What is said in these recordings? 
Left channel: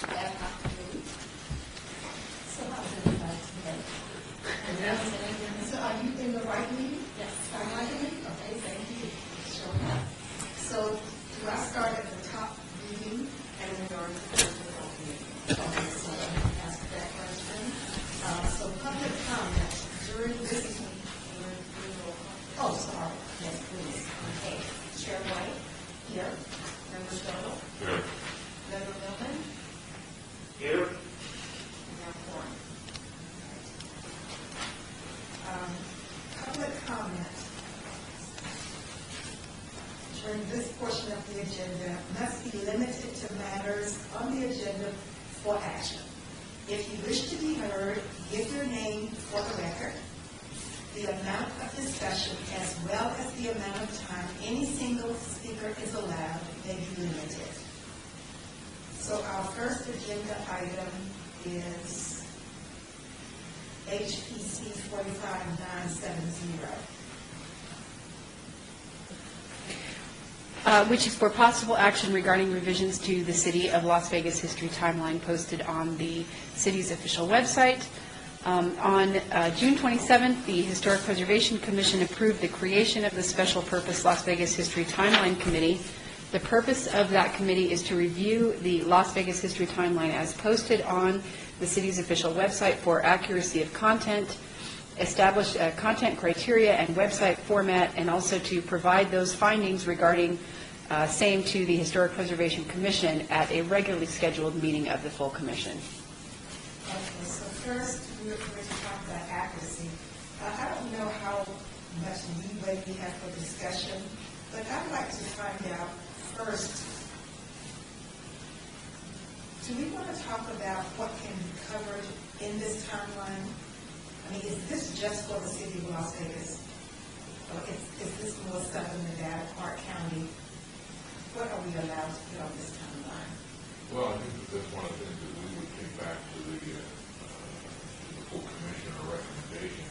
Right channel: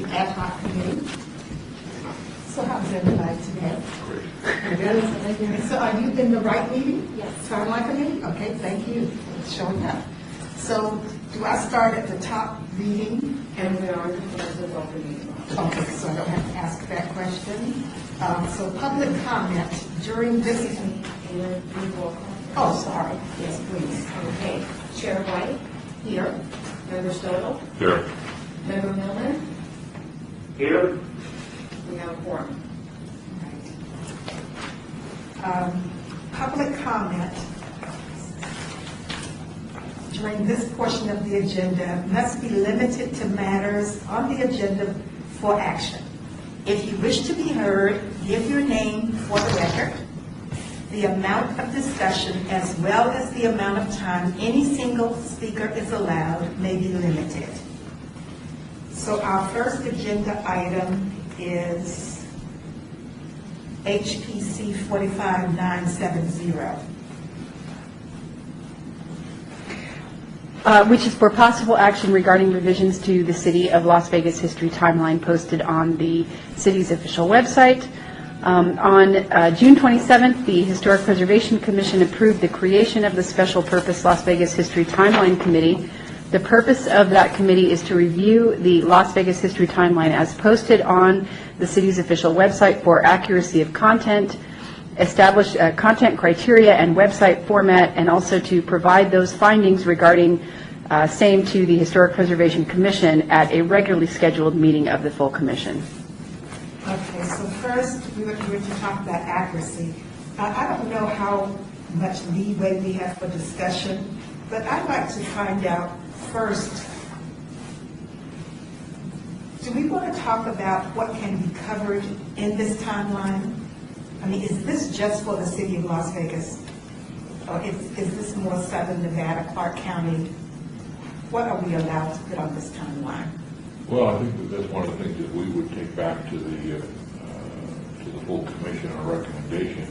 the ad hoc committee. So how's everybody today? Great. So are you in the right meeting? Yes. Timeline committee? Okay, thank you for showing up. So do I start at the top reading? And we are in the open meeting. Okay, so I don't have to ask that question. So public comment during this, oh, sorry, yes, please. Okay. Chair White, Here. Member Stoddle, Here. Member Miller, Here. we have a quorum. Public comment during this portion of the agenda must be limited to matters on the agenda for action. If you wish to be heard, give your name for the record. The amount of discussion as well as the amount of time any single speaker is allowed may be limited. So our first agenda item is HPC 45970. Which is for possible action regarding revisions to the City of Las Vegas history timeline posted on the city's official website. On June 27th, the Historic Preservation Commission approved the creation of the Special Purpose Las Vegas History Timeline Committee. The purpose of that committee is to review the Las Vegas history timeline as posted on the city's official website for accuracy of content, establish content criteria and website format, and also to provide those findings regarding same to the Historic Preservation Commission at a regularly scheduled meeting of the full commission. Okay, so first, we were to talk about accuracy. I don't know how much leeway we have for discussion, but I'd like to find out first, do we want to talk about what can be covered in this timeline? I mean, is this just for the city of Las Vegas? Or is this more Southern Nevada, Clark County? What are we allowed to put on this timeline? Well, I think that that's one of the things that we would take back to the full commission, our recommendation.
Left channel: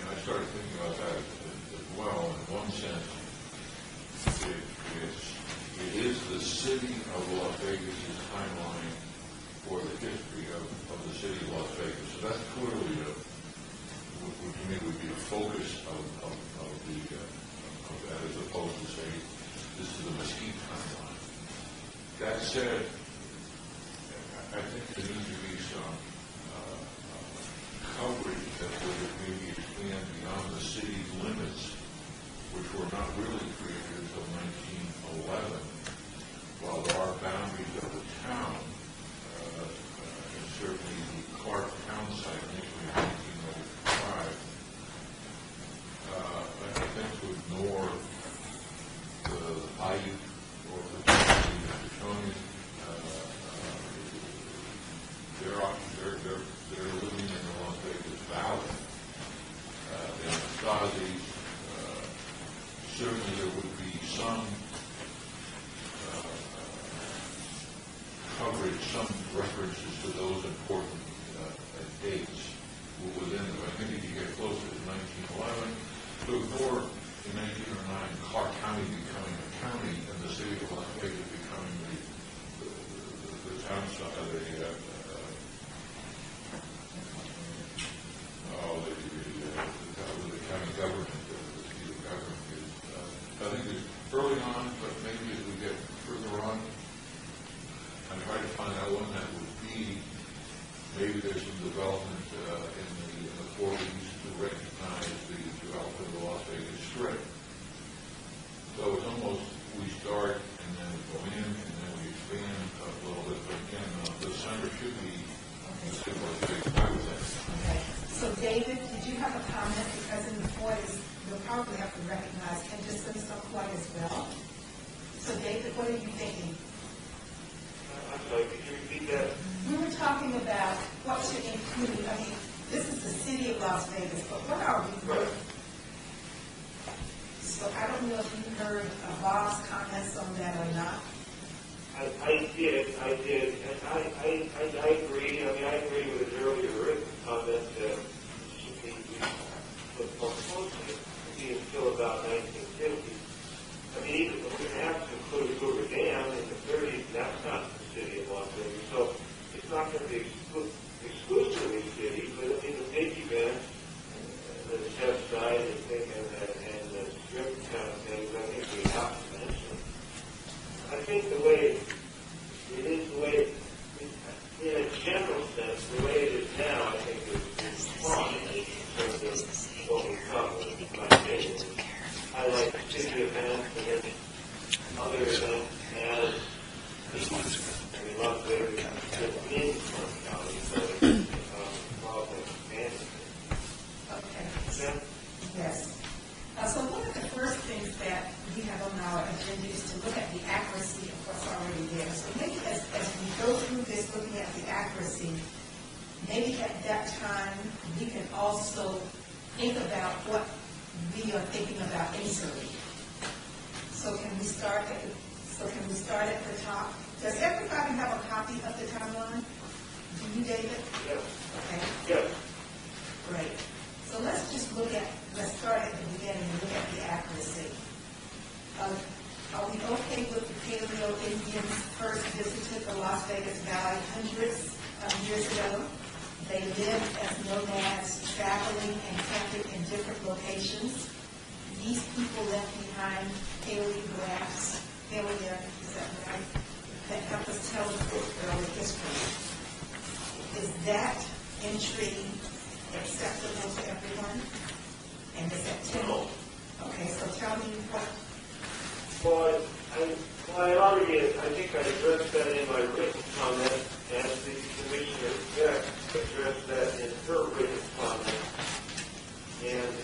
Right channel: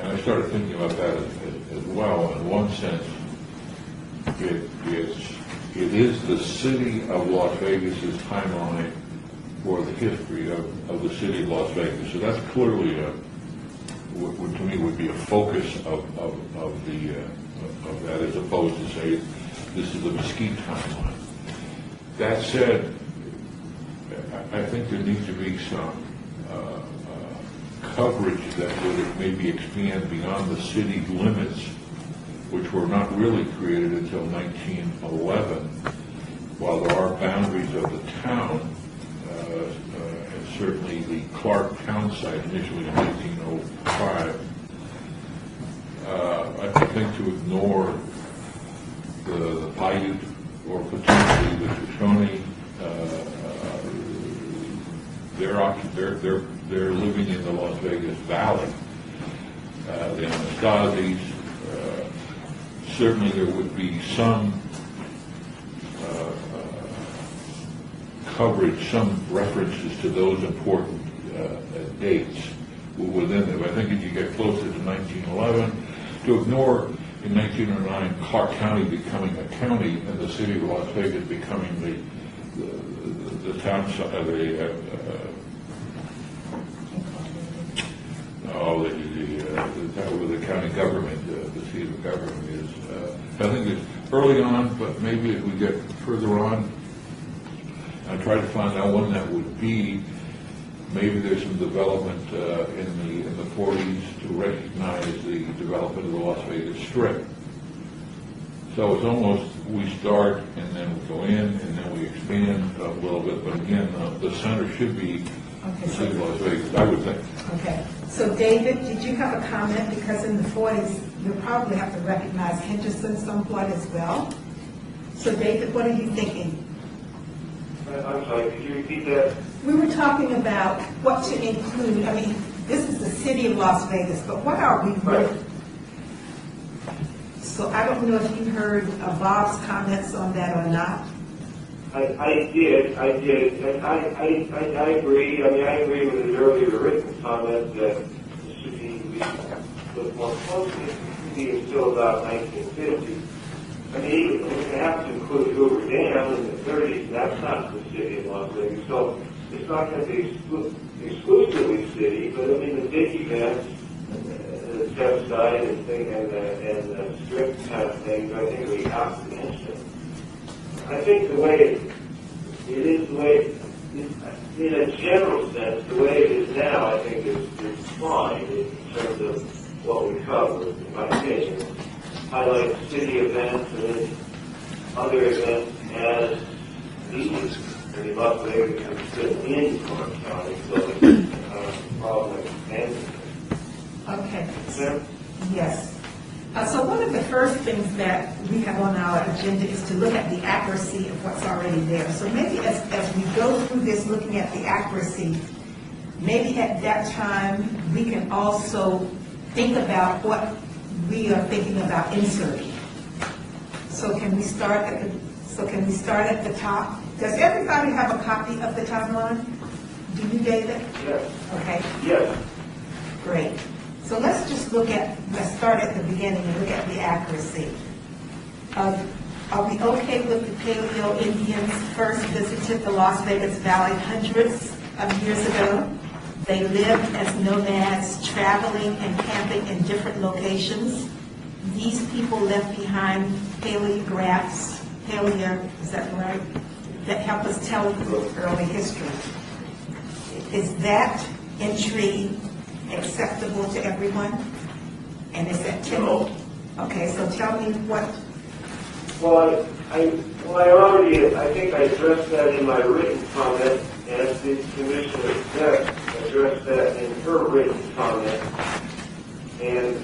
And I started thinking about that as well. In one sense, it is the city of Las Vegas's timeline for the history of the city of Las Vegas. So that's clearly what to me would be a focus of that, as opposed to say this is the Mesquite timeline. That said, I think there needs to be some coverage that would maybe expand beyond the city limits, which were not really created until 1911. While there are boundaries of the town, and certainly the Clark town site initially in 1905, I think to ignore the Paiute or potentially the Shoshone, they're living in the Las Vegas Valley. The Anastasies, certainly there would be some coverage, some references to those important dates within them. I think if you get closer to 1911, to ignore in 1909 Clark County becoming a county and the city of Las Vegas becoming the town side, the county government, the seat of government is. I think it's early on, but maybe if we get further on, I try to find out when that would be. Maybe there's some development in the 40s to recognize the development of the Las Vegas Strip. So it's almost we start and then we go in and then we expand a little bit. But again, the center should be the city of Las Vegas, I would think. Okay. So David, did you have a comment? Because in the 40s, you'll probably have to recognize Henderson somewhat as well. So David, what are you thinking? I'm sorry, could you repeat that? We were talking about what should include, I mean, this is the city of Las Vegas, but what are we really? So I don't know if you heard Bob's comments on that or not. I did, and I agree. I mean, I agree with his earlier written comments that it should be looked more closely, being still about 1950. I mean, even we have to include Hoover Dam in the 30s. That's not the city of Las Vegas. things, I think we have to mention it. I think the way it is, the way, in a general sense, the way it is now, I think is fine in terms of what we cover, in my opinion. Highlight city events and then other events as needed. And you love to fit in Orange County, so it's probably expanding. Okay. Yeah. Yes. So one of the first things that we have on our agenda is to look at the accuracy of what's already there. So maybe as we go through this, looking at the accuracy, maybe at that time, we can also think about what we are thinking about inserting. So can we start at the top? Does everybody have a copy of the timeline? Do you, David? Yes. Okay. Yes. Great. So let's start at the beginning and look at the accuracy. Are we okay with the Paleo Indians first visited the Las Vegas Valley hundreds of years ago? They lived as nomads, traveling and camping in different locations. These people left behind paleographs, is that right? That help us tell early history. Is that entry acceptable to everyone? And is that No. Okay, so tell me what. Well, I think I addressed that in my written comment, and did Commissioner Beck address that in her written comment. And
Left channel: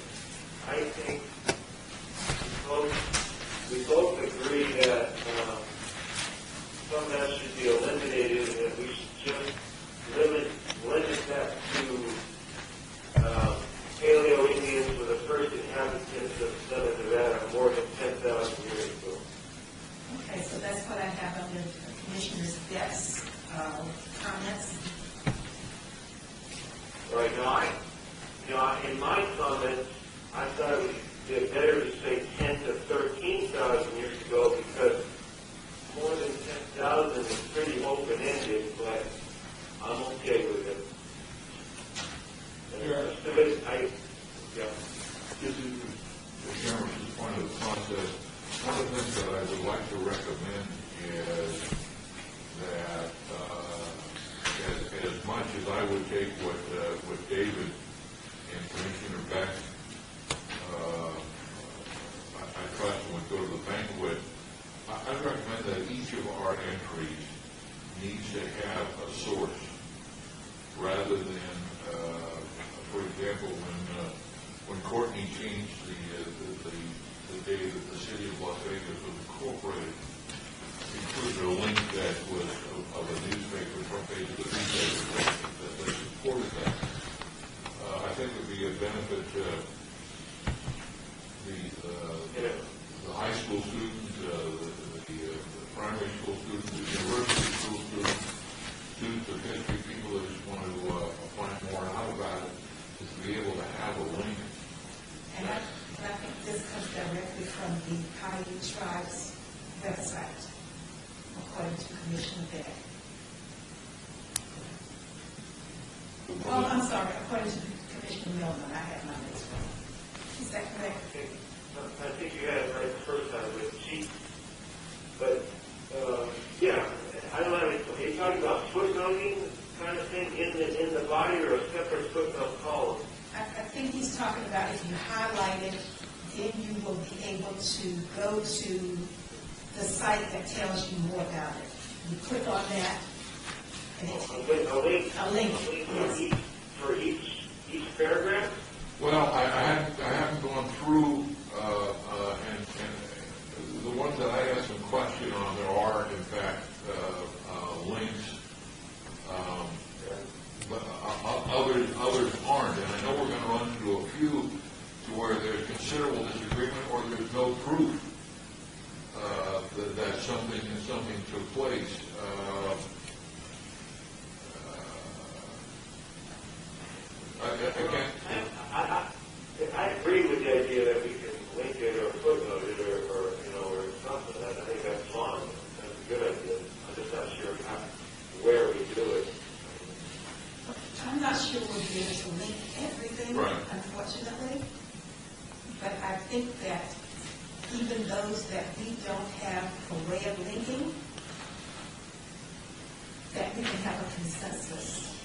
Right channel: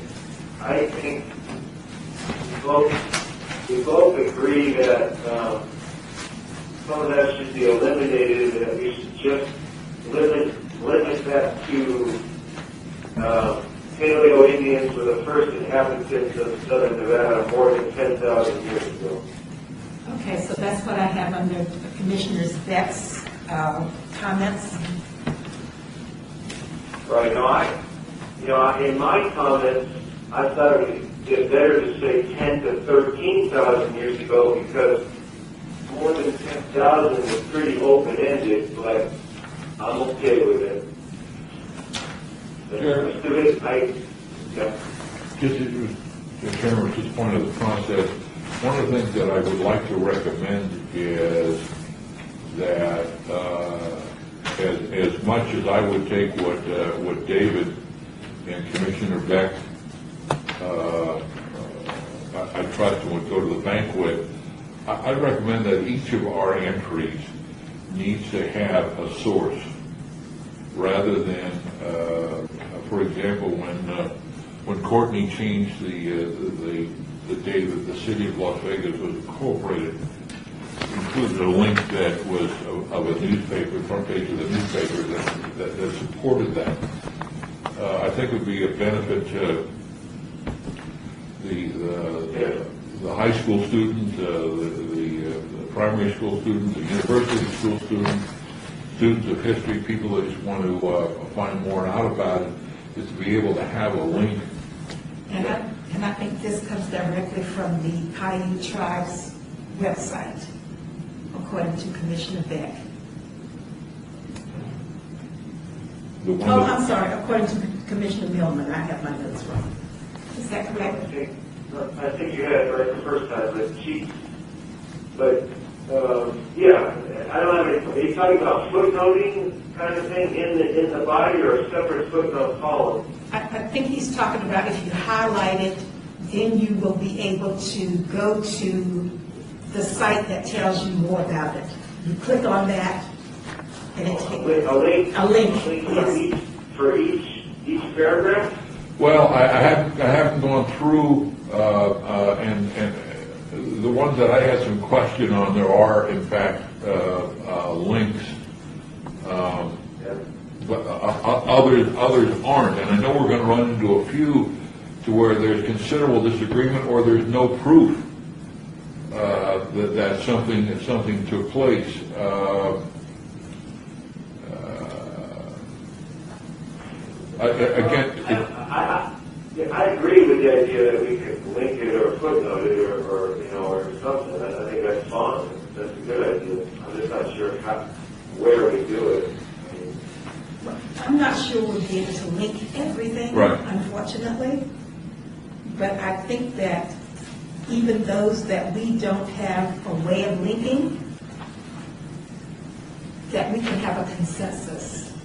I think we both agree that some of that should be eliminated, and that we should just limit that to Paleo Indians were the first inhabitants of southern Nevada more than 10,000 years ago. Okay, so that's what I have under Commissioner Beck's comments. Right. Now, in my comments, I thought it would be better to say 10 to 13,000 years ago, because more than 10,000 is pretty open-ended, but I'm okay with it. Sure. The rest of it, Just Chairman, at this point of the process, one of the things that I would like to recommend is that as much as I would take what David and Commissioner Beck I trust and would go to the banquet, I recommend that each of our entries needs to have a source, rather than, for example, when Courtney changed the day that the city of Las Vegas was incorporated, included a link that was of a newspaper, front page of the newspaper that supported that. I think it would be a benefit to the high school students, the primary school students, the university school students, students of history, people that just want to find more out about it, is to be able to have a link. And I think this comes directly from the Paiute Tribes website, according to Commissioner Beck. Oh, I'm sorry, according to Commissioner Millman, I have my notes wrong. Is that correct? I think you had it right the first time, yeah, I don't have any. Are you talking about footnoting kind of thing in the body, or a separate footnote column? I think he's talking about if you highlight it, then you will be able to go to the site that tells you more about it. You click on that, and it takes A link? a link. Yes. For each paragraph? Well, I haven't gone through, and the ones that I had some question on, there are in fact links, but others aren't. And I know we're going to run into a few to where there's considerable disagreement, or there's no proof that something took place. Again, I agree with the idea that we could link it or footnote it or something. I think that's fine. That's a good idea. I'm just not sure where we do it. I'm not sure we'll be able to link everything, Right. unfortunately. But I think that even even those that we don't have a way of linking, that we can have a consensus.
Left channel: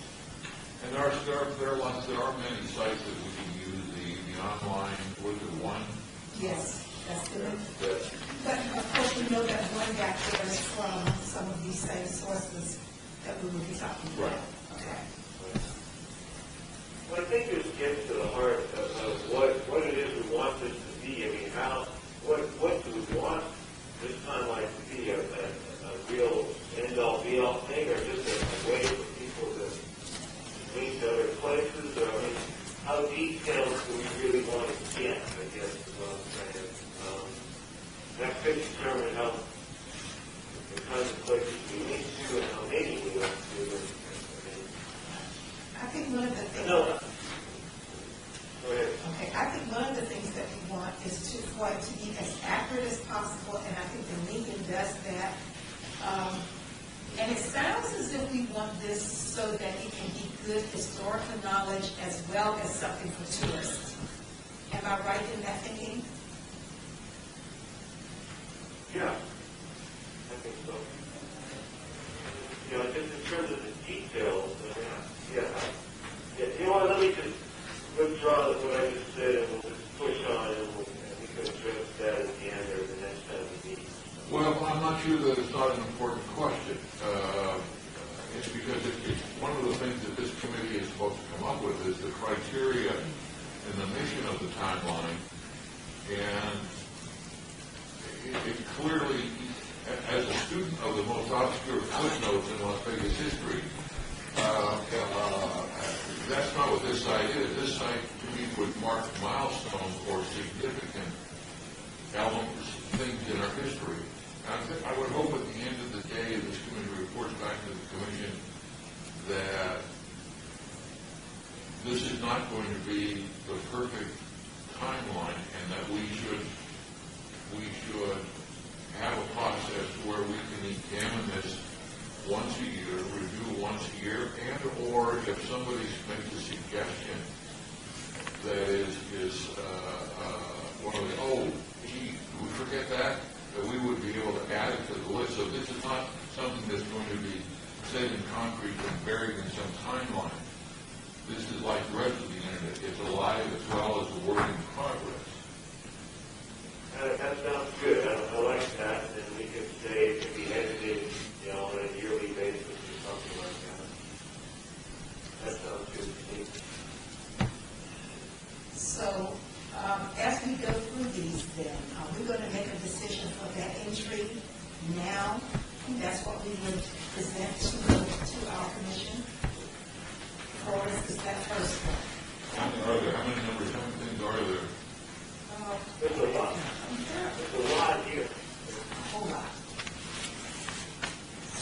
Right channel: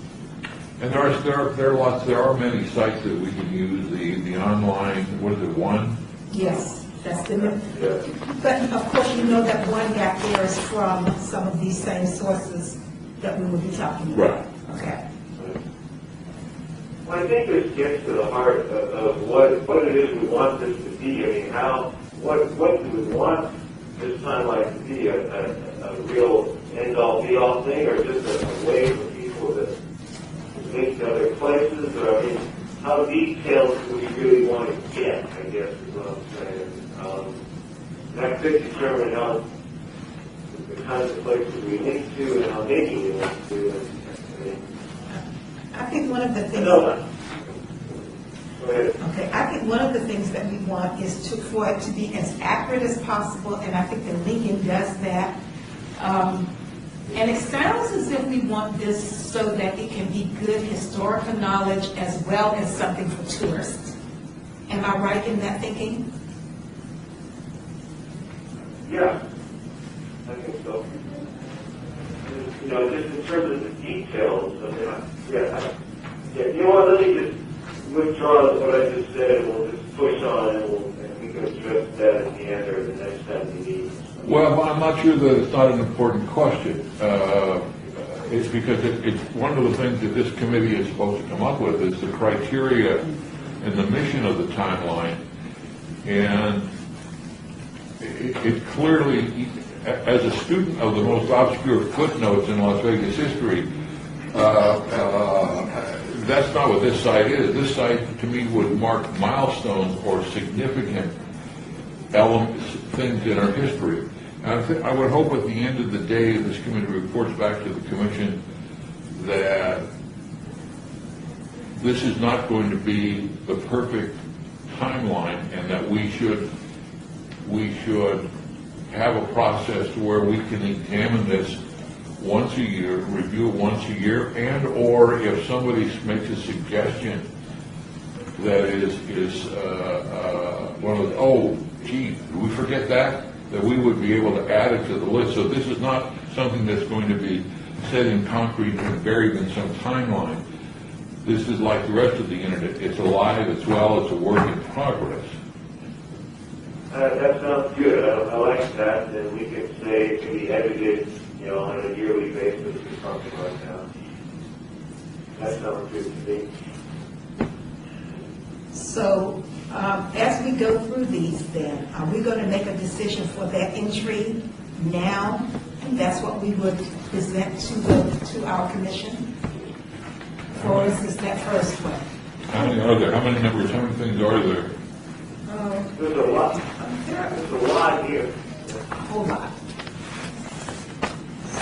And there are many sites that we can use, the online, what is it, One? Yes, that's the, but of course, you know that one got theirs from some of these same sources that we will be talking about. Right. Okay. Well, I think this gets to the heart of what it is we want this to be. I mean, what do we want this timeline to be? A real end-all, be-all thing, or just a way for people to link to other places? Or, I mean, how detailed do we really want to get, I guess, is what I'm saying. That could determine how the kinds of places we link to and how making we link to. I think one of the things. No. Go ahead. Okay, I think one of the things that we want is for it to be as accurate as possible, and I think that Lincoln does that. And it sounds as if we want this so that it can be good historical knowledge as well as something for tourists. Am I right in that thinking? Yeah, I think so. You know, just in terms of the details, I mean, you know what, let me just withdraw what I just said, and we'll just push on, and we can address that at the end or the next time we meet. Well, I'm not sure that it's not an important question. It's because it's one of the things that this committee is supposed to come up with is the criteria and the mission of the timeline. And it clearly, as a student of the most obscure footnotes in Las Vegas history, that's not what this site is. This site, to me, would mark milestones or significant elements, things in our history. And I would hope at the end of the day, this committee reports back to the commission that this is not going to be the perfect timeline, and that we should have a process where we can examine this once a year, review it once a year, and or if somebody makes a suggestion that is one of the, oh, gee, did we forget that we would be able to add it to the list. So this is not something that's going to be set in concrete and buried in some timeline. This is like the rest of the internet. It's alive, it's well, it's a work in progress. That sounds good. I like that. And we can say it can be edited, you know, on a yearly basis or something like that. That sounds good to me. So, as we go through these then, are we going to make a decision for that entry now? And that's what we would present to our commission? Or is this that first one? How many are there? How many things are there? There's a lot. There's a lot here. A whole lot.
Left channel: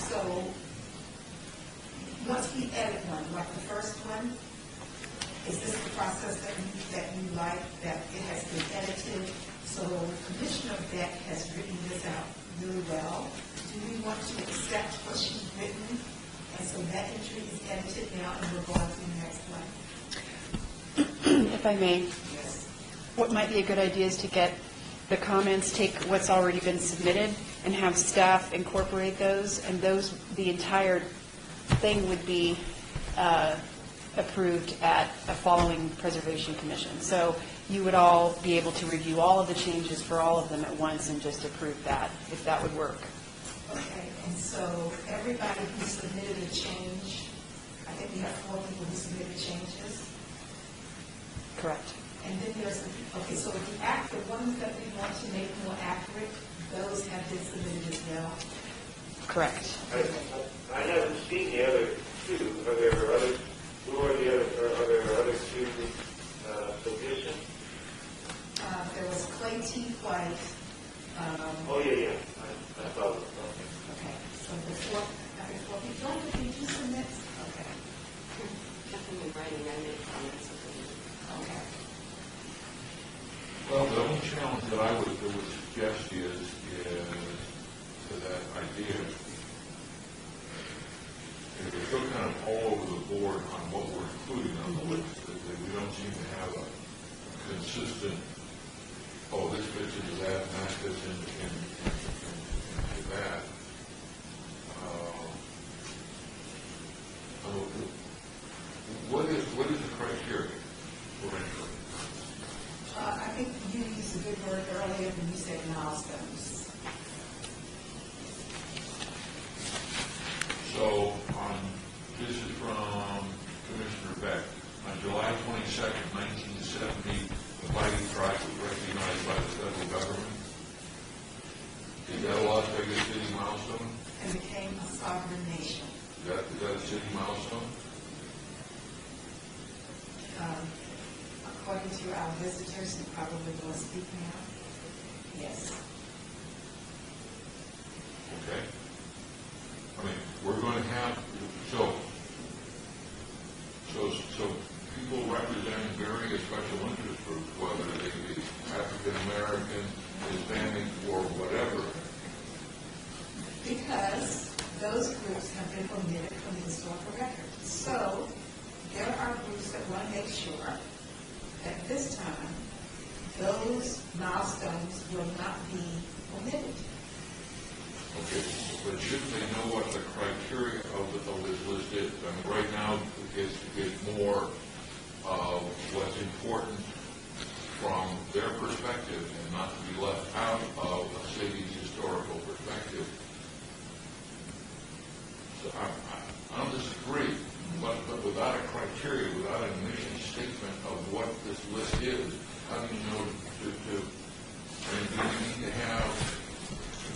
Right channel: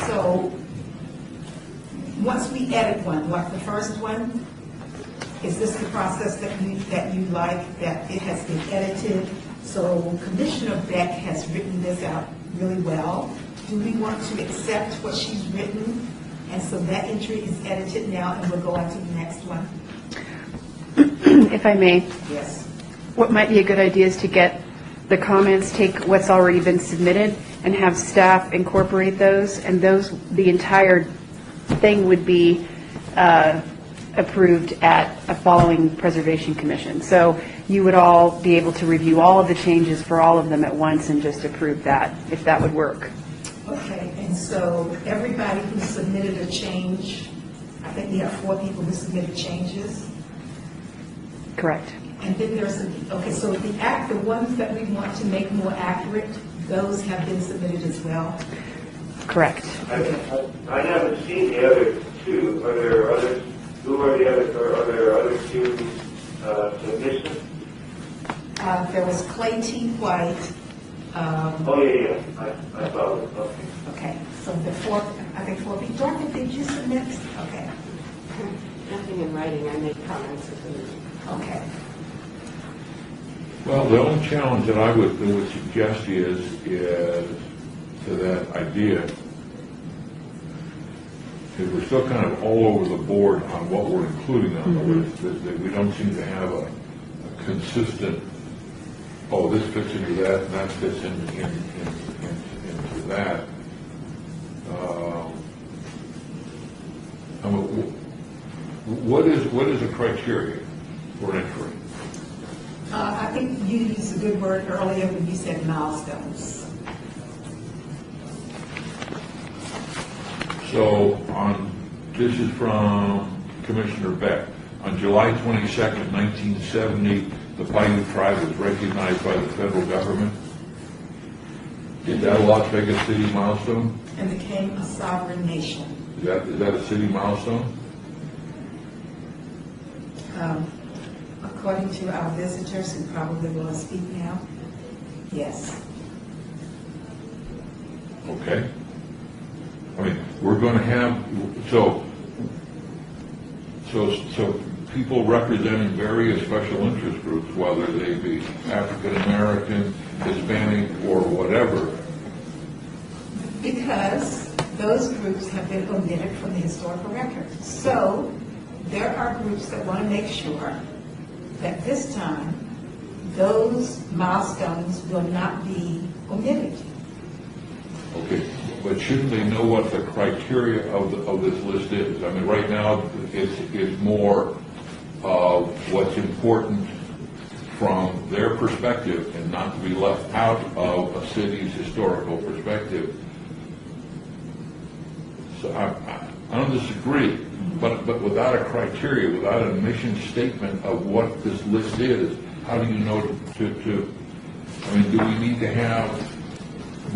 So, once we edit one, like the first one, is this the process that you like, that it has been edited? So Commissioner Beck has written this out really well. Do we want to accept what she's written? And so that entry is edited now, and we'll go on to the next one. If I may, Yes. what might be a good idea is to get the comments, take what's already been submitted, and have staff incorporate those, and the entire thing would be approved at a following Preservation Commission. So you would all be able to review all of the changes for all of them at once and just approve that, if that would work. Okay, and so everybody who submitted a change, I think we have 4 people who submitted changes. Correct. And then there's so the ones that we want to make more accurate, those have been submitted as well. Correct. I haven't seen the other 2. Are there others? Who are the other? Are there other 2 submissions? There was Clay T. White. Oh yeah. I saw it. Okay. Okay, so the 4, I think 4 people. Dorothy, did you submit? Okay. Nothing in writing, I make comments. Okay. Well, the only challenge that I would suggest is to that idea is we're still kind of all over the board on what we're including on the list. That we don't seem to have a consistent oh, this fits into that, and that fits into that. I mean, what is a criteria for entry? I think you used a good word earlier when you said milestones. So this is from Commissioner Beck. On July 22nd, 1970, the Paiute tribe was recognized by the federal government. Is that a Las Vegas city milestone? And became a sovereign nation. Is that a city milestone? According to our visitors, who probably will speak now, yes. Okay. I mean, we're going to have, so people representing various special interest groups, whether they be African American, Hispanic, or whatever. Because those groups have been omitted from the historical record. So there are groups that want to make sure that this time those milestones will not be omitted. Okay, but shouldn't they know what the criteria of this list is? I mean, right now, it's more of what's important from their perspective and not to be left out of a city's historical perspective. So I don't disagree, but without a criteria, without a mission statement of what this list is, how do you know to I mean, do we need to have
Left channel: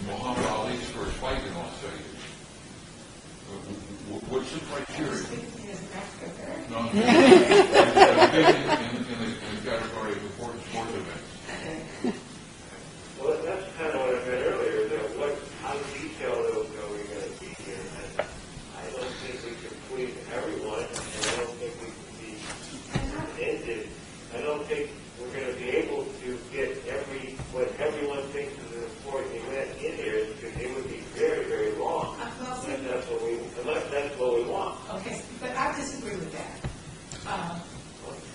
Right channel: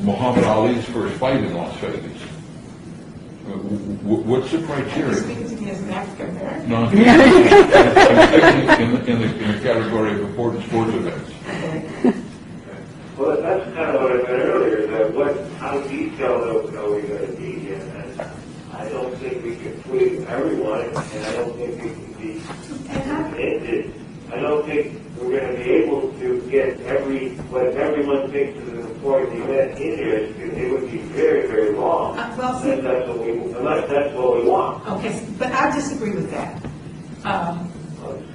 Muhammad Ali's first fight in Las Vegas? What's the criteria? Speaking to me as an African American. No, in the category of important sports events. Okay. Well, that's kind of what I said earlier, that how detailed are we going to be? And I don't think we can please everyone, and I don't think we can be ended. I don't think we're going to be able to get what everyone thinks is an important event in here. It would be very, very long. Well, see, Unless that's what we want. okay, but I disagree with that.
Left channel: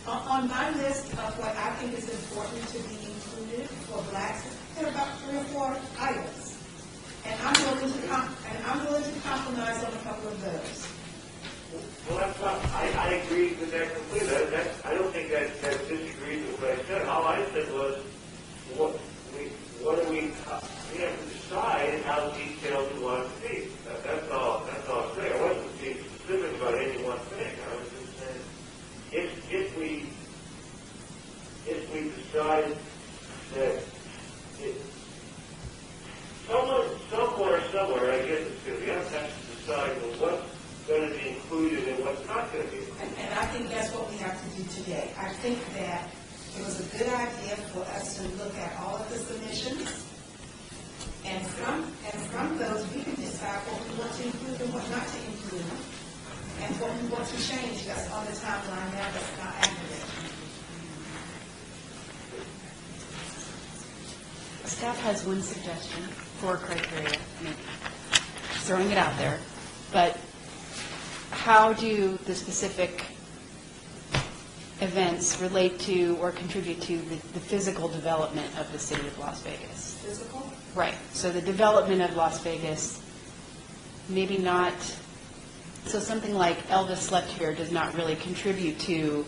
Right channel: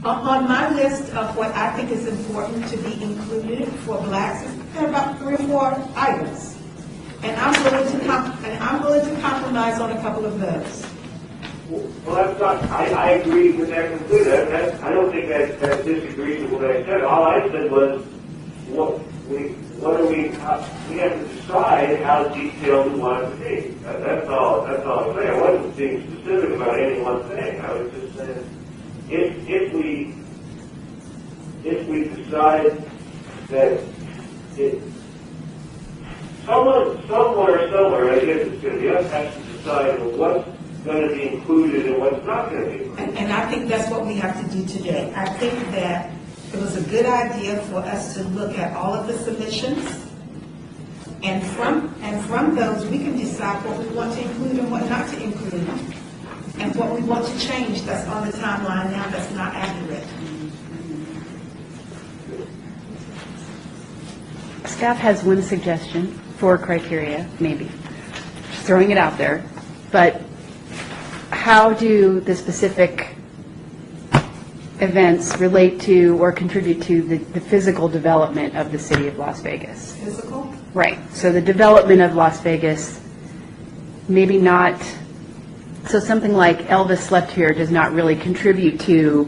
On my list of what I think is important to be included for blacks, there are about 3 or 4 items. And I'm willing to compromise on a couple of those. Well, that's not, I agree with that completely. I don't think that disagrees with what I said. All I said was, we have to decide how detailed we want it to be. That's all I'm saying. I wasn't being specific about any one thing. I was just saying, if we decide that somewhere, I guess it's going to be us has to decide what's going to be included and what's not going to be included. And I think that's what we have to do today. I think that it was a good idea for us to look at all of the submissions, and from those, we can decide what we want to include and what not to include, and what we want to change that's on the timeline now that's not accurate. Staff has one suggestion for criteria, maybe, just throwing it out there, but how do the specific events relate to or contribute to the physical development of the city of Las Vegas? Physical? Right, so the development of Las Vegas, maybe not, so something like Elvis Slept Here does not really contribute to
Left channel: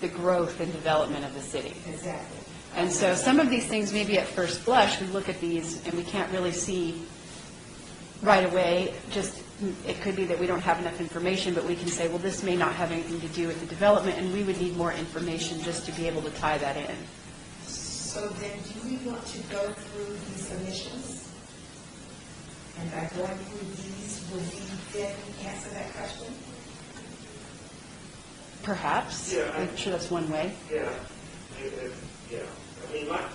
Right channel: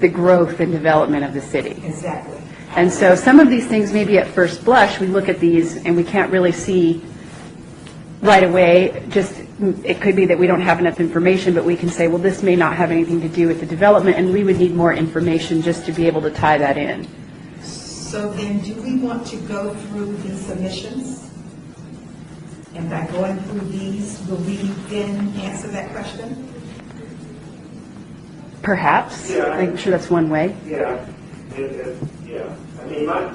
the growth and development of the city. Exactly. And so some of these things, maybe at first blush, we look at these and we can't really see right away, just it could be that we don't have enough information, but we can say, well, this may not have anything to do with the development, and we would need more information just to be able to tie that in. So then, do we want to go through the submissions? And by going through these, will we then answer that question? Perhaps. Yeah, I'm sure that's one way. Yeah, yeah. I mean, my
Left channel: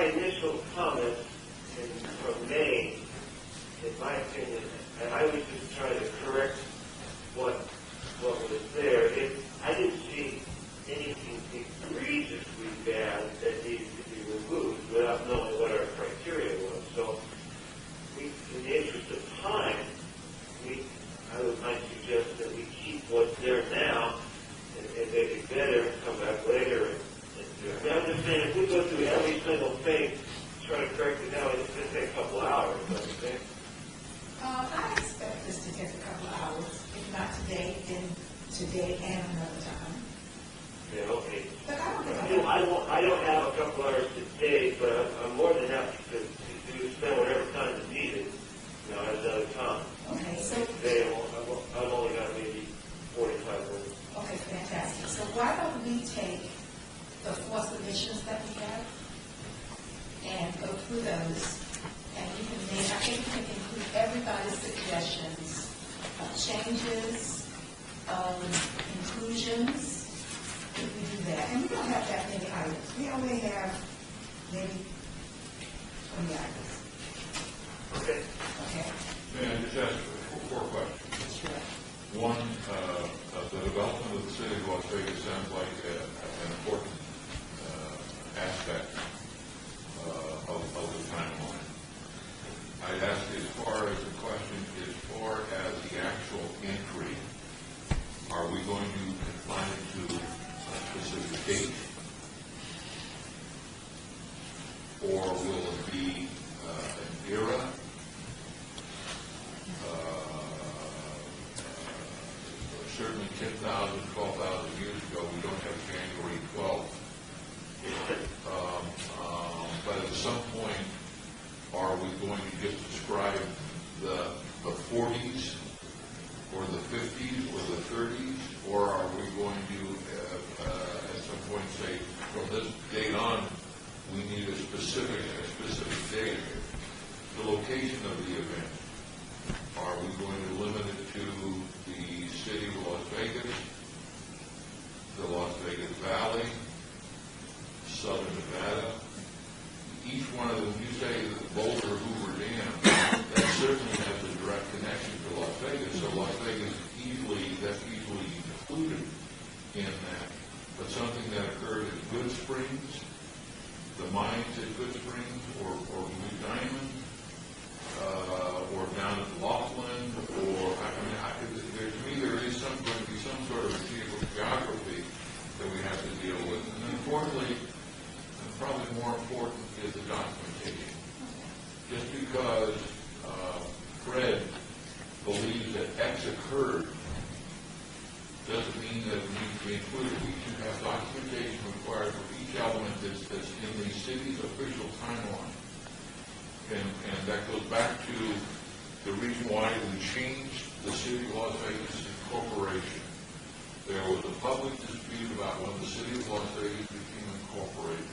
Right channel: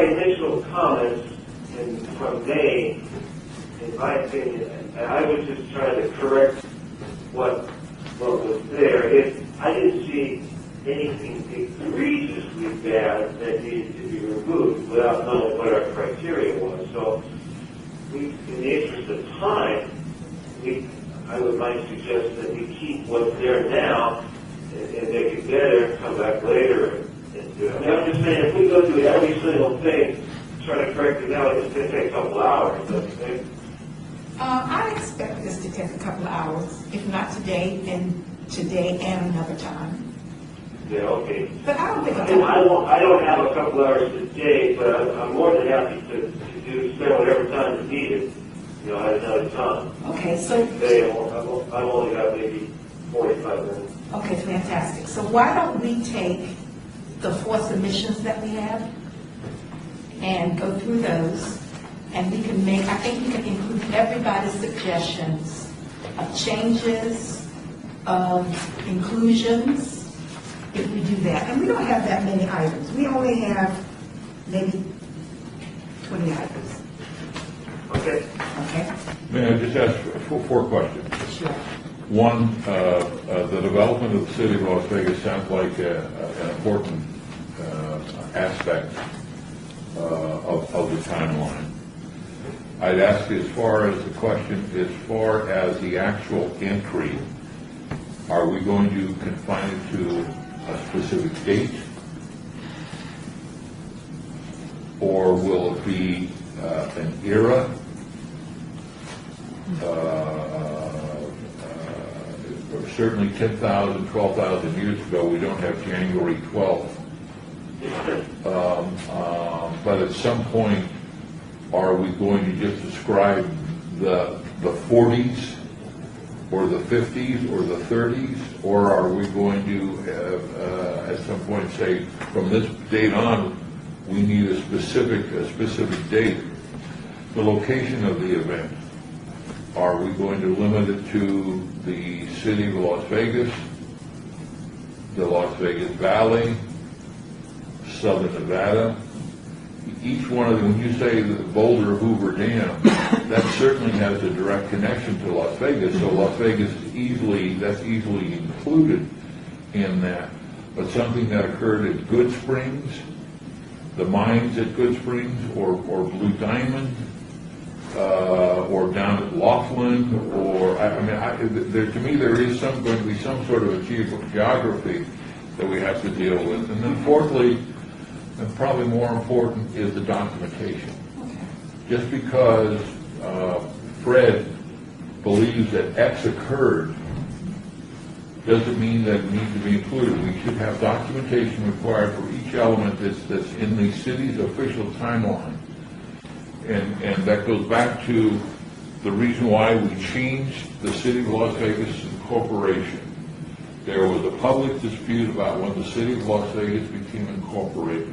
initial comments from May, in my opinion, and I was just trying to correct what was there. I didn't see anything egregiously bad that needed to be removed without knowing what our criteria was. So, in the interest of time, I might suggest that we keep what's there now and make it better, come back later and do it. I mean, original thing, trying to correct it now, it's going to take a couple hours, don't you think? I expect this to take a couple of hours, if not today, then today and another time. Yeah, okay. But I don't think I don't have a couple hours today, but I'm more than happy to spend whatever time is needed, at another time. Okay, so, Today, I only have maybe 45 minutes. okay, fantastic. So why don't we take the 4 submissions that we have and go through those, and we can make, I think we can include everybody's suggestions of changes, of inclusions, if we do that. And we don't have that many items. We only have maybe 20 items. Okay? Okay? May I just ask 4 questions? Sure. One, the development of the city of Las Vegas sounds like an important aspect of the timeline. I'd ask as far as the question, as far as the actual entry, are we going to confine it to a specific date? Or will it be an era? Certainly 10,000, 12,000 years ago, we don't have January 12th. But at some point, are we going to just describe the 40s or the 50s or the 30s? Or are we going to, at some point, say, from this date on, we need a specific date? The location of the event. Are we going to limit it to the city of Las Vegas, the Las Vegas Valley, Southern Nevada? Each one of them, when you say the Boulder Hoover Dam, that certainly has a direct connection to Las Vegas, so Las Vegas is that's easily included in that. But something that occurred at Good Springs, the mines at Good Springs, or Blue Diamond, or down at Laughlin, or to me there is going to be some sort of a geography that we have to deal with. And then fourthly, and probably more important, is the documentation. Just because Fred believes that X occurred doesn't mean that it needs to be included. We should have documentation required for each element that's in the city's official timeline. And that goes back to the reason why we changed the City of Las Vegas incorporation. There was a public dispute about when the City of Las Vegas became incorporated.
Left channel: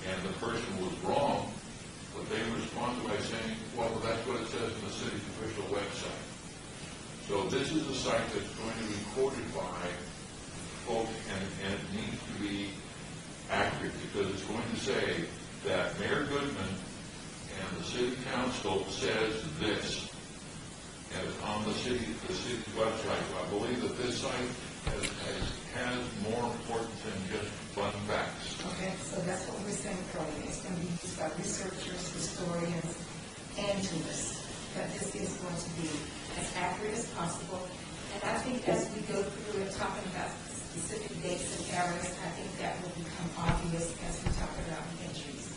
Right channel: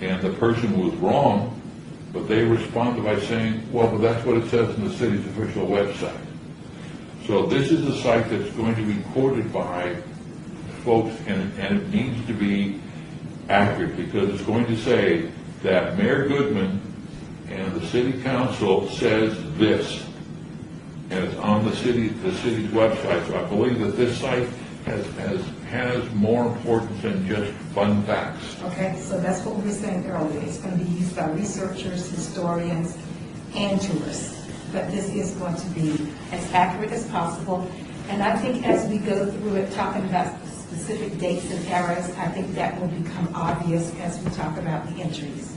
And the person was wrong, but they responded by saying, well, but that's what it says in the city's official website. So this is a site that's going to be quoted by folks, and it needs to be accurate, because it's going to say that Mayor Goodman and the city council says this, and it's on the city's website. So I believe that this site has more importance than just fun facts. Okay, so that's what we were saying earlier. It's going to be used by researchers, historians, and tourists. But this is going to be as accurate as possible. And I think as we go through it, talking about specific dates and eras, I think that will become obvious as we talk about the entries.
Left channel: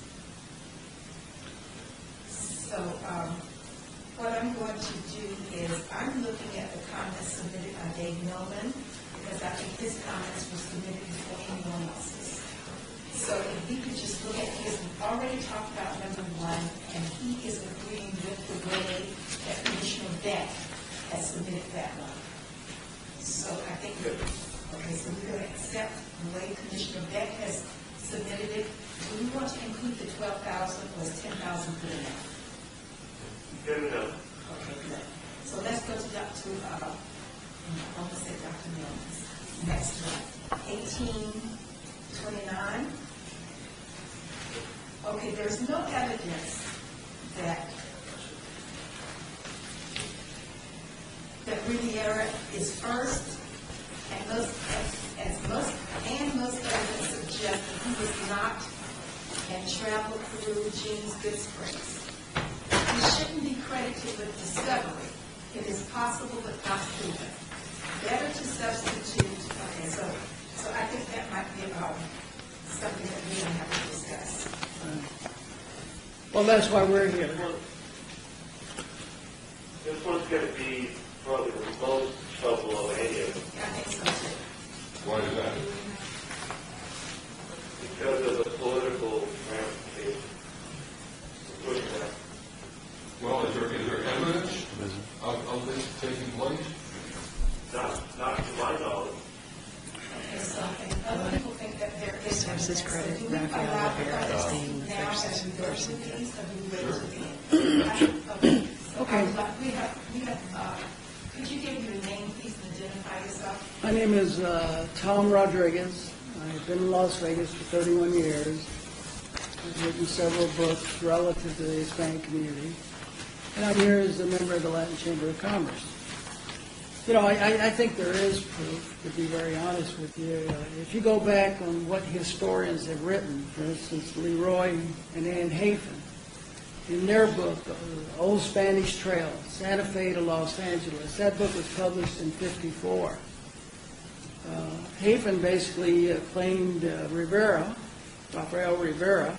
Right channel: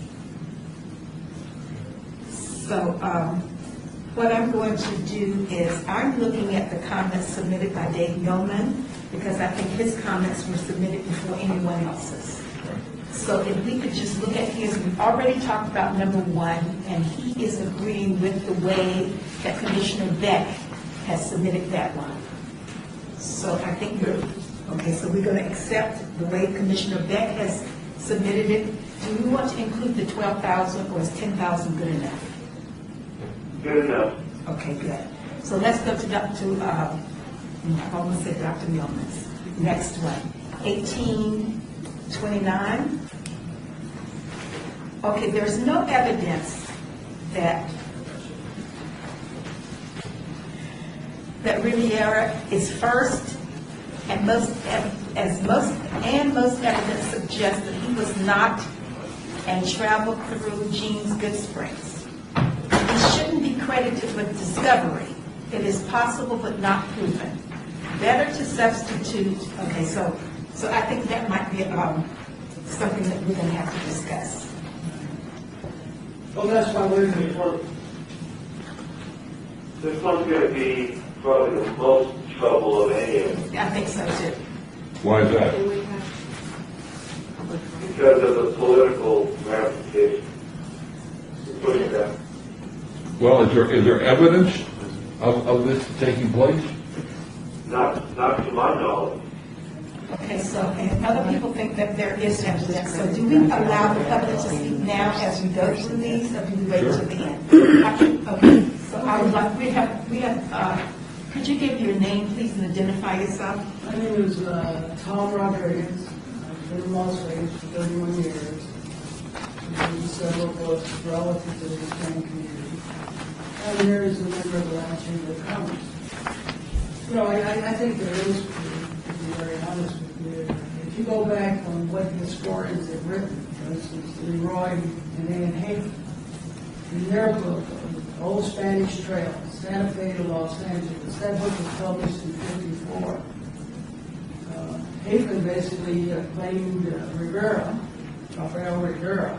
So what I'm going to do is I'm looking at the comments submitted by Dave Yeoman, because I think his comments were submitted before anyone else's. So if we could just look at his, we've already talked about number 1, and he is agreeing with the way that Commissioner Beck has submitted that one. So I think so we're going to accept the way Commissioner Beck has submitted it. Do we want to include the 12,000, or is 10,000 good enough? Good enough. Okay, good. So let's go to I want to say Dr. Milnes. Next one, 1829. Okay, there's no evidence that Riviera is first, and most evidence suggests that he was not and traveled through Jean's Good Springs. He shouldn't be credited with discovery. It is possible but not proven. Better to substitute. Okay, so I think that might be something that we're going to have to discuss. Well, that's why we're here. This one's going to be probably the most trouble of any of them I think so too. Why is that? Can we have public comment? because of the political ramifications. Put it that. Well, is there evidence of this taking place? Not to my knowledge. Okay, so, and other people think that there is evidence, so do we allow the public to speak now as we go through these, or do we wait Sure. till the end? Okay, so I would like, we have, could you give your name, please, and identify yourself? My name is Tom Rodriguez. I've been in Las Vegas for 31 years. I've written several books relative to the Hispanic community. And I'm here as a member of the Latin Chamber of Commerce. You know, I think there is, to be very honest with you, if you go back on what historians have written, for instance, Leroy and Ann Hafen, in their book, The Old Spanish Trail, Santa Fe to Los Angeles, that book was published in '54. Hafen basically claimed Rivera, Rafael Rivera,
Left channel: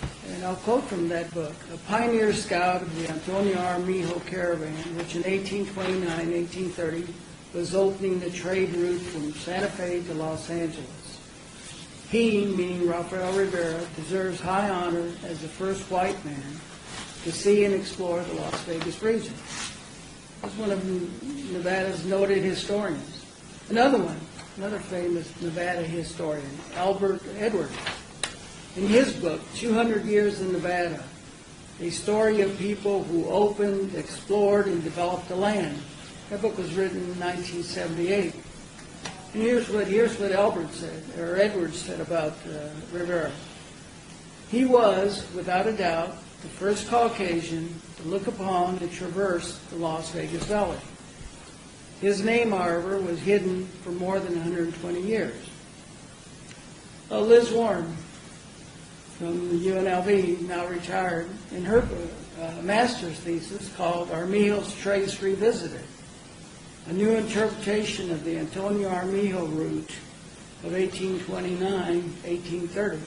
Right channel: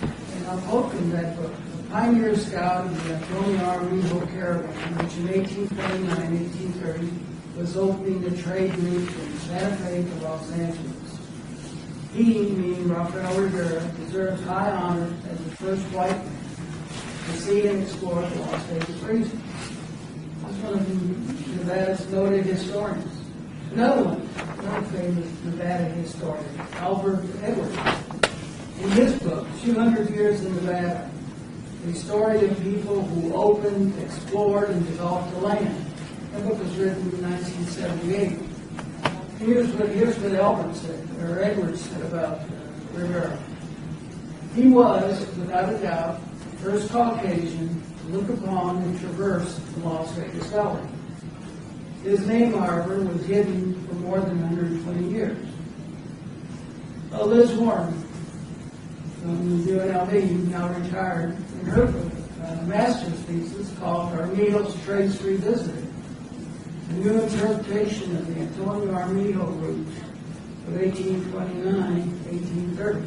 and I'll quote from that book: a pioneer scout of the Antonio Armijo caravan, which in 1829, 1830 was opening the trade route from Santa Fe to Los Angeles. He, meaning Rafael Rivera, deserves high honor as the first white man to see and explore the Las Vegas region. That's one of Nevada's noted historians. Another famous Nevada historian, Albert Edwards, in his book, 200 Years in Nevada, a story of people who opened, explored, and developed the land. That book was written in 1978. And here's what Edwards said about Rivera. He was, without a doubt, the first Caucasian to look upon and traverse the Las Vegas Valley. His name, however, was hidden for more than 120 years. Liz Warren, from UNLV, now retired, in her master's thesis called Armijo's Trace Revisited, a new interpretation of the Antonio Armijo route of 1829-1830.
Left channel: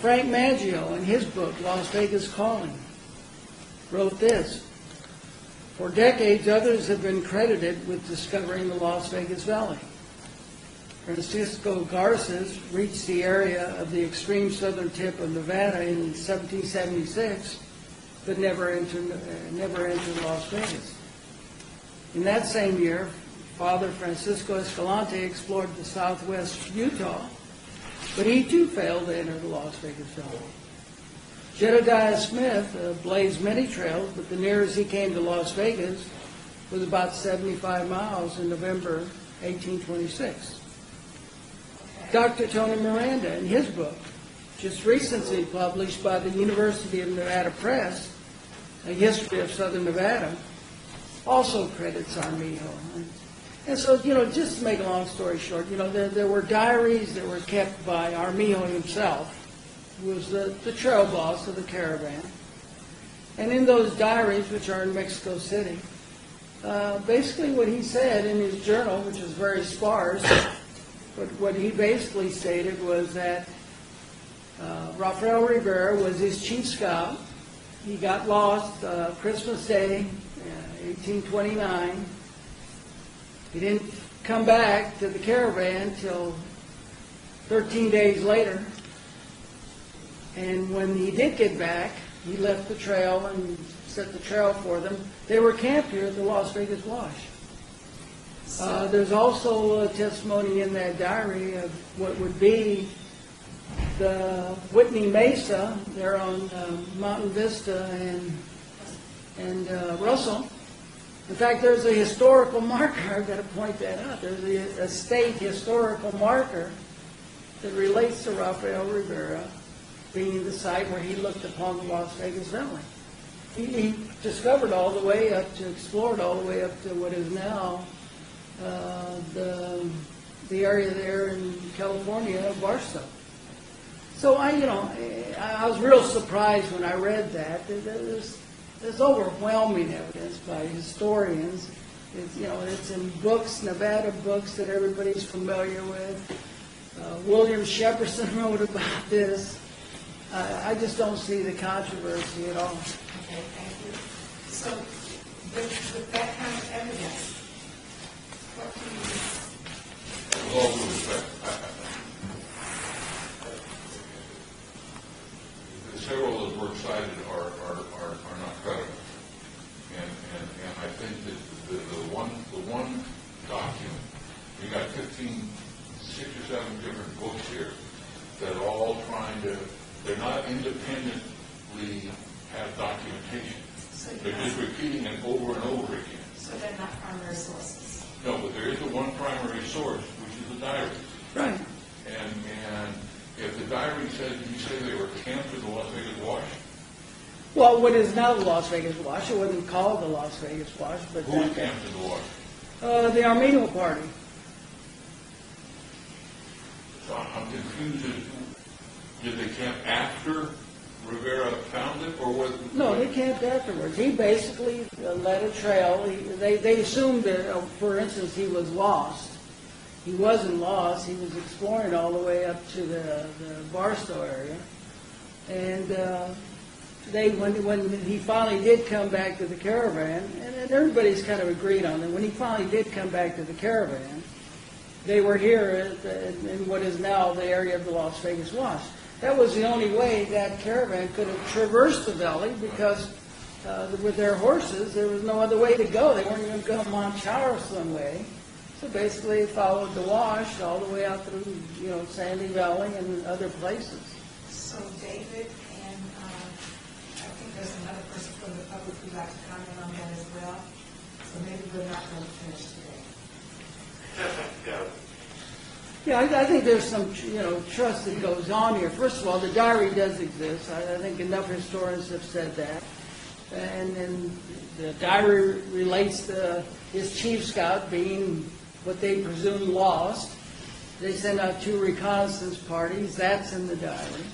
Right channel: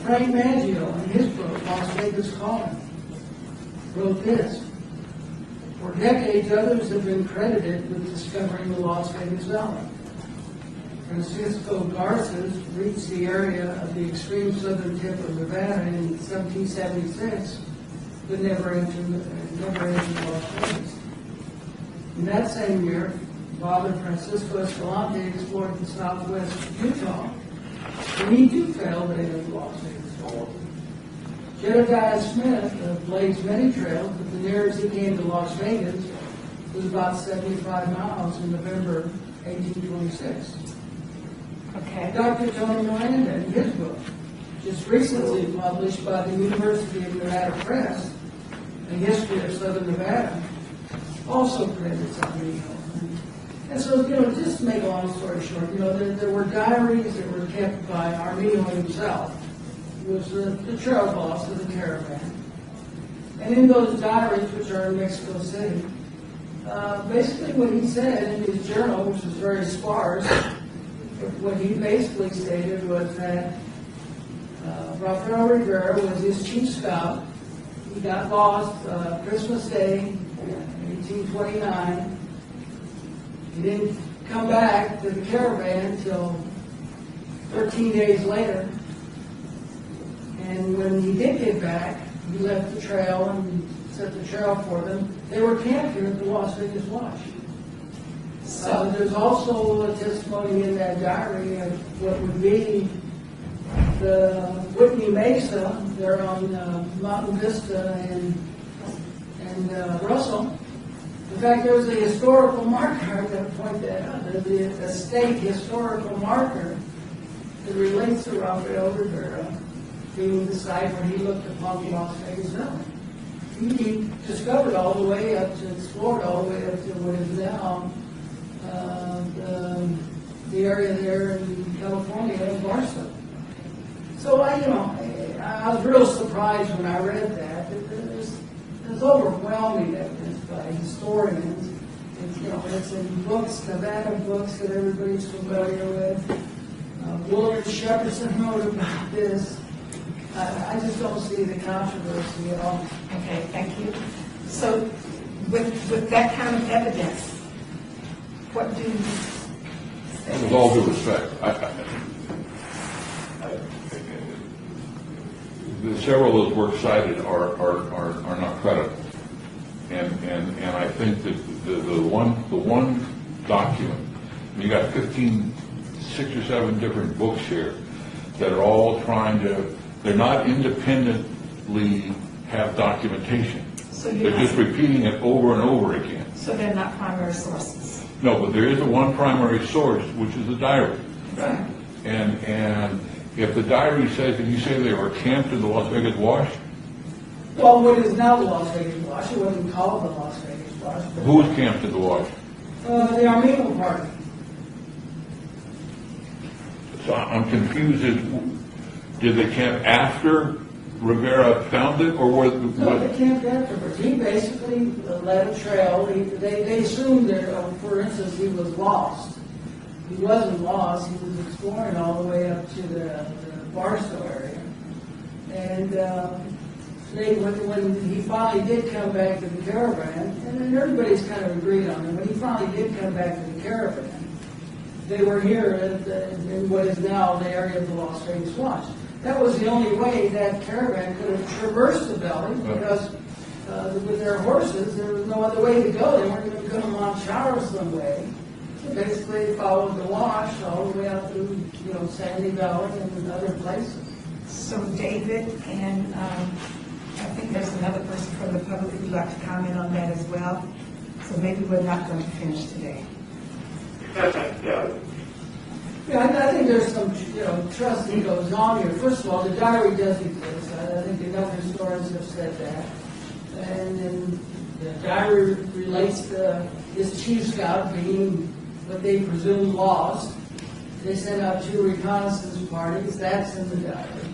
Frank Maggio, in his book, Las Vegas Calling, wrote this: for decades, others have been credited with discovering the Las Vegas Valley. Francisco Garces reached the area of the extreme southern tip of Nevada in 1776, but never entered Las Vegas. In that same year, Father Francisco Escalante explored the southwest Utah, but he too failed to enter the Las Vegas Valley. Jedediah Smith blazed many trails, but the nearest he came to Las Vegas was about 75 miles in November 1826. Okay. Dr. Tony Miranda, in his book, just recently published by the University of Nevada Press, A History of Southern Nevada, also credits Armijo. And so, just to make a long story short, there were diaries that were kept by Armijo himself, who was the trail boss of the caravan. And in those diaries, which are in Mexico City, basically what he said in his journal, which was very sparse, but what he basically stated was that Rafael Rivera was his chief scout. He got lost Christmas Day, 1829. He didn't come back to the caravan until 13 days later. And when he did get back, he left the trail and set the trail for them. They were camped here at the Las Vegas Wash. There's also a testimony in that diary of what would be the Whitney Mesa there on Mountain Vista and Russell. In fact, there's a historical marker, I've got to point that out. There's a state historical marker that relates to Rafael Rivera being the site where he looked upon the Las Vegas Valley. He discovered all the way up to, explored all the way up to what is now the area there in California, Barstow. So I was real surprised when I read that there's overwhelming evidence by historians. It's in books, Nevada books that everybody's familiar with, William Shepperson wrote about this. I just don't see the controversy at all. Okay, thank you. So with that kind of evidence, what do you say? With all due respect, several of those works cited are not credible. And I think that the one document, you got 6 or 7 different books here that are all trying to, they're not independently have documentation. So you're They're just repeating it over and over again. So they're not primary sources? No, but there is one primary source, which is the diary. Right. And if the diary says, did you say they were camped in the Las Vegas Wash? Well, what is now the Las Vegas Wash, it wasn't called the Las Vegas Wash. But Who was camped in the Wash? The Armino Party. So I'm confused. Did they camp after Rivera found it, or were No, they camped afterwards. He basically led a trail. They assumed that, for instance, he was lost. He wasn't lost. He was exploring all the way up to the Barstow area. And when he finally did come back to the caravan, and then everybody's kind of agreed on it, when he finally did come back to the caravan, they were here in what is now the area of the Las Vegas Wash. That was the only way that caravan could have traversed the valley, because with their horses, there was no other way to go. They weren't going to go to Mount Charleston way. So basically, they followed the wash all the way up through, Sandy Valley and other places. So David, and I think there's another person from the public who'd like to comment on that as well. So maybe we're not going to finish today. Yeah, I think there's some, trust that goes on here. First of all, the diary does exist. I think enough historians have said that. And then the diary relates to his chief scout being what they presume lost. They sent out 2 reconnaissance parties. That's in the diary.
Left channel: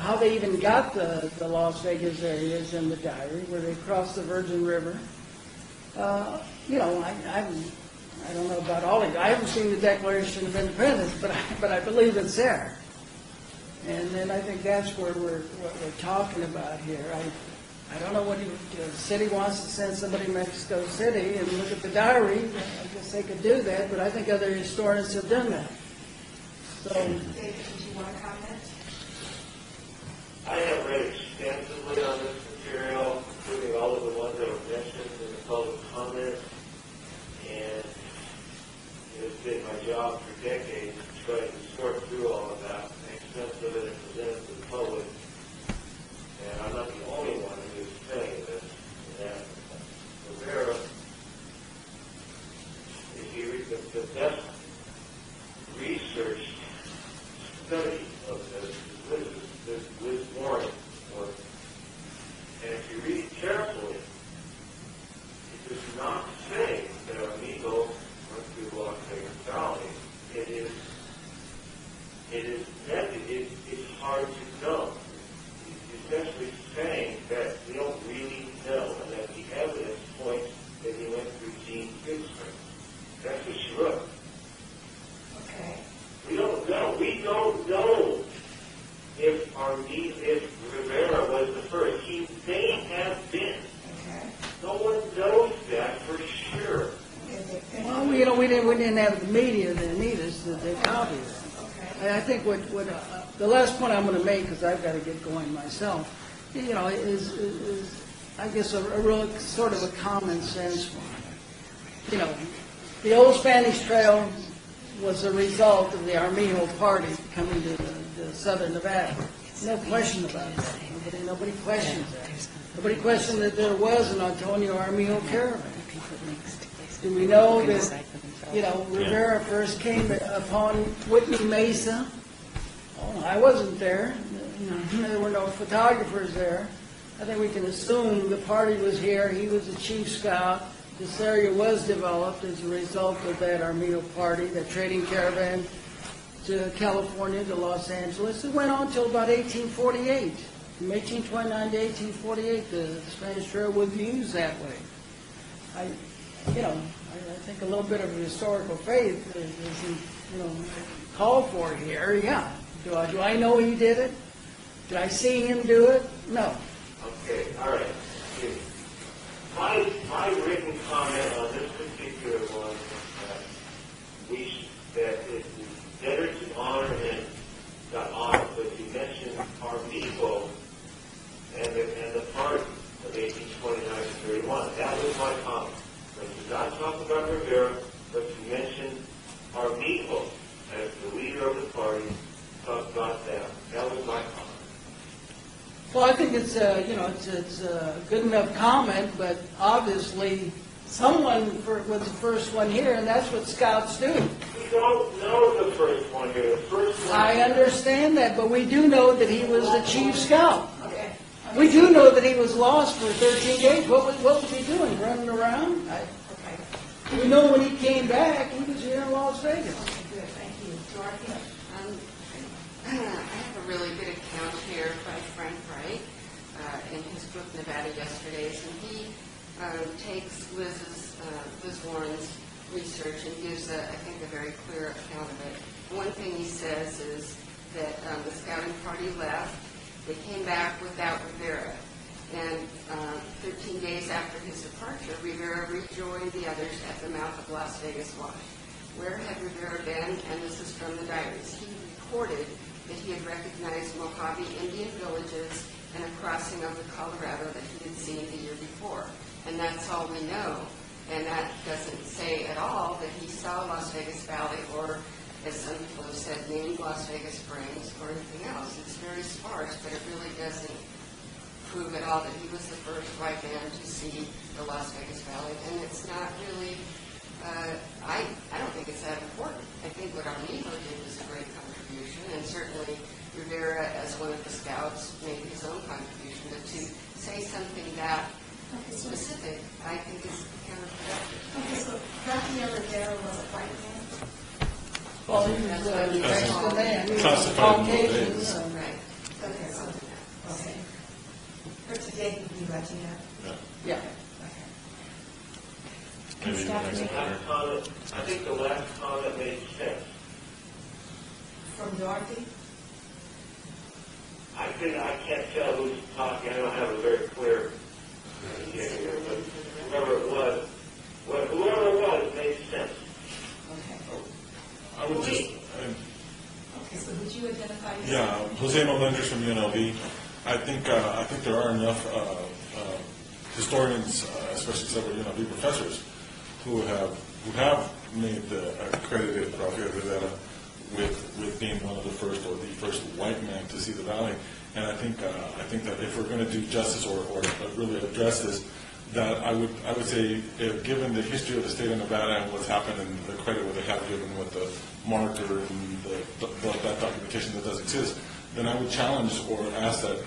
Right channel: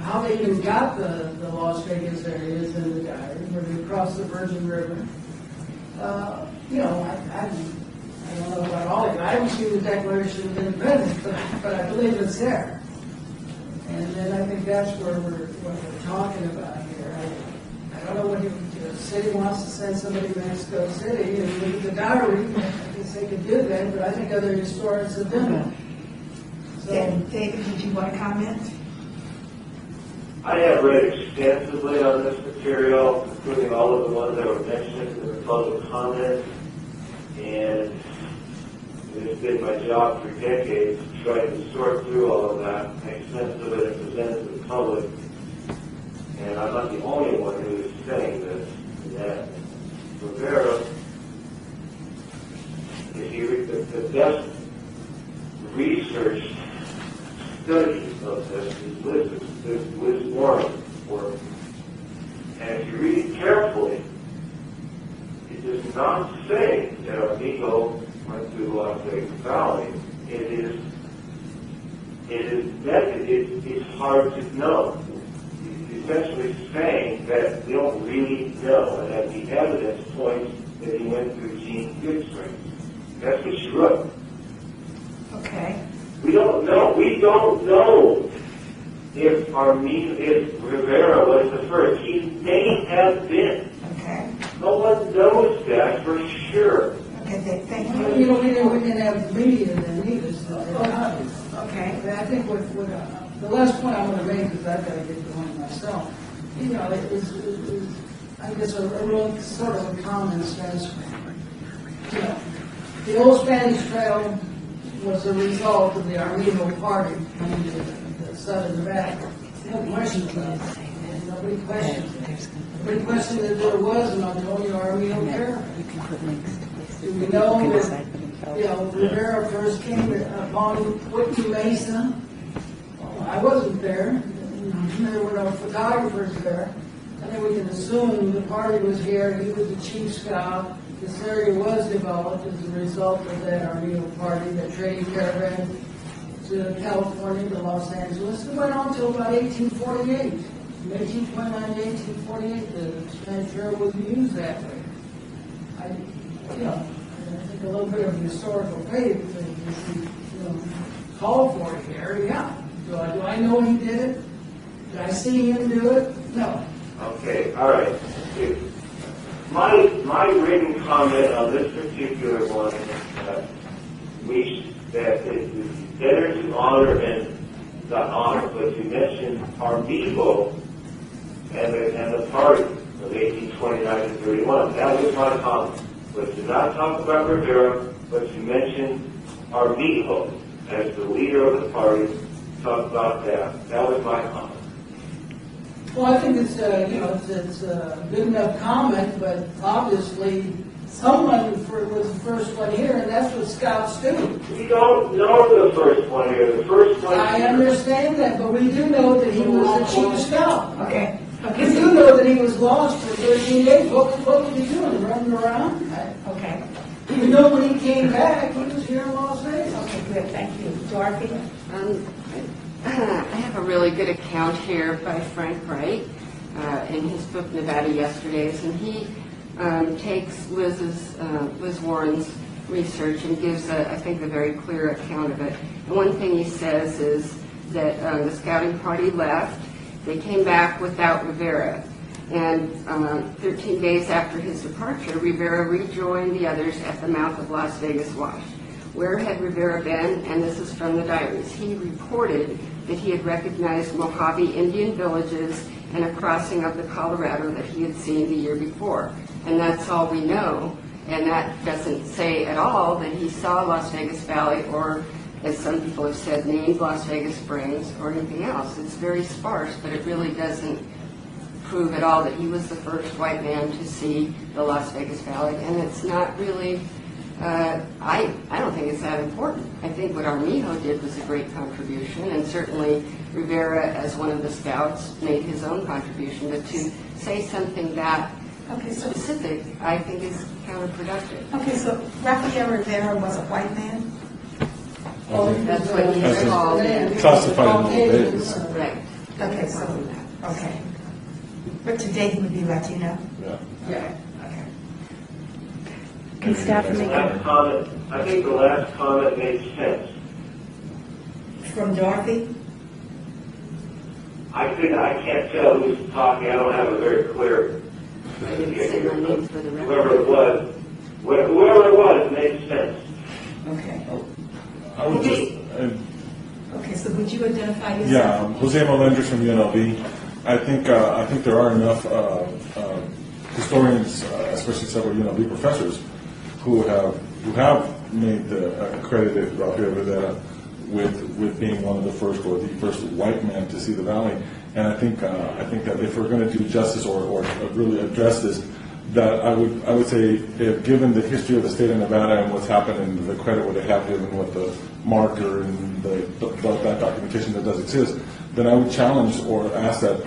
How they even got the Las Vegas area is in the diary, where they crossed the Virgin River. I don't know about all of it. I haven't seen the Declaration of Independence, but I believe it's there. And I think that's what we're talking about here. I don't know what if the city wants to send somebody to Mexico City and look at the diary. I guess they could do that, but I think other historians have done that. So, David, did you want to comment? I have read extensively on this material, including all of the ones that were mentioned in the public comments, and it has been my job for decades to try to sort through all of that, make sense of it, and present it to the public. And I'm not the only one who is saying this, that Rivera, if you read the best researched study of this is Liz Warren's work. And if you read it carefully, it does not say that Armino went through the Las Vegas Valley. It's hard to know. It's essentially saying that they don't really know, and that the evidence points that he went through Gene Kidd Springs. That's what she wrote. Okay. We don't know if Rivera was the first. He may have been. Okay. No one knows that for sure. Okay, thank we you. didn't have the media that need us to tell you. Okay. And I think what the last point I'm going to make, because I've got to get going myself, is I guess a real sort of a common sense. The old Spanish Trail was a result of the Armino Party coming to southern Nevada. No question about it. Nobody questions it. Nobody questioned that there was an Antonio Armino caravan. Do we know that, Rivera first came upon Whitney Mesa? Well, I wasn't there. There were no photographers there. I think we can assume the party was here. He was the chief scout. This area was developed as a result of that Armino Party, that trading caravan to California, to Los Angeles. It went on until about 1848. From 1829 to 1848, the Spanish Trail was used that way. I think a little bit of historical faith is called for here, yeah. Do I know he did it? Did I see him do it? No. Okay, all right. My written comment on this particular one is that it's better to honor and not honor, but to mention Armijo and the party of 1829 to 31. That was my comment. But to not talk about Rivera, but to mention Armijo as the leader of the party, talk about that. That was my comment. Well, I think it's a good enough comment, but obviously someone was the first one here, and that's what scouts do. We don't know the first one here. The first one. I understand that, but we do know that he was the chief scout. Okay. We do know that he was lost for 13 days. What was he doing, running around? Okay. Even though when he came back, he was here in Las Vegas. Okay, good, thank you. Dorothy? I have a really good account here by Frank Wright in his book Nevada Yesterdays, and he takes Liz Warren's research and gives, I think, a very clear account of it. And one thing he says is that the scouting party left. They came back without Rivera. And 13 days after his departure, Rivera rejoined the others at the mouth of Las Vegas Wash. Where had Rivera been? And this is from the diaries. He reported that he had recognized Mojave Indian villages and a crossing of the Colorado that he had seen the year before. And that's all we know. And that doesn't say at all that he saw Las Vegas Valley or, as some people have said, named Las Vegas Springs or anything else. It's very sparse, but it really doesn't prove at all that he was the first white man to see the Las Vegas Valley. And it's not really, I don't think it's that important. I think what Armijo did was a great contribution, and certainly Rivera, as one of the scouts, made his own contribution. But to say something that specific, I think is counterproductive. Okay, so Rafael Rivera was a white man? That's what he That's called. classified in the days. Right. Okay, so, okay. But today he would be Latino? Yeah. Yeah. Can staff make Last comment, I think the last comment made sense. From Dorothy? I can't tell who's talking. I don't have a very clear. I didn't say my name for the record. Whoever it was made sense. Okay. I would just, Okay, so would you identify yourself? yeah, Jose Melendez from UNLV. I think there are enough historians, especially several UNLV professors, who have made credited Rafael Rivera with being one of the first or the first white man to see the valley. And I think that if we're going to do justice or really address this, that I would say, if given the history of the state of Nevada and what's happened and the credit what they have given with the marker and that documentation that does exist, then I would challenge or ask that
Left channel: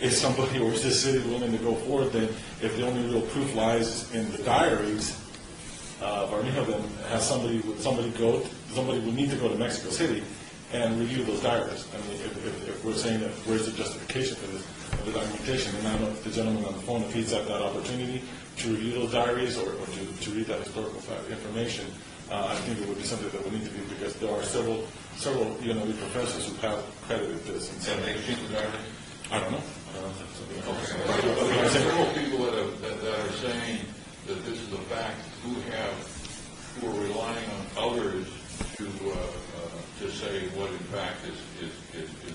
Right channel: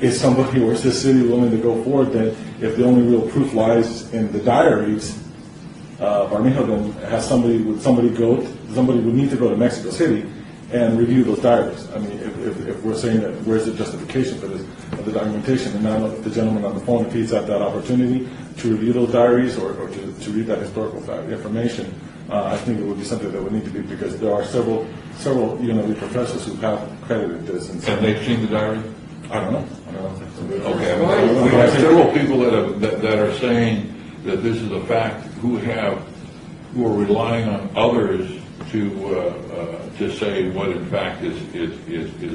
if somebody or is this city willing to go forward, then if the only real proof lies in the diaries of Armijo, then somebody would need to go to Mexico City and review those diaries. I mean, if we're saying that where's the justification for this, of the documentation, and now the gentleman on the phone, if he's had that opportunity to review those diaries or to read that historical information, I think it would be something that would need to be, because there are several UNLV professors who have credited this. And they've seen the diary? I don't know. Okay, we have several people that are saying that this is a fact, who are relying on others to say what in fact is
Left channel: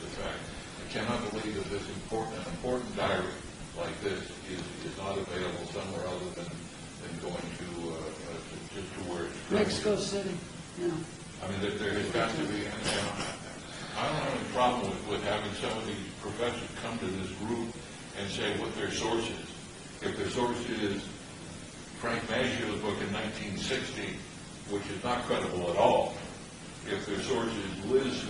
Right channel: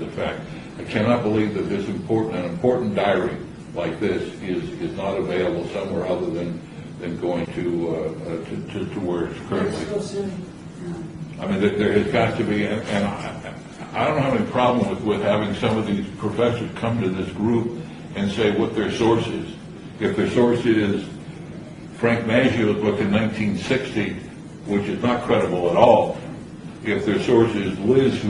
a fact. I cannot believe that an important diary like this is not available somewhere other than going to where it's currently. Mexico City. Yeah. I mean, there has got to be, and I don't have any problem with having some of these professors come to this group and say what their source is. If their source is Frank Maggio's book in 1960, which is not credible at all, if their source is Liz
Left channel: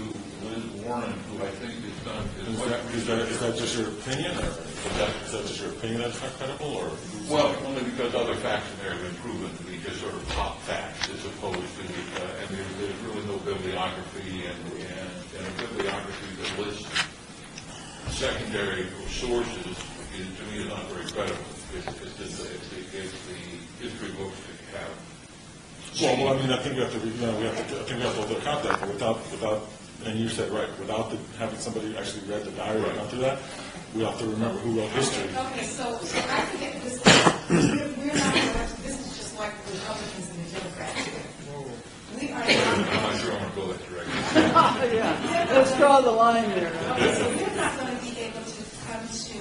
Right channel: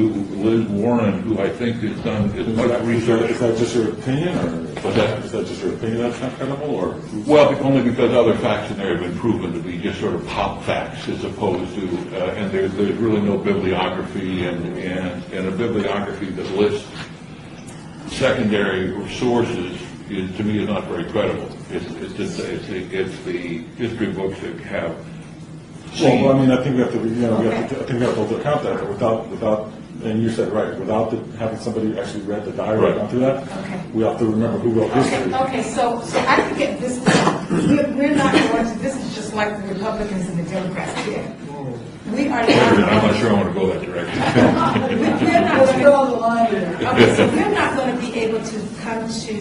Warren, who I think has done as much research. Is that just your opinion, or What's that? is that just your opinion that's not credible, or? Well, only because other facts in there have been proven to be just sort of pop facts, as opposed to, and there's really no bibliography, and a bibliography that lists secondary sources to me is not very credible. It's the history books that have Well, I mean, I think we have to, I think we have to account that, but without, and you said right, without having somebody actually read the diary Right. gone through that, Okay. we have to remember who wrote history. Okay, so I think at this point, we're not going to, this is just like the Republicans and the Democrats did. We are I'm not. not sure I want to go that direction. Let's draw the line there. Okay, so we're not going to be able to come to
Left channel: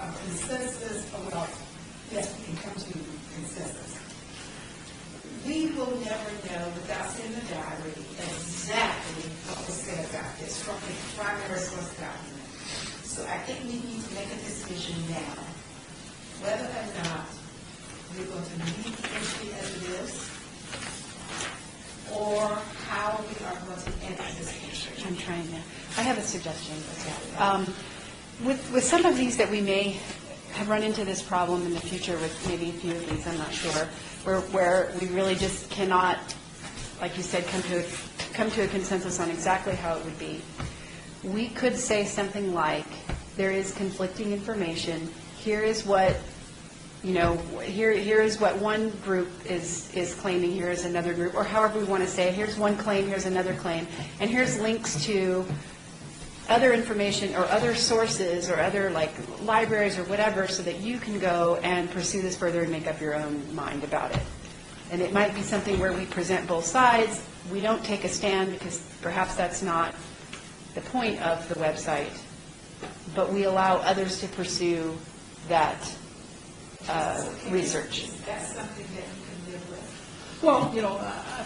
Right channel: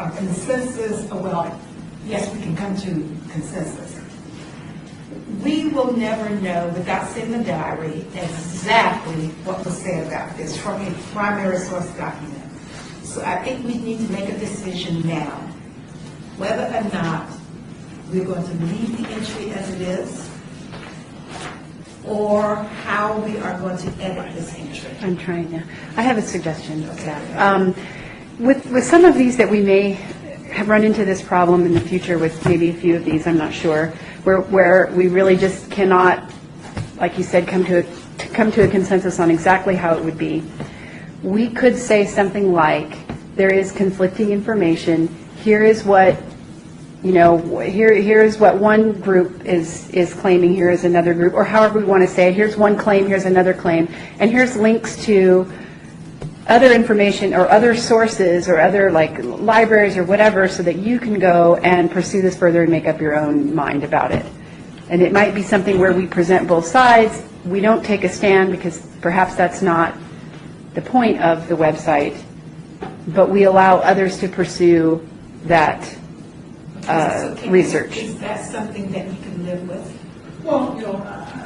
a consensus, well, yes, we can come to consensus. We will never know without seeing the diary exactly what was said about this from a primary source document. So I think we need to make a decision now, whether or not we're going to leave the entry as it is, or how we are going to edit this entry. I'm trying to, I have a suggestion, staff. With some of these that we may have run into this problem in the future with maybe a few of these, I'm not sure, where we really just cannot, like you said, come to a consensus on exactly how it would be, we could say something like, there is conflicting information, here is what, here is what one group is claiming, here is another group, or however we want to say it, here's one claim, here's another claim, and here's links to other information or other sources or other like libraries or whatever, so that you can go and pursue this further and make up your own mind about it. And it might be something where we present both sides, we don't take a stand because perhaps that's not the point of the website, but we allow others to pursue that So can- research. Is that something that you can live with? Well,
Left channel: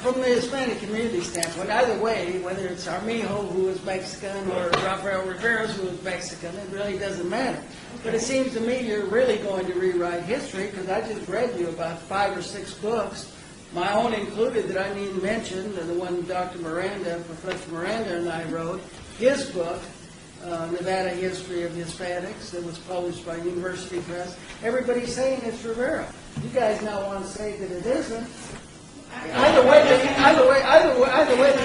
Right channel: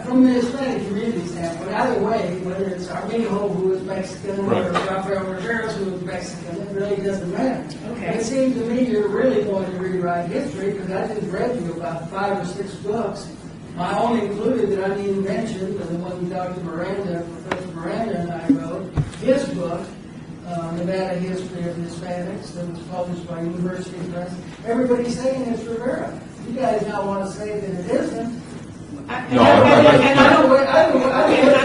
from the Hispanic community standpoint, either way, whether it's Armijo, who is Mexican, or Right. Rafael Rivera, who is Mexican, it really doesn't matter. Okay. But it seems to me you're really going to rewrite history, because I just read you about 5 or 6 books, my own included that I didn't mention, the one Dr. Miranda, Professor Miranda and I wrote, his book, Nevada History of Hispanics, that was published by University Press. Everybody's saying it's Rivera. You guys now want to say that it isn't. No, Either way, I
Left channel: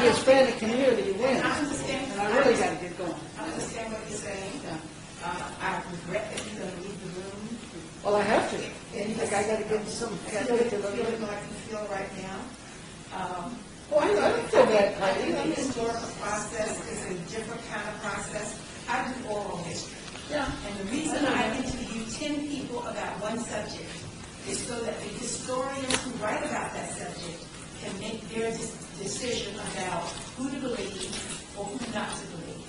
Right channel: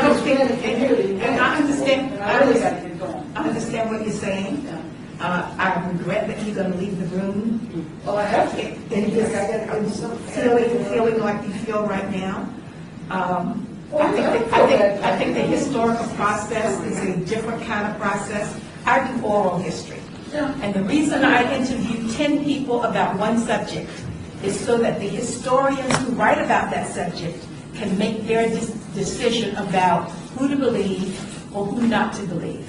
understand the community. And I understand, And I really got to get going. I understand what you're saying. I regret that you're going to leave the room. Well, I have to. And you just I got to give you some feeling like you feel right now. I think the historical process is a different kind of process. I do oral history. And the reason I interview 10 people about one subject is so that the historians who write about that subject can make their decision about who to believe or who not to believe.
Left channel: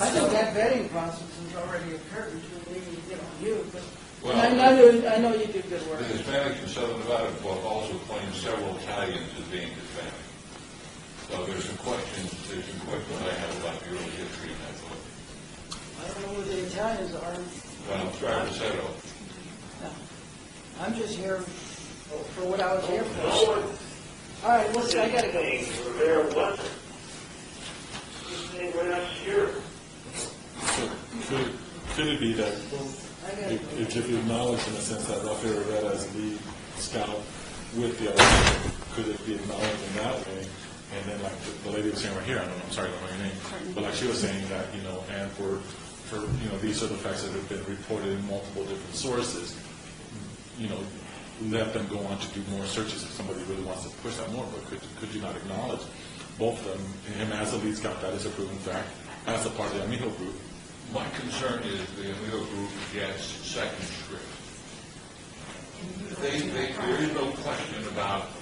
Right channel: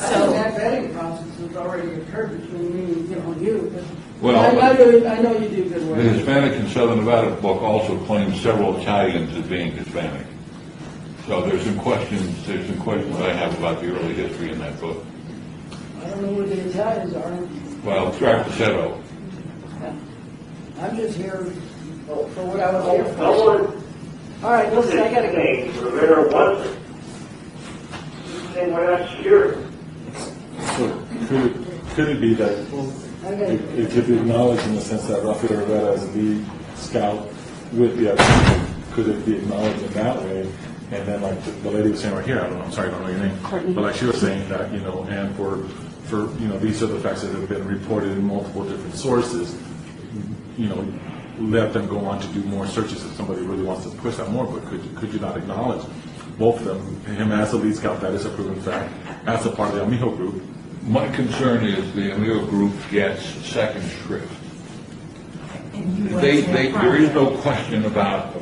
I think that vetting process has already occurred between me and you. But Well, I know you do good The work. Hispanic in Southern Nevada book also claims several Italians as being Hispanic. So there's some questions I have about the early history in that book. I don't know where the Italians are. Well, Trapaceto. I'm just here for what I was here I for. wanted All right, listen, I got to go. to say Rivera wasn't. They were not sure. So could it be that I got to go. it could be acknowledged in the sense that Rafael Rivera is the lead scout with the other people? Could it be acknowledged in that way? And then like the lady was saying right here, I'm sorry, I don't know your name. Courtney. But like she was saying that, and for these are the facts that have been reported in multiple different sources, let them go on to do more searches if somebody really wants to push that more. But could you not acknowledge both of them, him as the lead scout, that is a proven fact, as a part of the Amijo group? My concern is the Amigo group gets second shrift. And you want There to- is no question about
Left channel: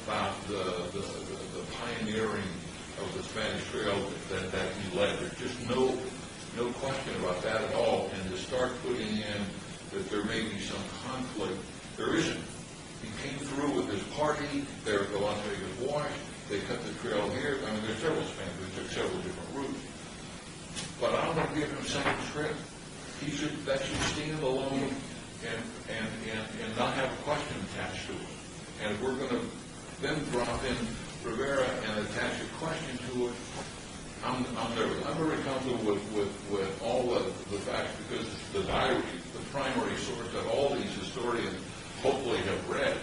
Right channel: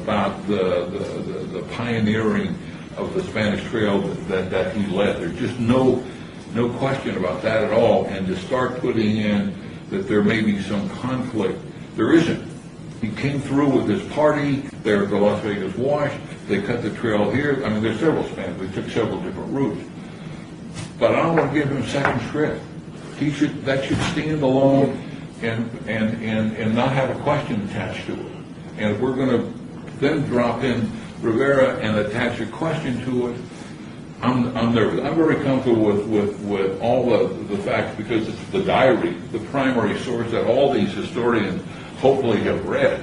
the pioneering of the Spanish Trail that he led. There's just no question about that at all. And to start putting in that there may be some conflict, there isn't. He came through with his party there at the Las Vegas Wash. They cut the trail here. I mean, there's several Spanish. They took several different routes. But I don't want to give him second shrift. That should stand alone and not have a question attached to it. And if we're going to then drop in Rivera and attach a question to it, I'm nervous. I'm very comfortable with all the facts because it's the diary, the primary source that all these historians hopefully have read.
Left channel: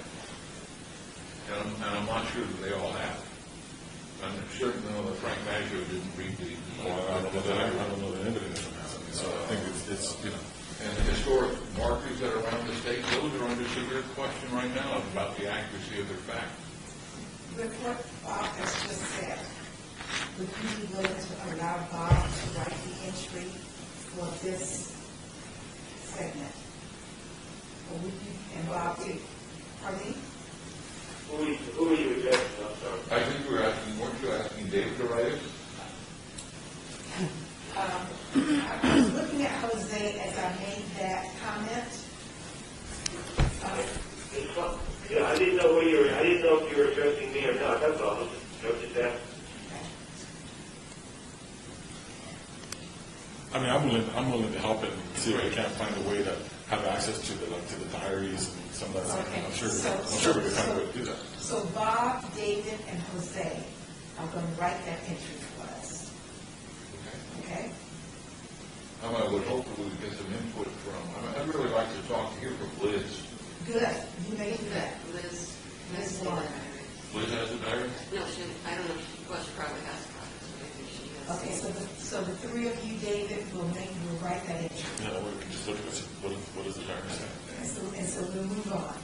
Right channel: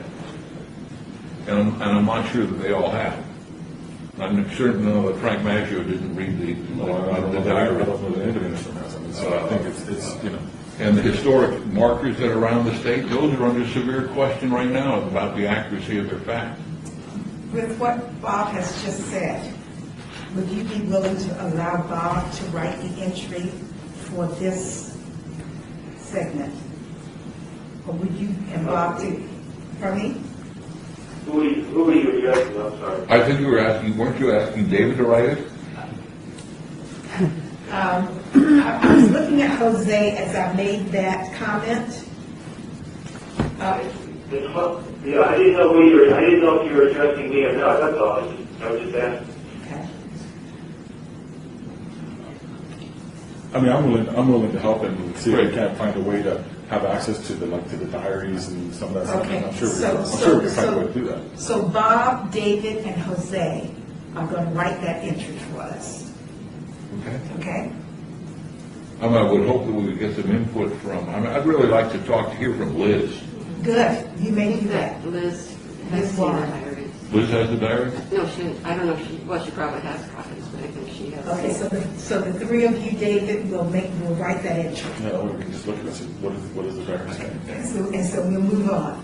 And I'm not sure that they all have. I'm certain that Frank Maggio didn't read the I diary. don't know that anybody in this room has. I mean, so I think it's And the historic markers that are around the state, those are under severe question right now about the accuracy of their facts. With what Bob has just said, would you be willing to allow Bob to write the entry for this segment? Or would you, and Bob do, for me? Who are you addressing? I'm sorry. I think you were asking, weren't you asking David to write it? I was looking at Jose as I made that comment. Yeah, I didn't know who you were, I didn't know if you were addressing me or not, that's all. I was just asking. I mean, I'm willing to help and see if we can't find a way to have access to the diaries and some of that stuff. Okay, I'm sure so- we can find a way to do that. So Bob, David, and Jose are going to write that entry for us, Okay. okay? I would hope that we would get some input from, I'd really like to hear from Liz. Good, you may do that. That Liz Liz has seen the Warren. diary. Liz has the diary? No, I don't know if she probably has copies, but I think she has. Okay, so the three of you, David, will write that entry. Yeah, or we can just look at it and see what is the diary saying. And so we'll move on.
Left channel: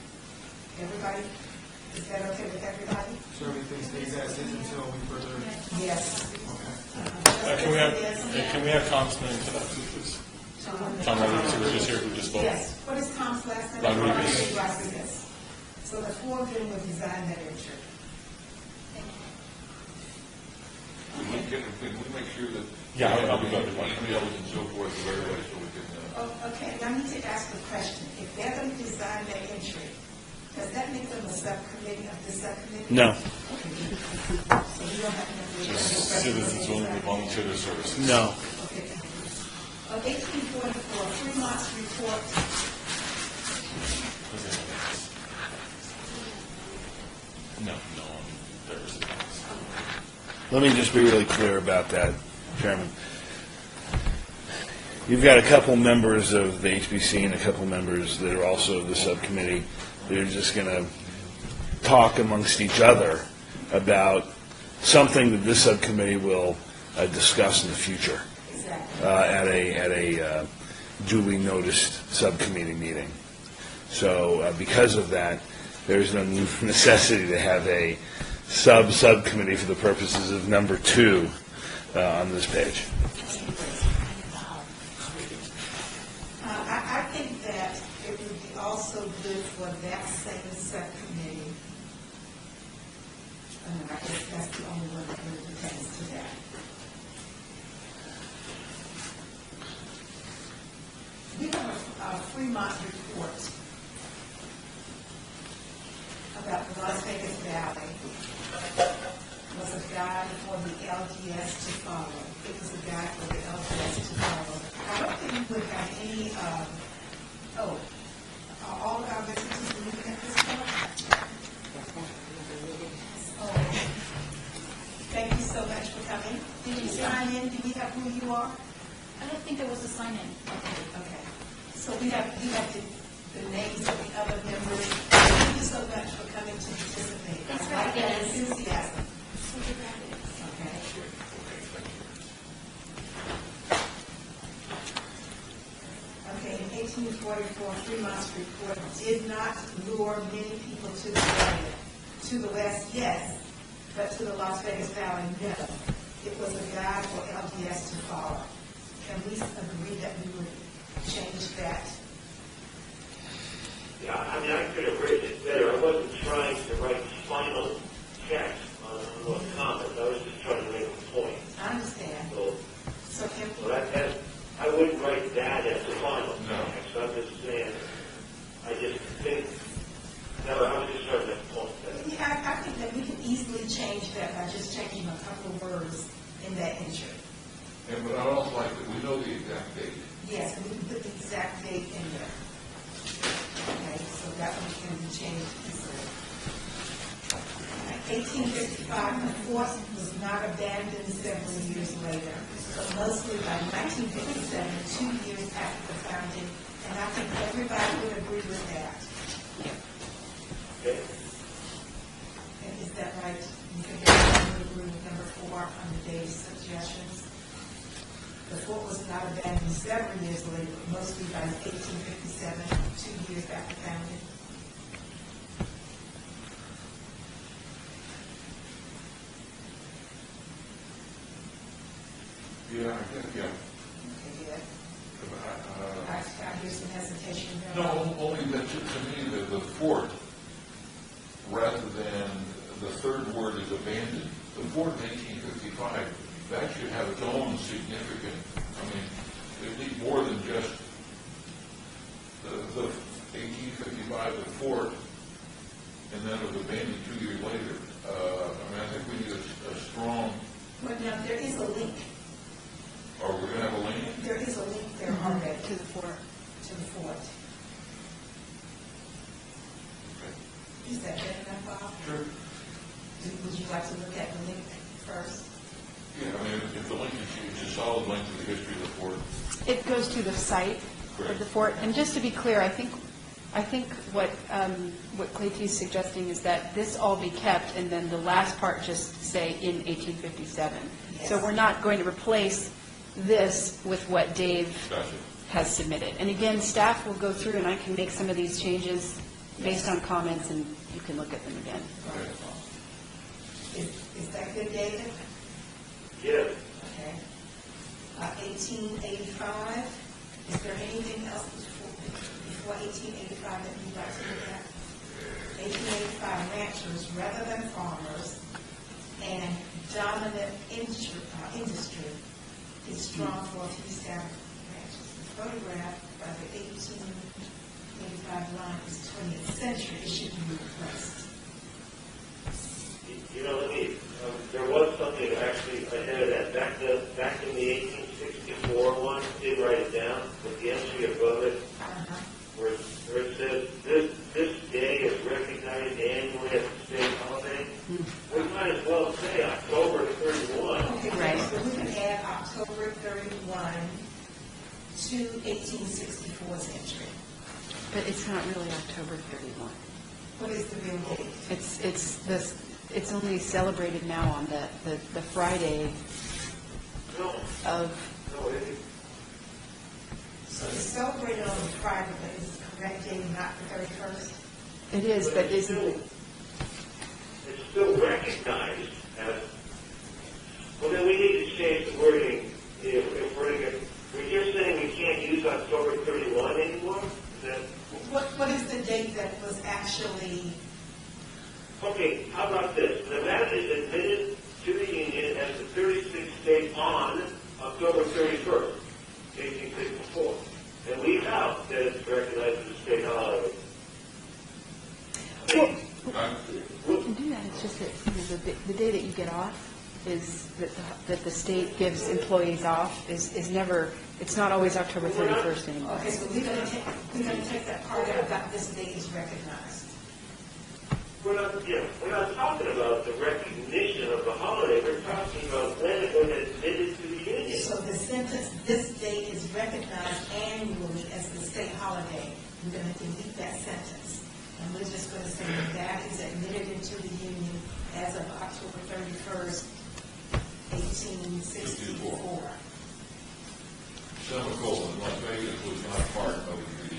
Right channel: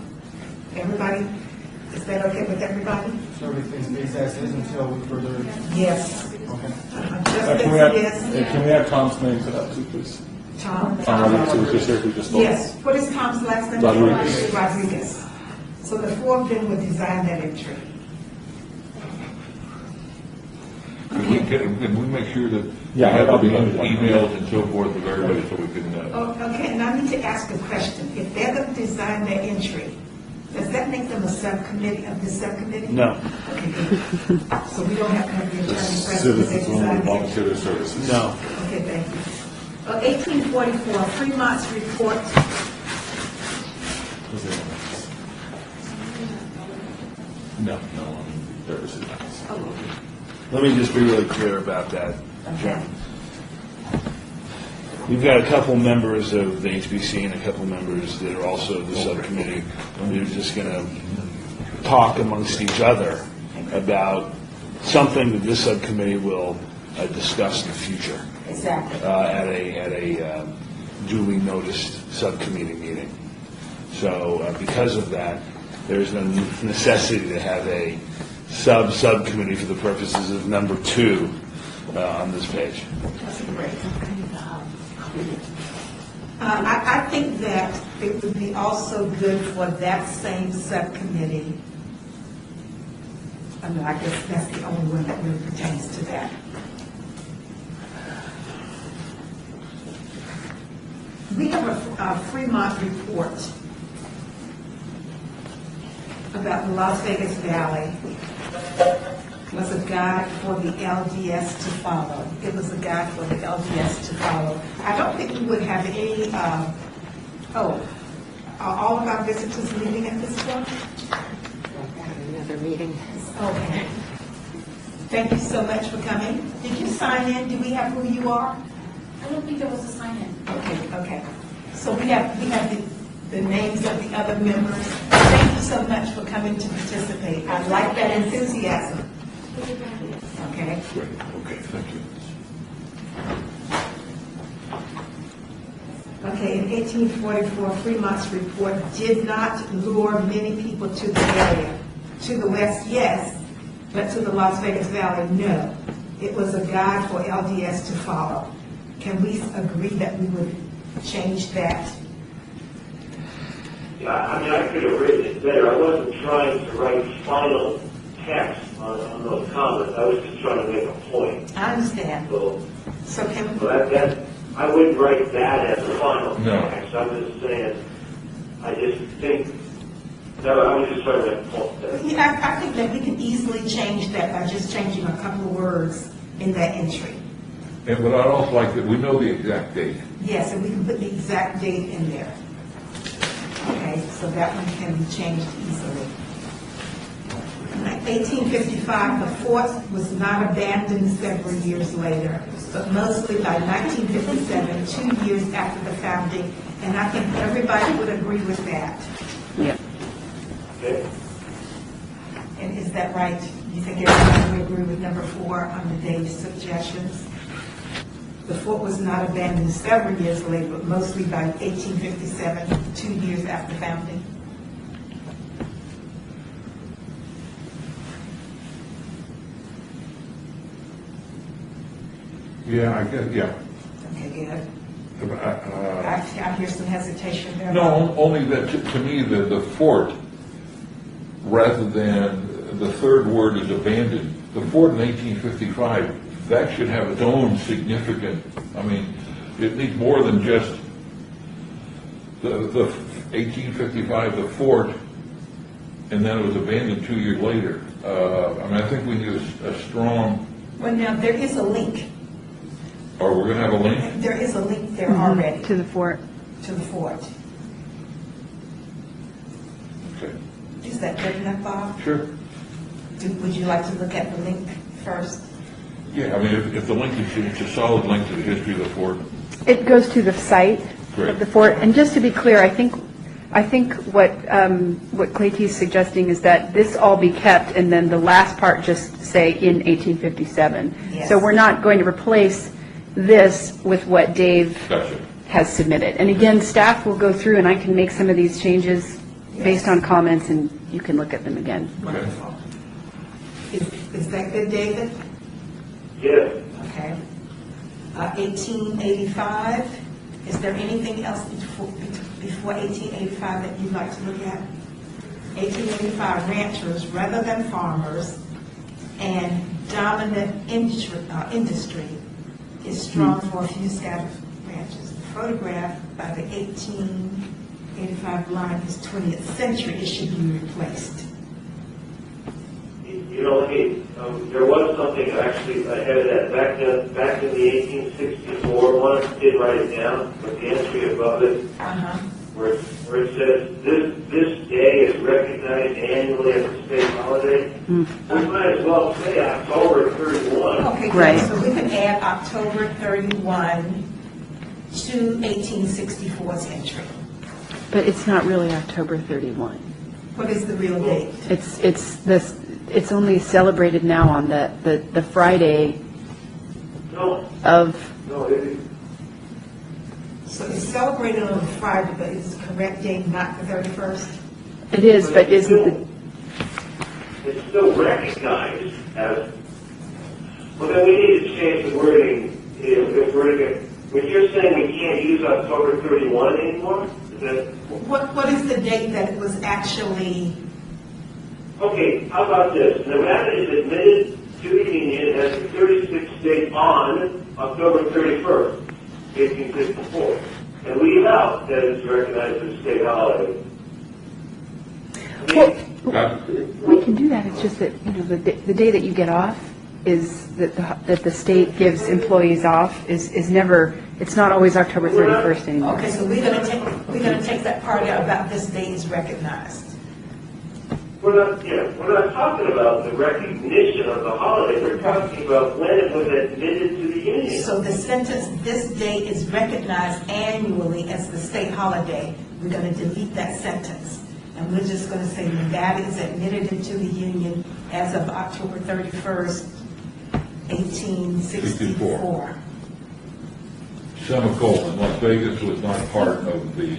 Everybody, is that okay with everybody? So everything stays as is until we further, Yes. okay. Can we add Tom's name to that too, please? Tom? Tom Rodriguez, who was just here, who just spoke. Yes, what is Tom's last name? Rodriguez. Rodriguez. So the four of them will design that entry. Can we make sure that? Yeah, we I'll have be- emails and so forth of everybody so we can, Oh, okay, and I need to ask a question. If they're going to design their entry, does that make them a subcommittee of the subcommittee? No. Okay, good. So we don't have to have the attorney Just present when they citizens willing to design the volunteer their services. No. Okay, thank you. 1844, Fremont's report. Who's the other one? No, there was it. Let me just be really clear about that, Chairman. You've got a couple members of the HBC and a couple members that are also of the subcommittee. We're just going to talk amongst each other about something that this subcommittee will discuss in the future Exactly. at a duly noticed subcommittee meeting. So because of that, there's no necessity to have a subcommittee for the purposes of number 2 on this page. I think that it would be also good for that same subcommittee. I mean, I guess that's the only one that really pertains to that. We have a Fremont report about the Las Vegas Valley. Was a guide for the LDS to follow. It was a guide for the LDS to follow. I don't think we would have any, are all of our visitors leaving at this point? Another meeting. Okay. Thank you so much for coming. Did you sign in? Do we have who you are? I don't think there was a sign-in. Okay. So we have the names of the other members. Thank you so much for coming to participate. I like that enthusiasm. Okay. great, okay, thank you. Okay, in 1844, Fremont's report did not lure many people to the area. To the west, yes, but to the Las Vegas Valley, no. It was a guide for LDS to follow. Can we agree that we would change that? Yeah, I mean, I could have written it better. I wasn't trying to write final text on those comments. I was just trying to make a point. I understand. So So can, that I wouldn't write that as the final No. text. I'm just saying, I just think, no, I was just trying to make a point there. yeah, I think that we can easily change that by just changing a couple of words in that entry. And, but I'd also like that we know the exact date. Yes, and we can put the exact date in there. Okay, so that one can be changed easily. 1855, the fort was not abandoned several years later, but mostly by 1957, 2 years after the founding, and I think everybody would agree with that. Yep. Okay? And is that right? You think everybody would agree with number 4 on the date suggestions? The fort was not abandoned several years later, but mostly by 1857, 2 years after founding. Yeah, I guess, yeah. Okay, good. Uh, I hear some hesitation there. No, only that, to me, the fort, rather than the third word is abandoned, the fort in 1855, that should have its own significant, I mean, it needs more than just the 1855, the fort, and then it was abandoned 2 years later. I mean, I think we need a strong, Well, now, there is a link. or we're going to have a link? There is a link there already To the fort. to the fort. Okay. Is that good enough, Bob? Sure. Would you like to look at the link first? Yeah, I mean, if the link is, it's a solid link to the history of the fort. It goes to the site Correct. of the fort. And just to be clear, I think what Clayton is suggesting is that this all be kept, and then the last part just say in 1857. Yes. So we're not going to replace this with what Dave Gotcha. has submitted. And again, staff will go through, and I can make some of these changes based on comments, and you can look at them again. Okay. Is that good, David? Yes. Okay. 1885, is there anything else before 1885 that you'd like to look at? 1885, ranchers rather than farmers, and dominant industry is strong for a few scattered ranches. The photograph by the 1885 line is 20th century, it should be replaced. You know, there was something actually ahead of that. Back in the 1864 one, I did write it down, but the entry above it, where it says, this day is recognized annually as a state holiday, we might as well say October 31. Okay, good. Right. So we can add October 31 to 1864's entry. But it's not really October 31. What is the real date? It's only celebrated now on the Friday No, of, no, it is. So it's celebrated on Friday, but is the correct date not the 31st? it is, but isn't the, It's still recognized as, well, then we need to change the wording. If when you're saying we can't use October 31 anymore, is that, What is the date that it was actually, okay, how about this? Nevada is admitted to the Union as the 36th state on October 31st, 1864. And leave out that it's recognized as a state holiday. I mean, well, we can do that, it's just that, the day that you get off is, that the state gives employees off is never, it's not always October 31st anymore. okay, so we're going to take that part out about this date is recognized. we're not talking about the recognition of the holiday. We're talking about when it was admitted to the Union. So the sentence, this date is recognized annually as the state holiday, we're going to delete that sentence. And we're just going to say Nevada is admitted into the Union as of October 31st, 1864. Semicolon, Las Vegas was not part of the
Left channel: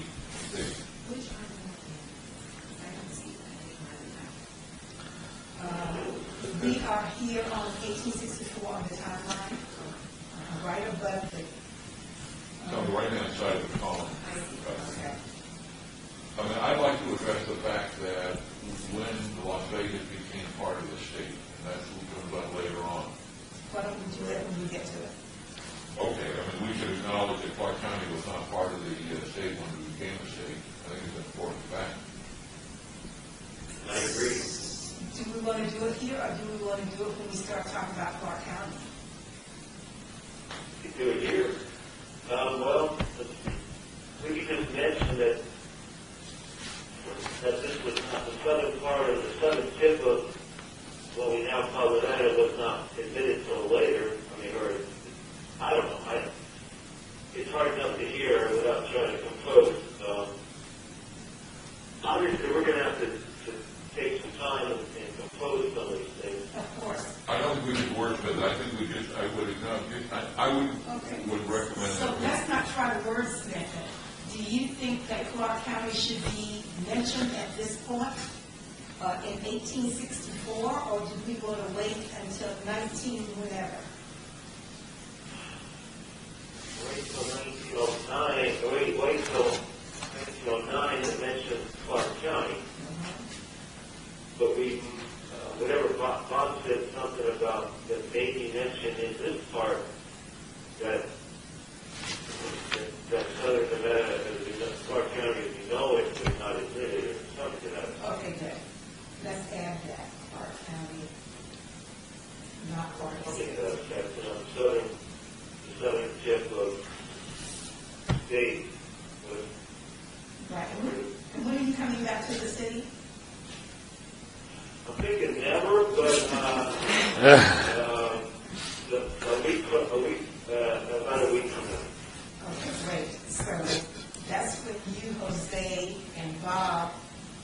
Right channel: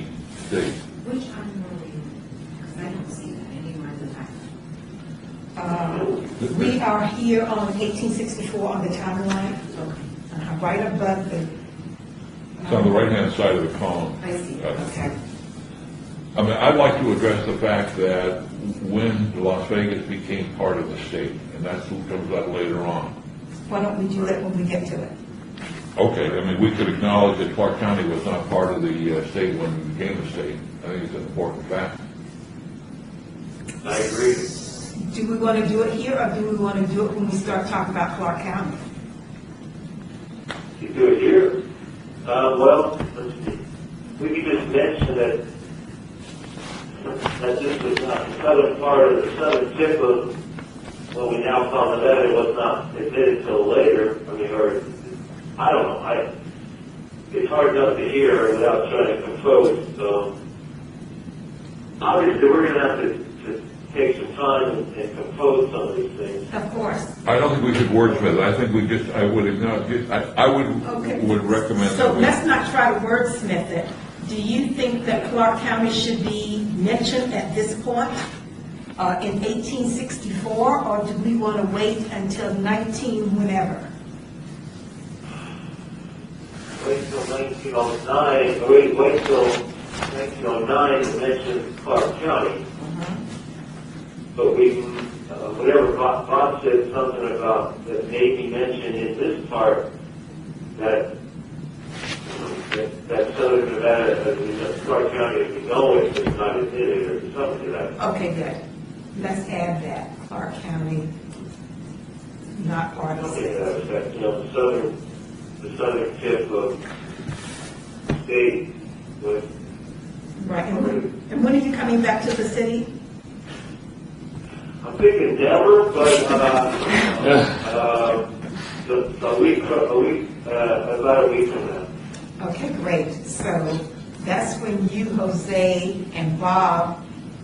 state. Which annually? Because I don't see that anywhere in the packet. We are here on 1864 on the timeline, right above the, It's on the right-hand side of the column. I see, okay. I mean, I'd like to address the fact that when Las Vegas became part of the state, and that comes out later on. why don't we do that when we get to it? Okay, I mean, we could acknowledge that Clark County was not part of the state when we became a state. I think it's an important fact. I agree. Do we want to do it here, or do we want to do it when we start talking about Clark County? You do it here. Well, let's see. We could just mention that this was not the southern part of the southern tip of what we now call Nevada was not admitted till later. I mean, or I don't know. It's hard enough to hear without trying to compose. So obviously, we're going to have to take some time and compose some of these things. Of course. I don't think we should wordsmith it. I think we just, I would acknowledge, I Okay. would recommend So that we. let's not try to wordsmith it. Do you think that Clark County should be mentioned at this point in 1864, or do we want to wait until 19 whenever? 1909, wait till 1909 to mention Clark County. But whatever Bob said something about that maybe mentioned in this part that Southern Nevada, Clark County, as we know it, is not admitted or something to that. Okay, good. Let's add that, Clark County, not part of Okay, it. the southern tip of state was. Right, and when are you coming back to the city? I'm thinking never, but about a week from now. Okay, great. So that's when you, Jose, and Bob,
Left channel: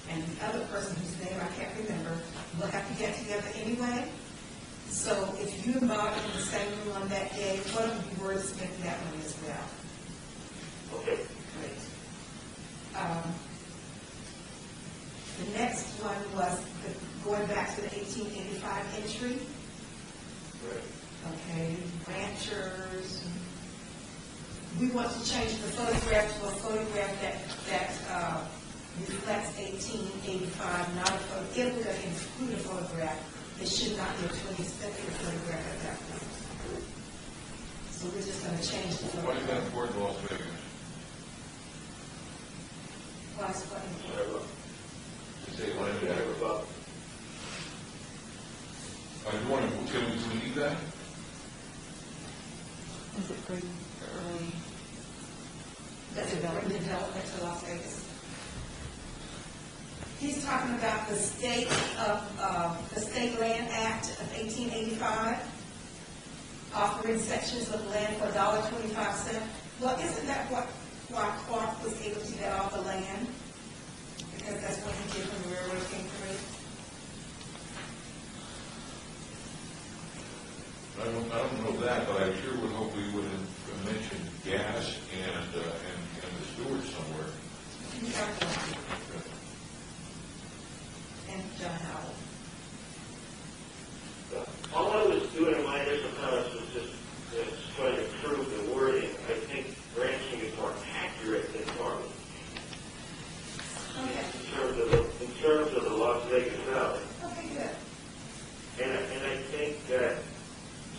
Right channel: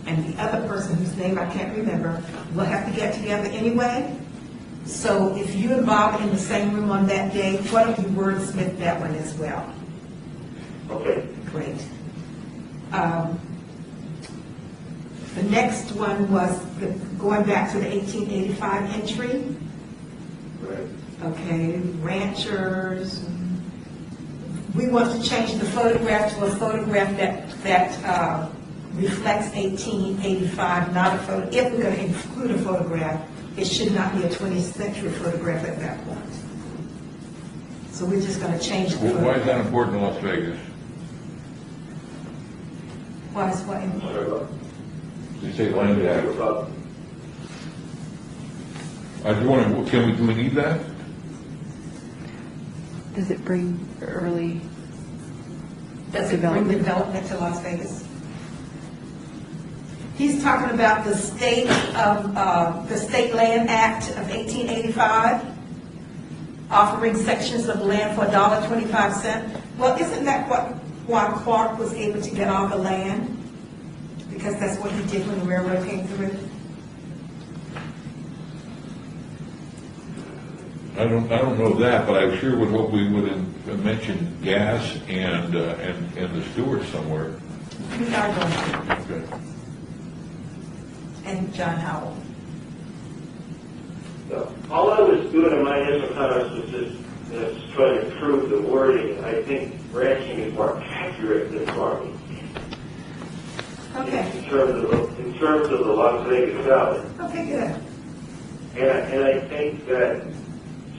and the other person whose name I can't remember, will have to get together anyway. So if you and Bob are in the same room on that day, why don't you wordsmith that one as well? Okay. Great. The next one was going back to the 1885 entry. Right. Okay, ranchers. We want to change the photograph to a photograph that reflects 1885, not a photo. If we're going to include a photograph, it should not be a 20th century photograph at that point. So we're just going to change the Why is that photograph. important in Las Vegas? Why is what important? You say land act. I do want to, do we need that? Does it bring early Does it bring development? development to Las Vegas? He's talking about the state Land Act of 1885, offering sections of land for $1.25. Well, isn't that why Clark was able to get all the land? Because that's what he did when the railroad came through. I don't know that, but I sure would hope we would have mentioned gas and the Stewart somewhere. We are going to, Okay. and John Howell. So, all I was doing in my initial comments was just trying to improve the wording. I think ranching is more accurate than farming. Okay. In terms of the Las Vegas Valley. Okay, good. And I think that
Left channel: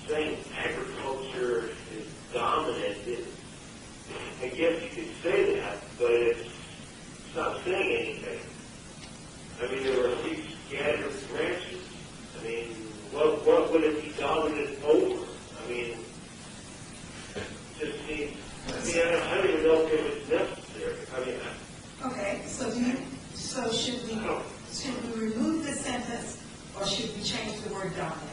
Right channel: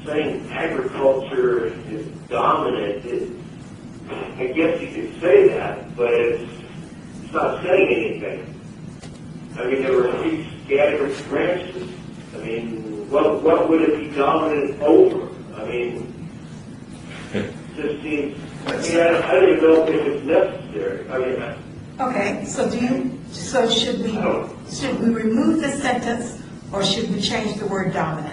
saying agriculture is dominant, I guess you could say that, but it's not saying anything. I mean, there were a few scattered branches. I mean, what would it be dominant over? I mean, it just seems, I don't even know if it's necessary. I mean, Okay, so should we remove the sentence, or should we change the word dominant?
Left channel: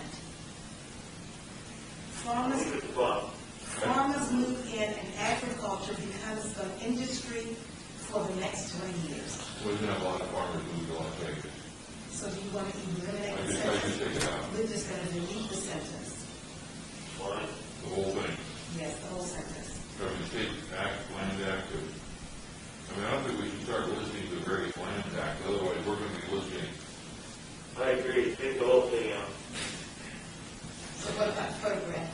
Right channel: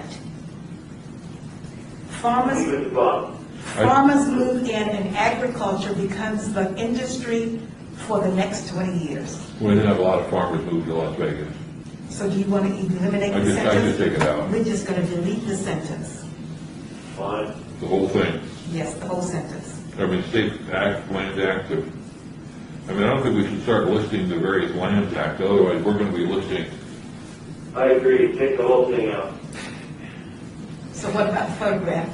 leave it at the bottom. Farmers move in and agriculture becomes the industry for the next 20 years. We didn't have a lot of farmers move to Las Vegas. So do you want to eliminate I the just sentence? take it out. We're just going to delete the sentence. Fine. The whole thing. Yes, the whole sentence. I mean, state act, land act, I don't think we should start listing the various land acts, otherwise we're going to be listing. I agree. Take the whole thing out. So what about the photograph?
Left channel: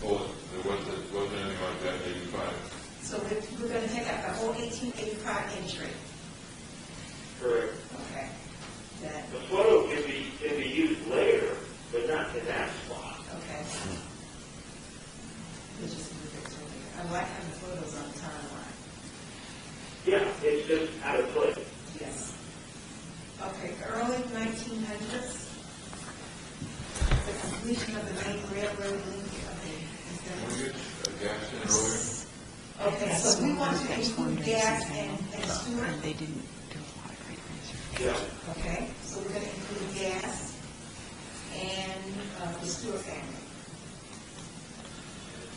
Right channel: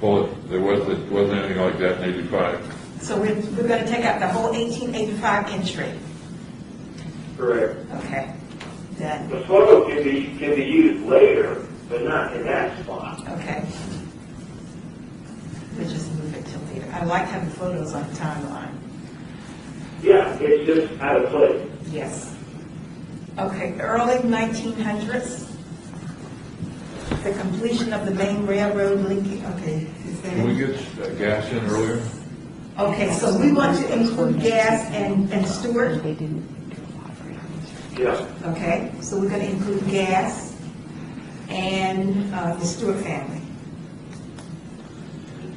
Well, there wasn't anything like that in 85. So we're going to take out the whole 1885 entry. Correct. Okay. Done. The photo can be used later, but not in that spot. Okay. We'll just move it to later. I like having photos on the timeline. Yeah, it's just out of place. Yes. Okay, early 1900s, the completion of the main railroad linking, okay. Is Can we that, get gas in earlier? okay, so we want to include gas and Stewart, They didn't. Yeah. okay? So we're going to include gas and the Stewart family.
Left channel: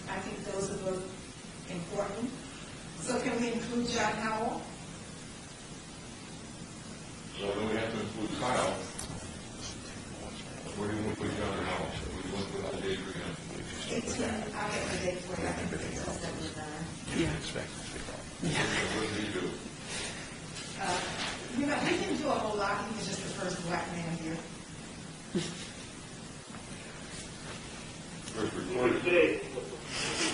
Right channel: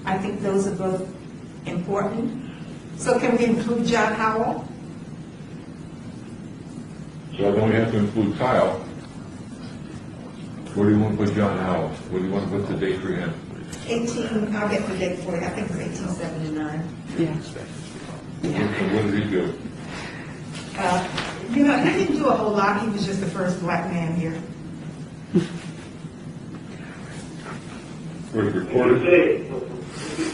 I think those are both important. So can we include John Howell? So then we have to include Kyle. Where do you want to put John Howell? Where do you want to put the date for him? 18, I'll get the date for you, I think it's 1879. Yeah. So what did he do? He didn't do a whole lot, he was just the first black man here. Where's If you recorded? say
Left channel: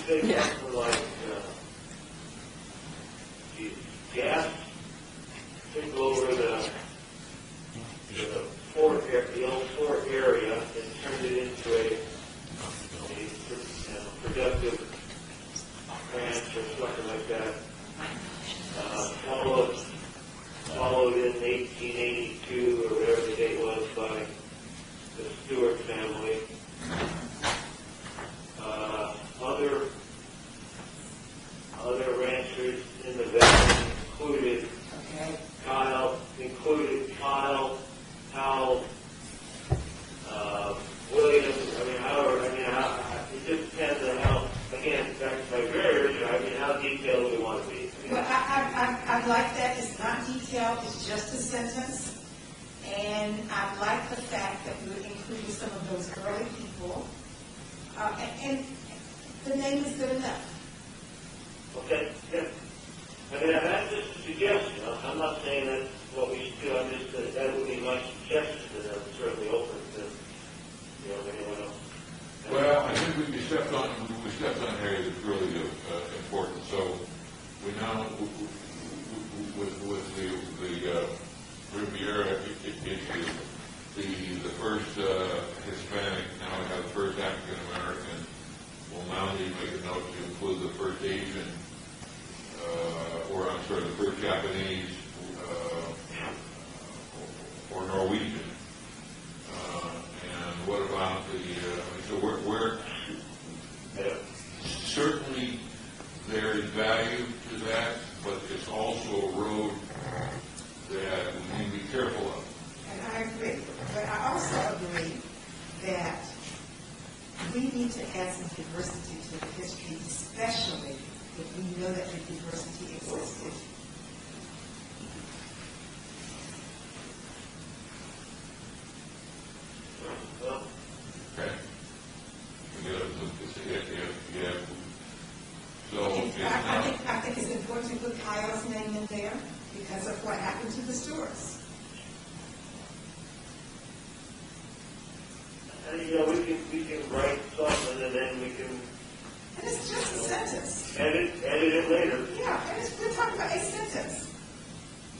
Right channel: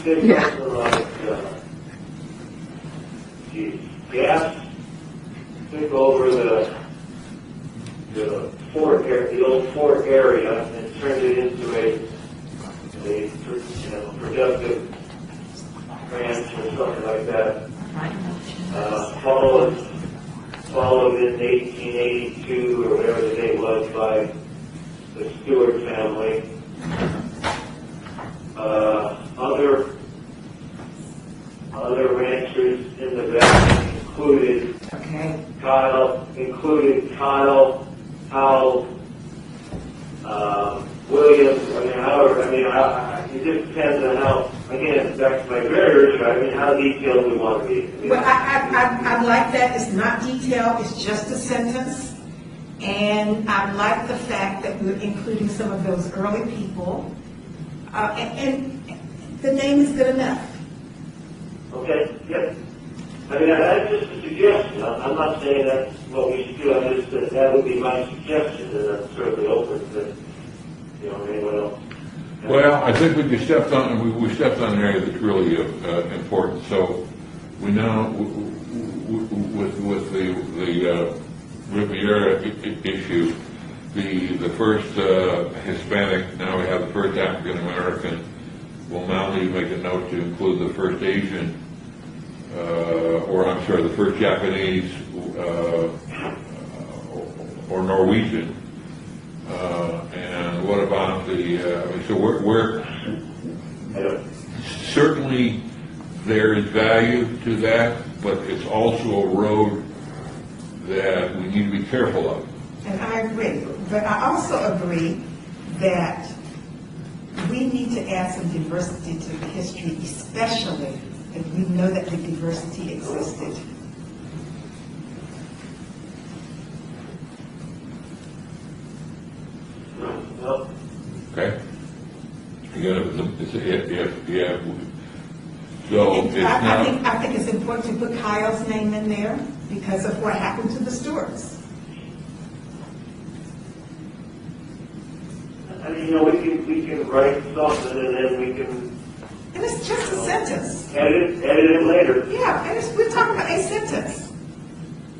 say Yeah. something like, gas took over the old fort area and turned it into a productive ranch or something like that. Followed in 1882 or whatever the date was by the Stewart family. Other ranchers in the valley included Kyle, Howell, Williams. It just depends on how. Again, back to my very early, how detailed we want to be. Well, I like that. It's not detailed, it's just a sentence. And I like the fact that we're including some of those early people. And the name is good enough. Okay, yep. That's just a suggestion. I'm not saying that's what we should do. I'm just, that would be my suggestion, and I'm certainly open to, anyone else. Well, I think we stepped on, we stepped on an area that's really important. So we now, with the Riviera issue, the first Hispanic, now we have the first African American. We'll now need to make a note to include the first Asian, the first Japanese or Norwegian. And what about so we're certainly there is value to that, but it's also a road that we need to be careful of. And I agree. But I also agree that we need to add some diversity to the history, especially if we know that the diversity existed. Okay? You gotta, yeah. So it's not. I think it's important to put Kyle's name in there because of what happened to the Stewarts. We can write something and then we can And it's just a sentence. edit it later. Yeah, and we're talking about a sentence.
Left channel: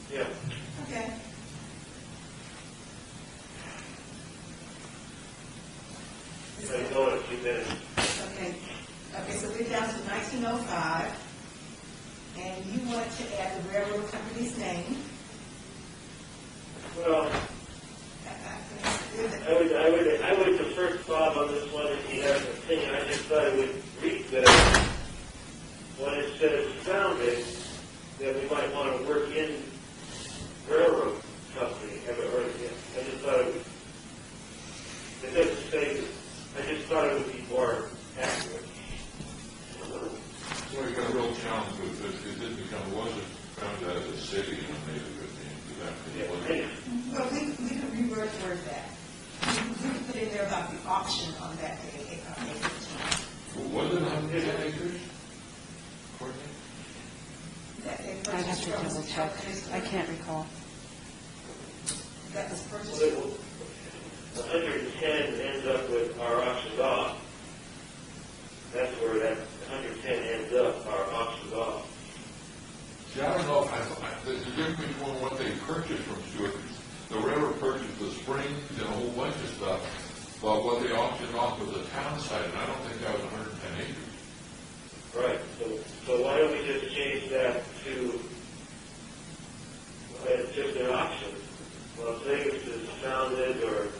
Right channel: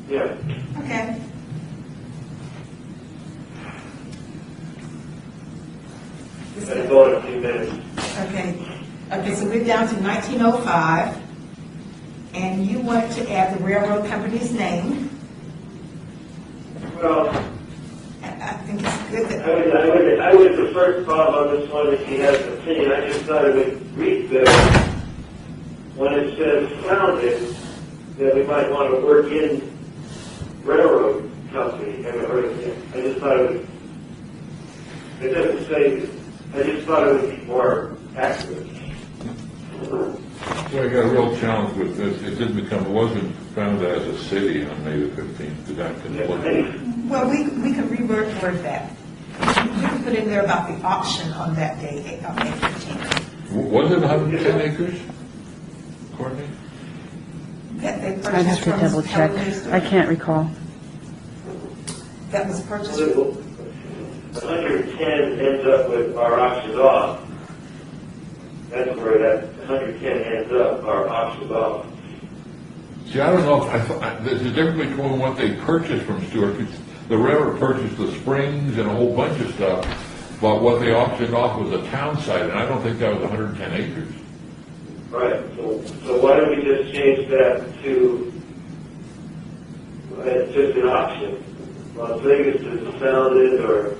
Yeah. Okay. Let's go in a few minutes. Okay, so we're down to 1905, and you wanted to add the railroad company's name. Well, I think it's good that. I would defer to Bob on this one if he has an opinion. I just thought I would read this when it says founded, that we might want to work in railroad company. I just thought it doesn't say, I just thought it would be more accurate. Well, I got a real challenge with this. It wasn't founded as a city on May the 15th. Did that conflict? Well, we can reword that. We can put in there about the auction on that day, on May 15th. Was it 110 acres, Courtney? That they purchased I'd have to from double check. Helen I can't recall. That was purchased. 110 ends up with our auctions off. That's where that 110 ends up, our auctions off. See, I don't know if there's a difference between what they purchased from Stewart. The railroad purchased the springs and a whole bunch of stuff, but what they auctioned off was a town site, and I don't think that was 110 acres. Right. So why don't we just change that to, it's just an auction. Las Vegas is founded or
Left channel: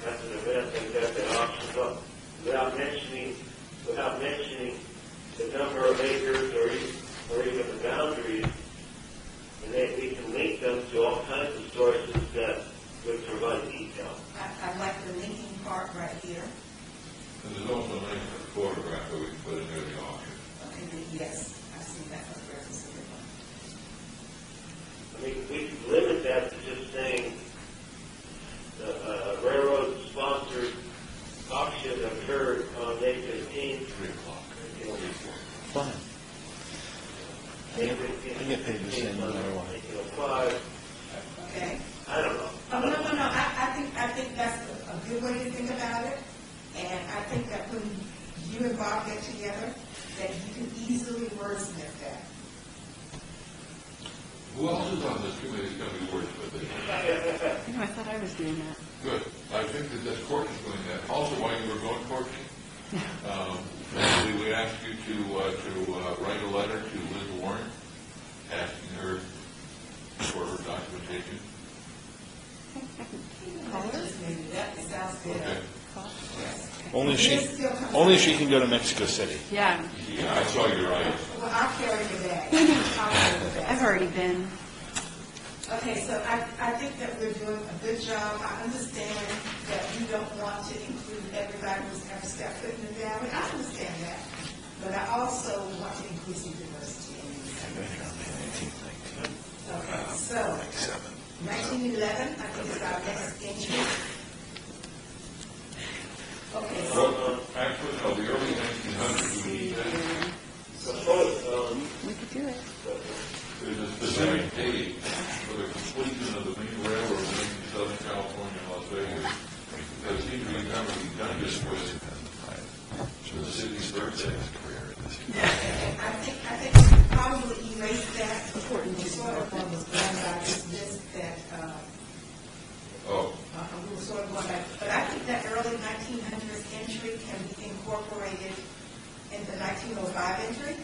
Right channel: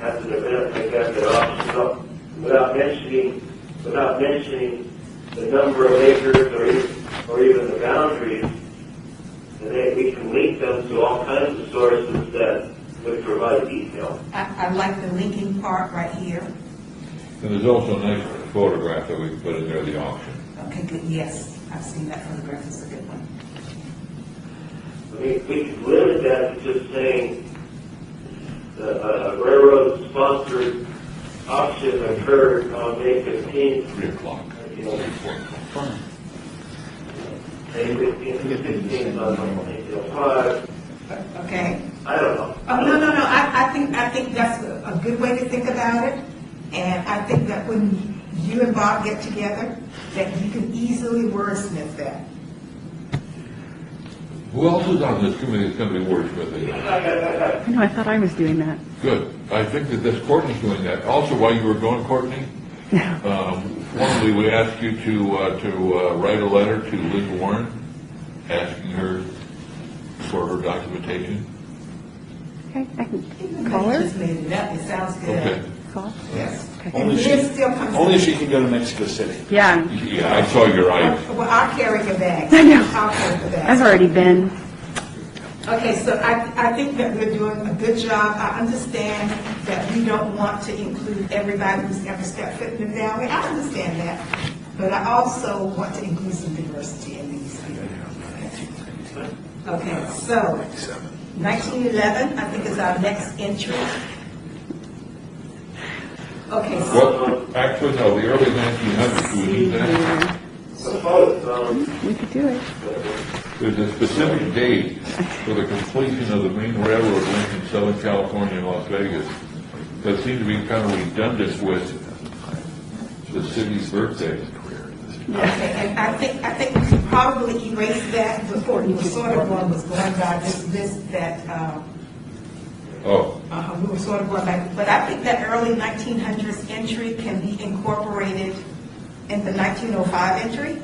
has an event like that auctions up without mentioning the number of acres or even the boundaries, and then we can link them to all kinds of sources that would provide detail. I like the linking part right here. And there's also a nice photograph that we can put in there, the auction. Okay, good, yes, I've seen that photograph, it's a good one. We could limit that to just saying a railroad-sponsored auction occurred on May 15th. 3 o'clock. May 15th, on 1805. Okay? I don't know. Oh, no, I think that's a good way to think about it. And I think that when you and Bob get together that you can easily wordsmith that. Who else is on this committee that's going to be wordsmithing? No, I thought I was doing that. Good. I think that this Courtney's doing that. Also, while you were going, Courtney, formally, we asked you to write a letter to Liz Warren, asking her for her documentation. Okay, I can call her. Just made it up, it sounds good. Okay. Call? Yes. Okay. And it still comes Only out. she can go to Mexico City. Yeah, Yeah, I saw your eyes. Well, I'll carry your bag. I know. I'll carry the bag. I've already been. Okay, so I think that we're doing a good job. I understand that we don't want to include everybody who's ever stepped foot in the valley. I understand that. But I also want to include some diversity in these. Okay, so 1911, I think, is our next entry. Okay, so Well, actually, no, the early 1900s, do we need that? Mm-hmm. We could do it. There's a specific date for the completion of the main railroad link in Southern California and Las Vegas that seemed to be kind of redundant with the city's birthday. okay, and I think we could probably erase that before we were sort of one was going down this list that, Oh, we were sort of going back, but I think that early 1900s entry can be incorporated in the 1905 entry,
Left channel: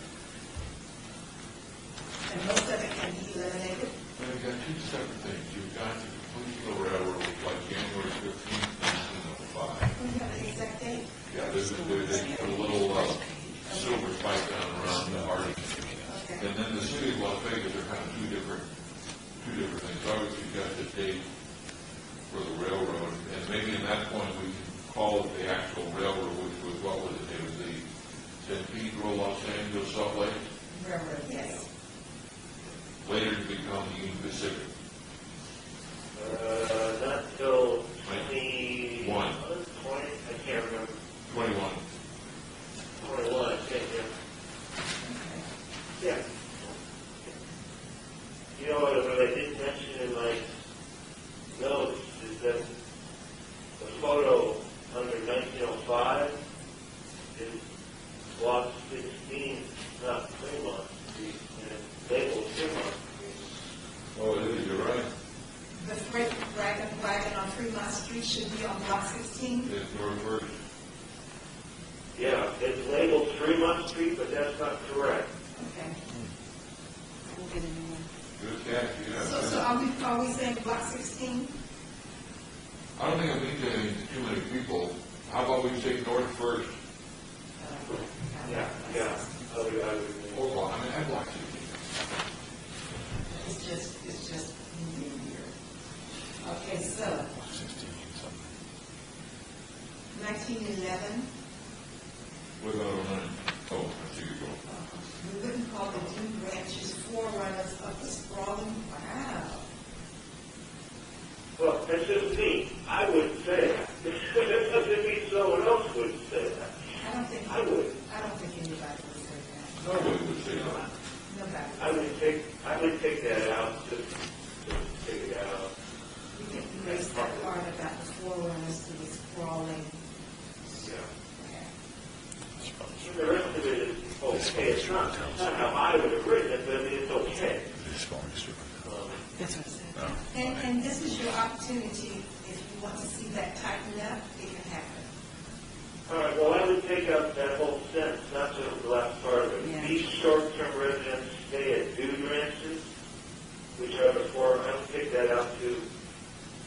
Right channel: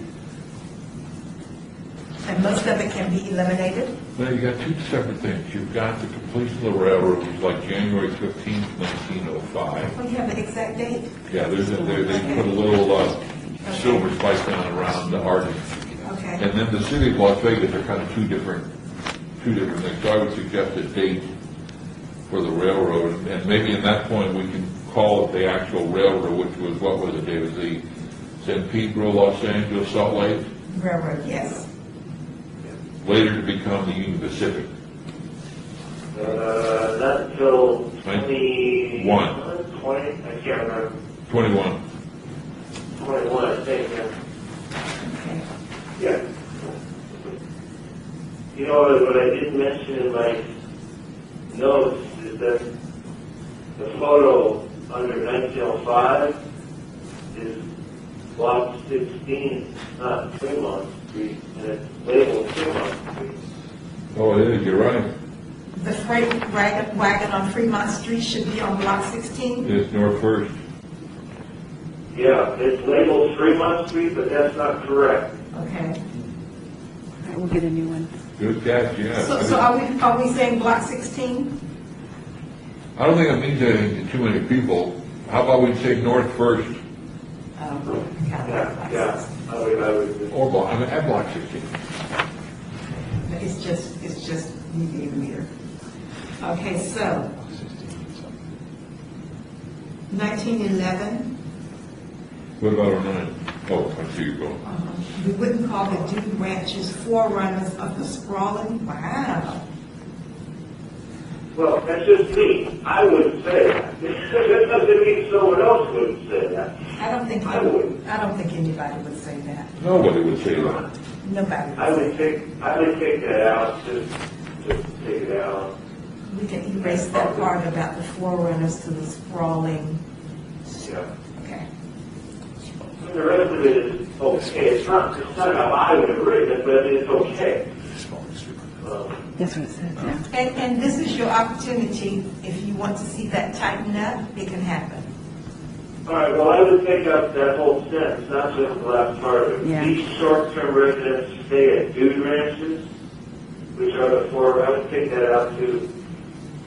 and most of it can be eliminated. well, you got two separate things. You've got the completion of the railroad was like January 15th, 1905. We have the exact date. Yeah, they put a little silver spike down around the Harding. Okay. And then the city of Las Vegas are kind of two different things. So I would suggest a date for the railroad, and maybe at that point we can call it the actual railroad, which was, what was it, David? The San Pedro, Los Angeles, Salt Lake, Railroad, yes. later to become the Union Pacific. Not until 20... 1. 20, I can't remember. 21. 21, I think, yeah. Okay. Yeah. You know, what I didn't mention in my notes is that the photo under 1905 is block 16, not Fremont Street, and it's labeled Fremont Street. Oh, it is, you're right. The freight wagon on Fremont Street should be on block 16. It's North First. Yeah, it's labeled Fremont Street, but that's not correct. Okay. All right, we'll get a new one. Good catch, yeah. So are we saying block 16? I don't think it means anything to too many people. How about we say North First, Yeah, I would. or block, at block 16. It's just me being weird. Okay, so 1911, What about 09? Oh, I see you go. we wouldn't call the Dude Ranches forerunners of the sprawling, wow. Well, that's just me. I wouldn't say that. That doesn't mean someone else would say that. I don't think anybody would say that. Nobody would say that. Nobody I would say would take that out, just take it out. We can erase that part about the forerunners to the sprawling, Yeah. okay. The rest of it is okay. It's not how I would have written it, but it's okay. That's what it said, yeah. And this is your opportunity, if you want to see that tighten up, it can happen. All right, well, I would take out that whole sentence, not just the last part of it. Yeah. Each short-term residents stay at dude ranches, which are the four, I would take that out too.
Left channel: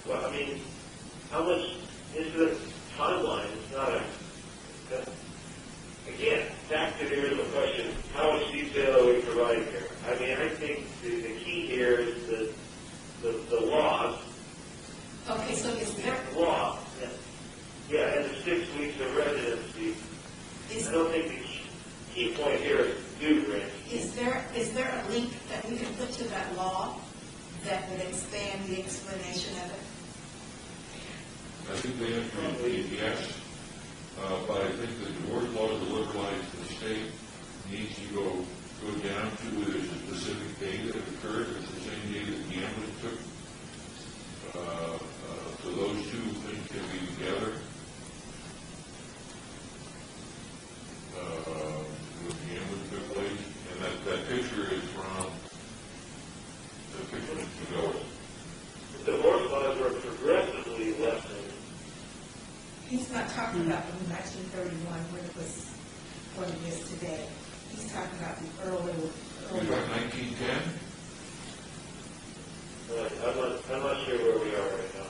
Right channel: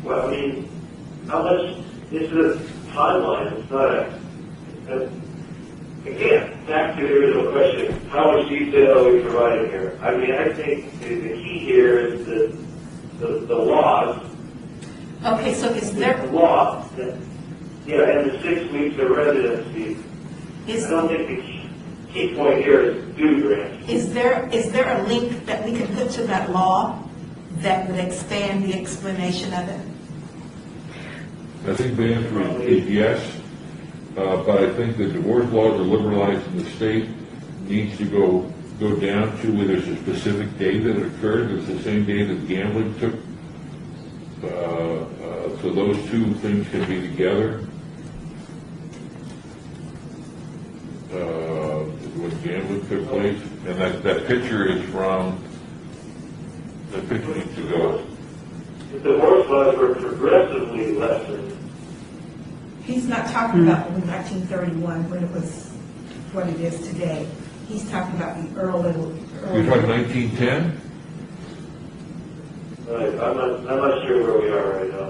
Well, I mean, how much is the timeline? It's not again, back to the original question, how much detail are we providing here? I mean, I think the key here is the laws. Okay, so is there, The law, and the 6 weeks of residency. I don't think the key point here is dude ranch. is there a link that we can put to that law that would expand the explanation of it? I think the answer is yes, but I think the divorce laws are liberalized in the state, needs to go down to where there's a specific day that it occurred, it's the same day that gambling took, so those two things can be together. When And that picture is from, the picture needs to go. The divorce laws were progressively lessened. He's not talking about in 1931 when it was what it is today. He's talking about the early. You're talking 1910? I'm not sure where we are right now.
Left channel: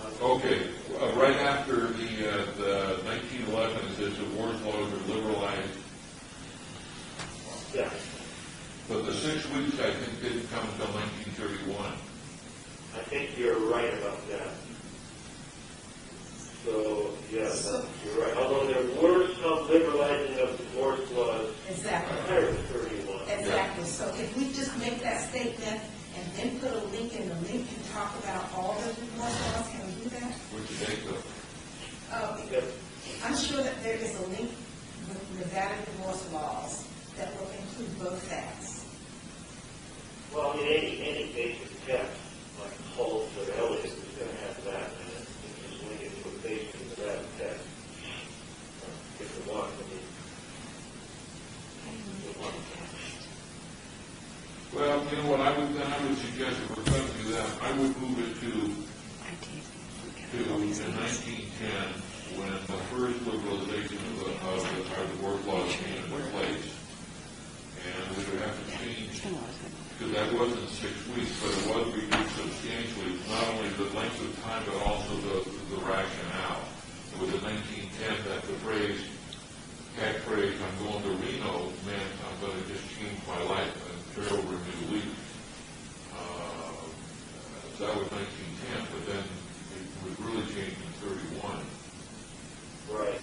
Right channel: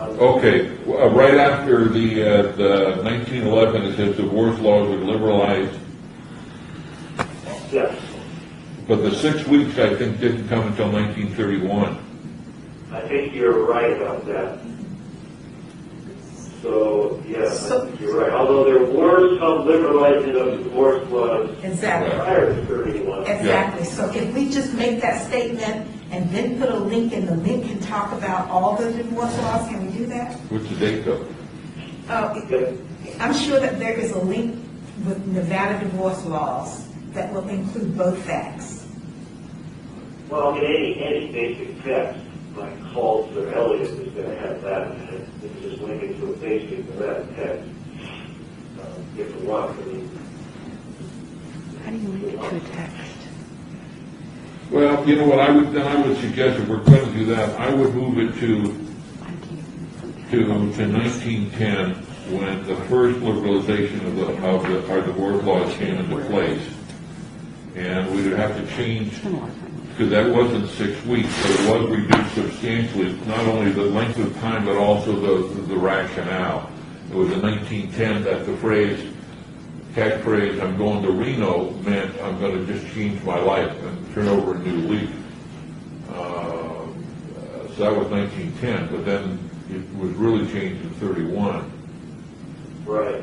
I'm- Okay, right after the 1911, it says divorce laws were liberalized, Yes, but the 6 weeks, I think, didn't come until 1931. I think you're right about that. So, yes, I think you're right. Although there were some liberalizing of divorce laws Exactly. prior to 31. Exactly. So if we just make that statement and then put a link, and the link can talk about all the divorce laws, can we do that? What's the date though? I'm sure that there is a link with Nevada divorce laws that will include both facts. Well, I mean, any basic text, like Halls or Elliott, is going to have that in it. You can just link it to a basic Nevada text if you want. I mean, How do you link it to a text? Well, you know what, I would suggest, if we're going to do that, I would move it to 1910, when the first liberalization of our divorce laws came into place. And we would have to change, because that wasn't 6 weeks, but it was reduced substantially, not only the length of time, but also the rationale. It was in 1910 that the phrase, catchphrase, "I'm going to Reno," meant I'm going to just change my life and turn over a new leaf. So that was 1910, but then it was really changed in 31. right.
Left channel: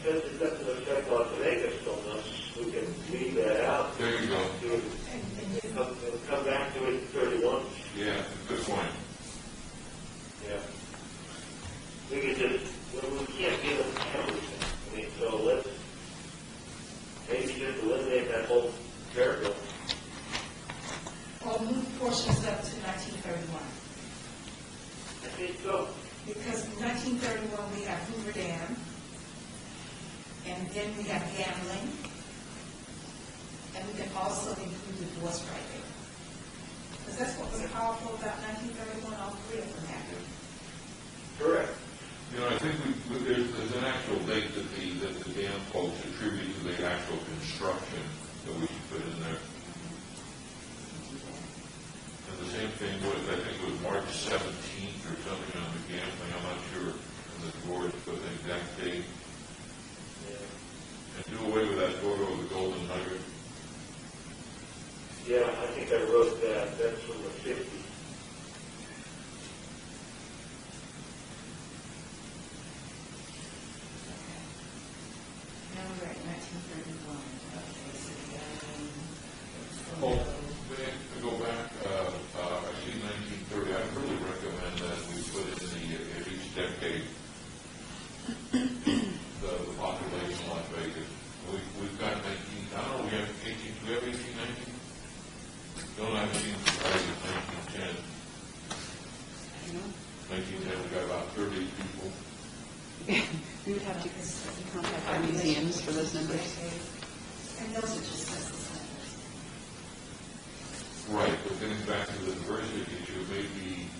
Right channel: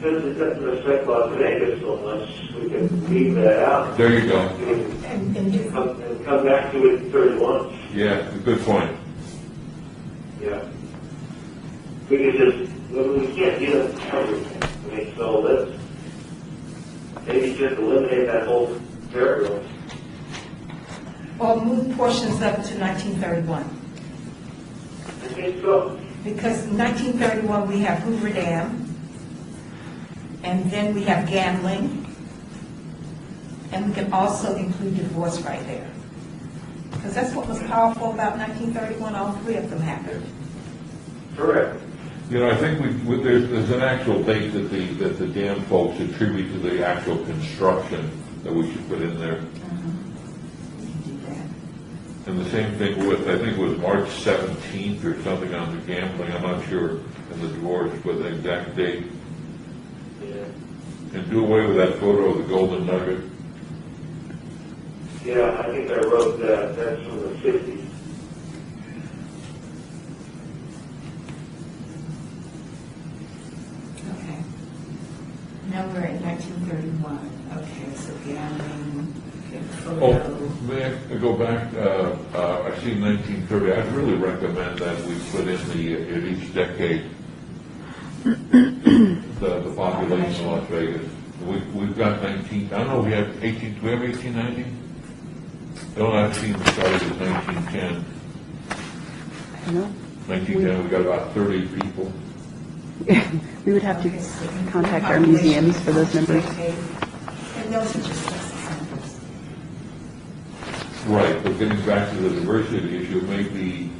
Since it doesn't respect Las Vegas so much, we can leave that out. There you go. And come back to it in 31. Yeah, good point. Yeah. We could just, we can't get it everything. I mean, so let's maybe just eliminate that whole paragraph. Or move portions of it to 1931. I think so. Because in 1931, we have Hoover Dam, and then we have gambling, and we can also include divorce right there. Because that's what was powerful about 1931, all three of them happened. Correct. You know, I think there's an actual date that the dam folks attribute to the actual construction that we should put in there. And the same thing with, I think it was March 17th or something on the gambling, I'm not sure, and the divorce, but the exact date. And do away with that photo of the Golden Nugget. Yeah, I think I wrote that. That's from the 50s. Okay. Now we're at 1931. Okay, so gambling, Oh, photo. may I go back? I see 1930. I'd really recommend that we put in in each decade the population of Las Vegas. We've got 19. I don't know. We have 18. Do we have 1890? No, I've seen it started at 1910. I don't know. 1910. We got about 30 people. We would have to contact our museums for those numbers. And those are just numbers. Right, but getting back to the diversity issue, maybe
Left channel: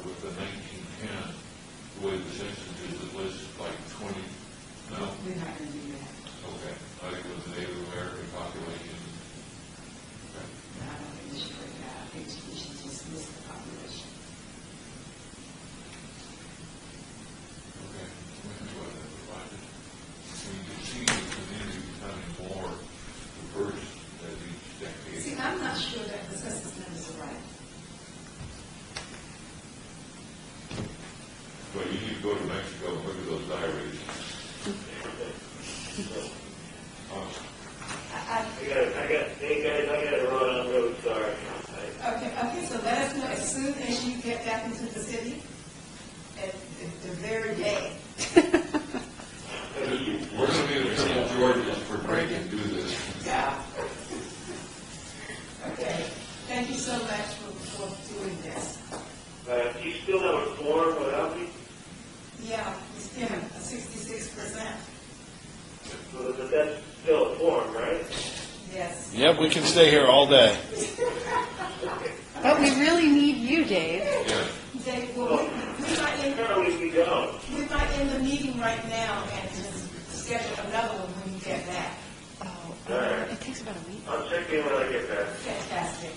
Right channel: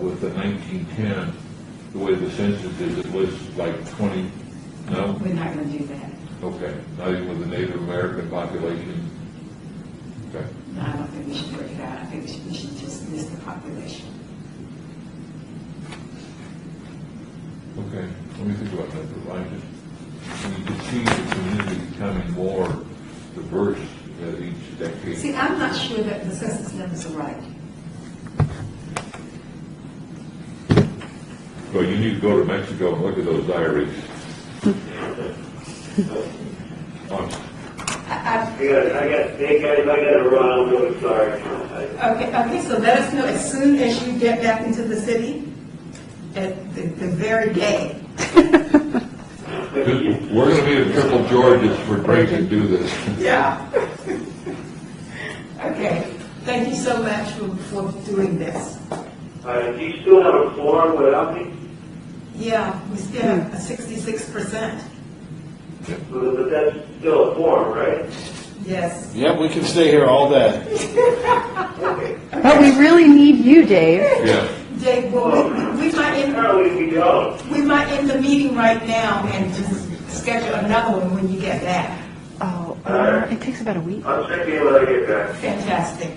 with the 1910, the way the census is, it lists like 20, no? We're not going to do that. Okay, not even with the Native American population? Okay. No, I don't think we should work it out. I think we should just list the population. Okay, let me think about that, but you can see the community becoming more diverse at each decade. See, I'm not sure that the census numbers are right. So you need to go to Mexico and look at those diaries. I got to run. I'm really sorry. Okay, so let us know as soon as you get back into the city, at the very day. We're going to be at Triple George's for Greg to do this. Yeah. Okay, thank you so much for doing this. Do you still have a form without me? Yeah, we still have a 66%. But still a forum, right? Yes. Yep, we can stay here all day. But we really need you, Dave. Yeah. Dave, well, we might end, Apparently we don't. we might end the meeting right now and just schedule another one when you get back. Oh, it takes about a week. I'll check in when I get back. Fantastic.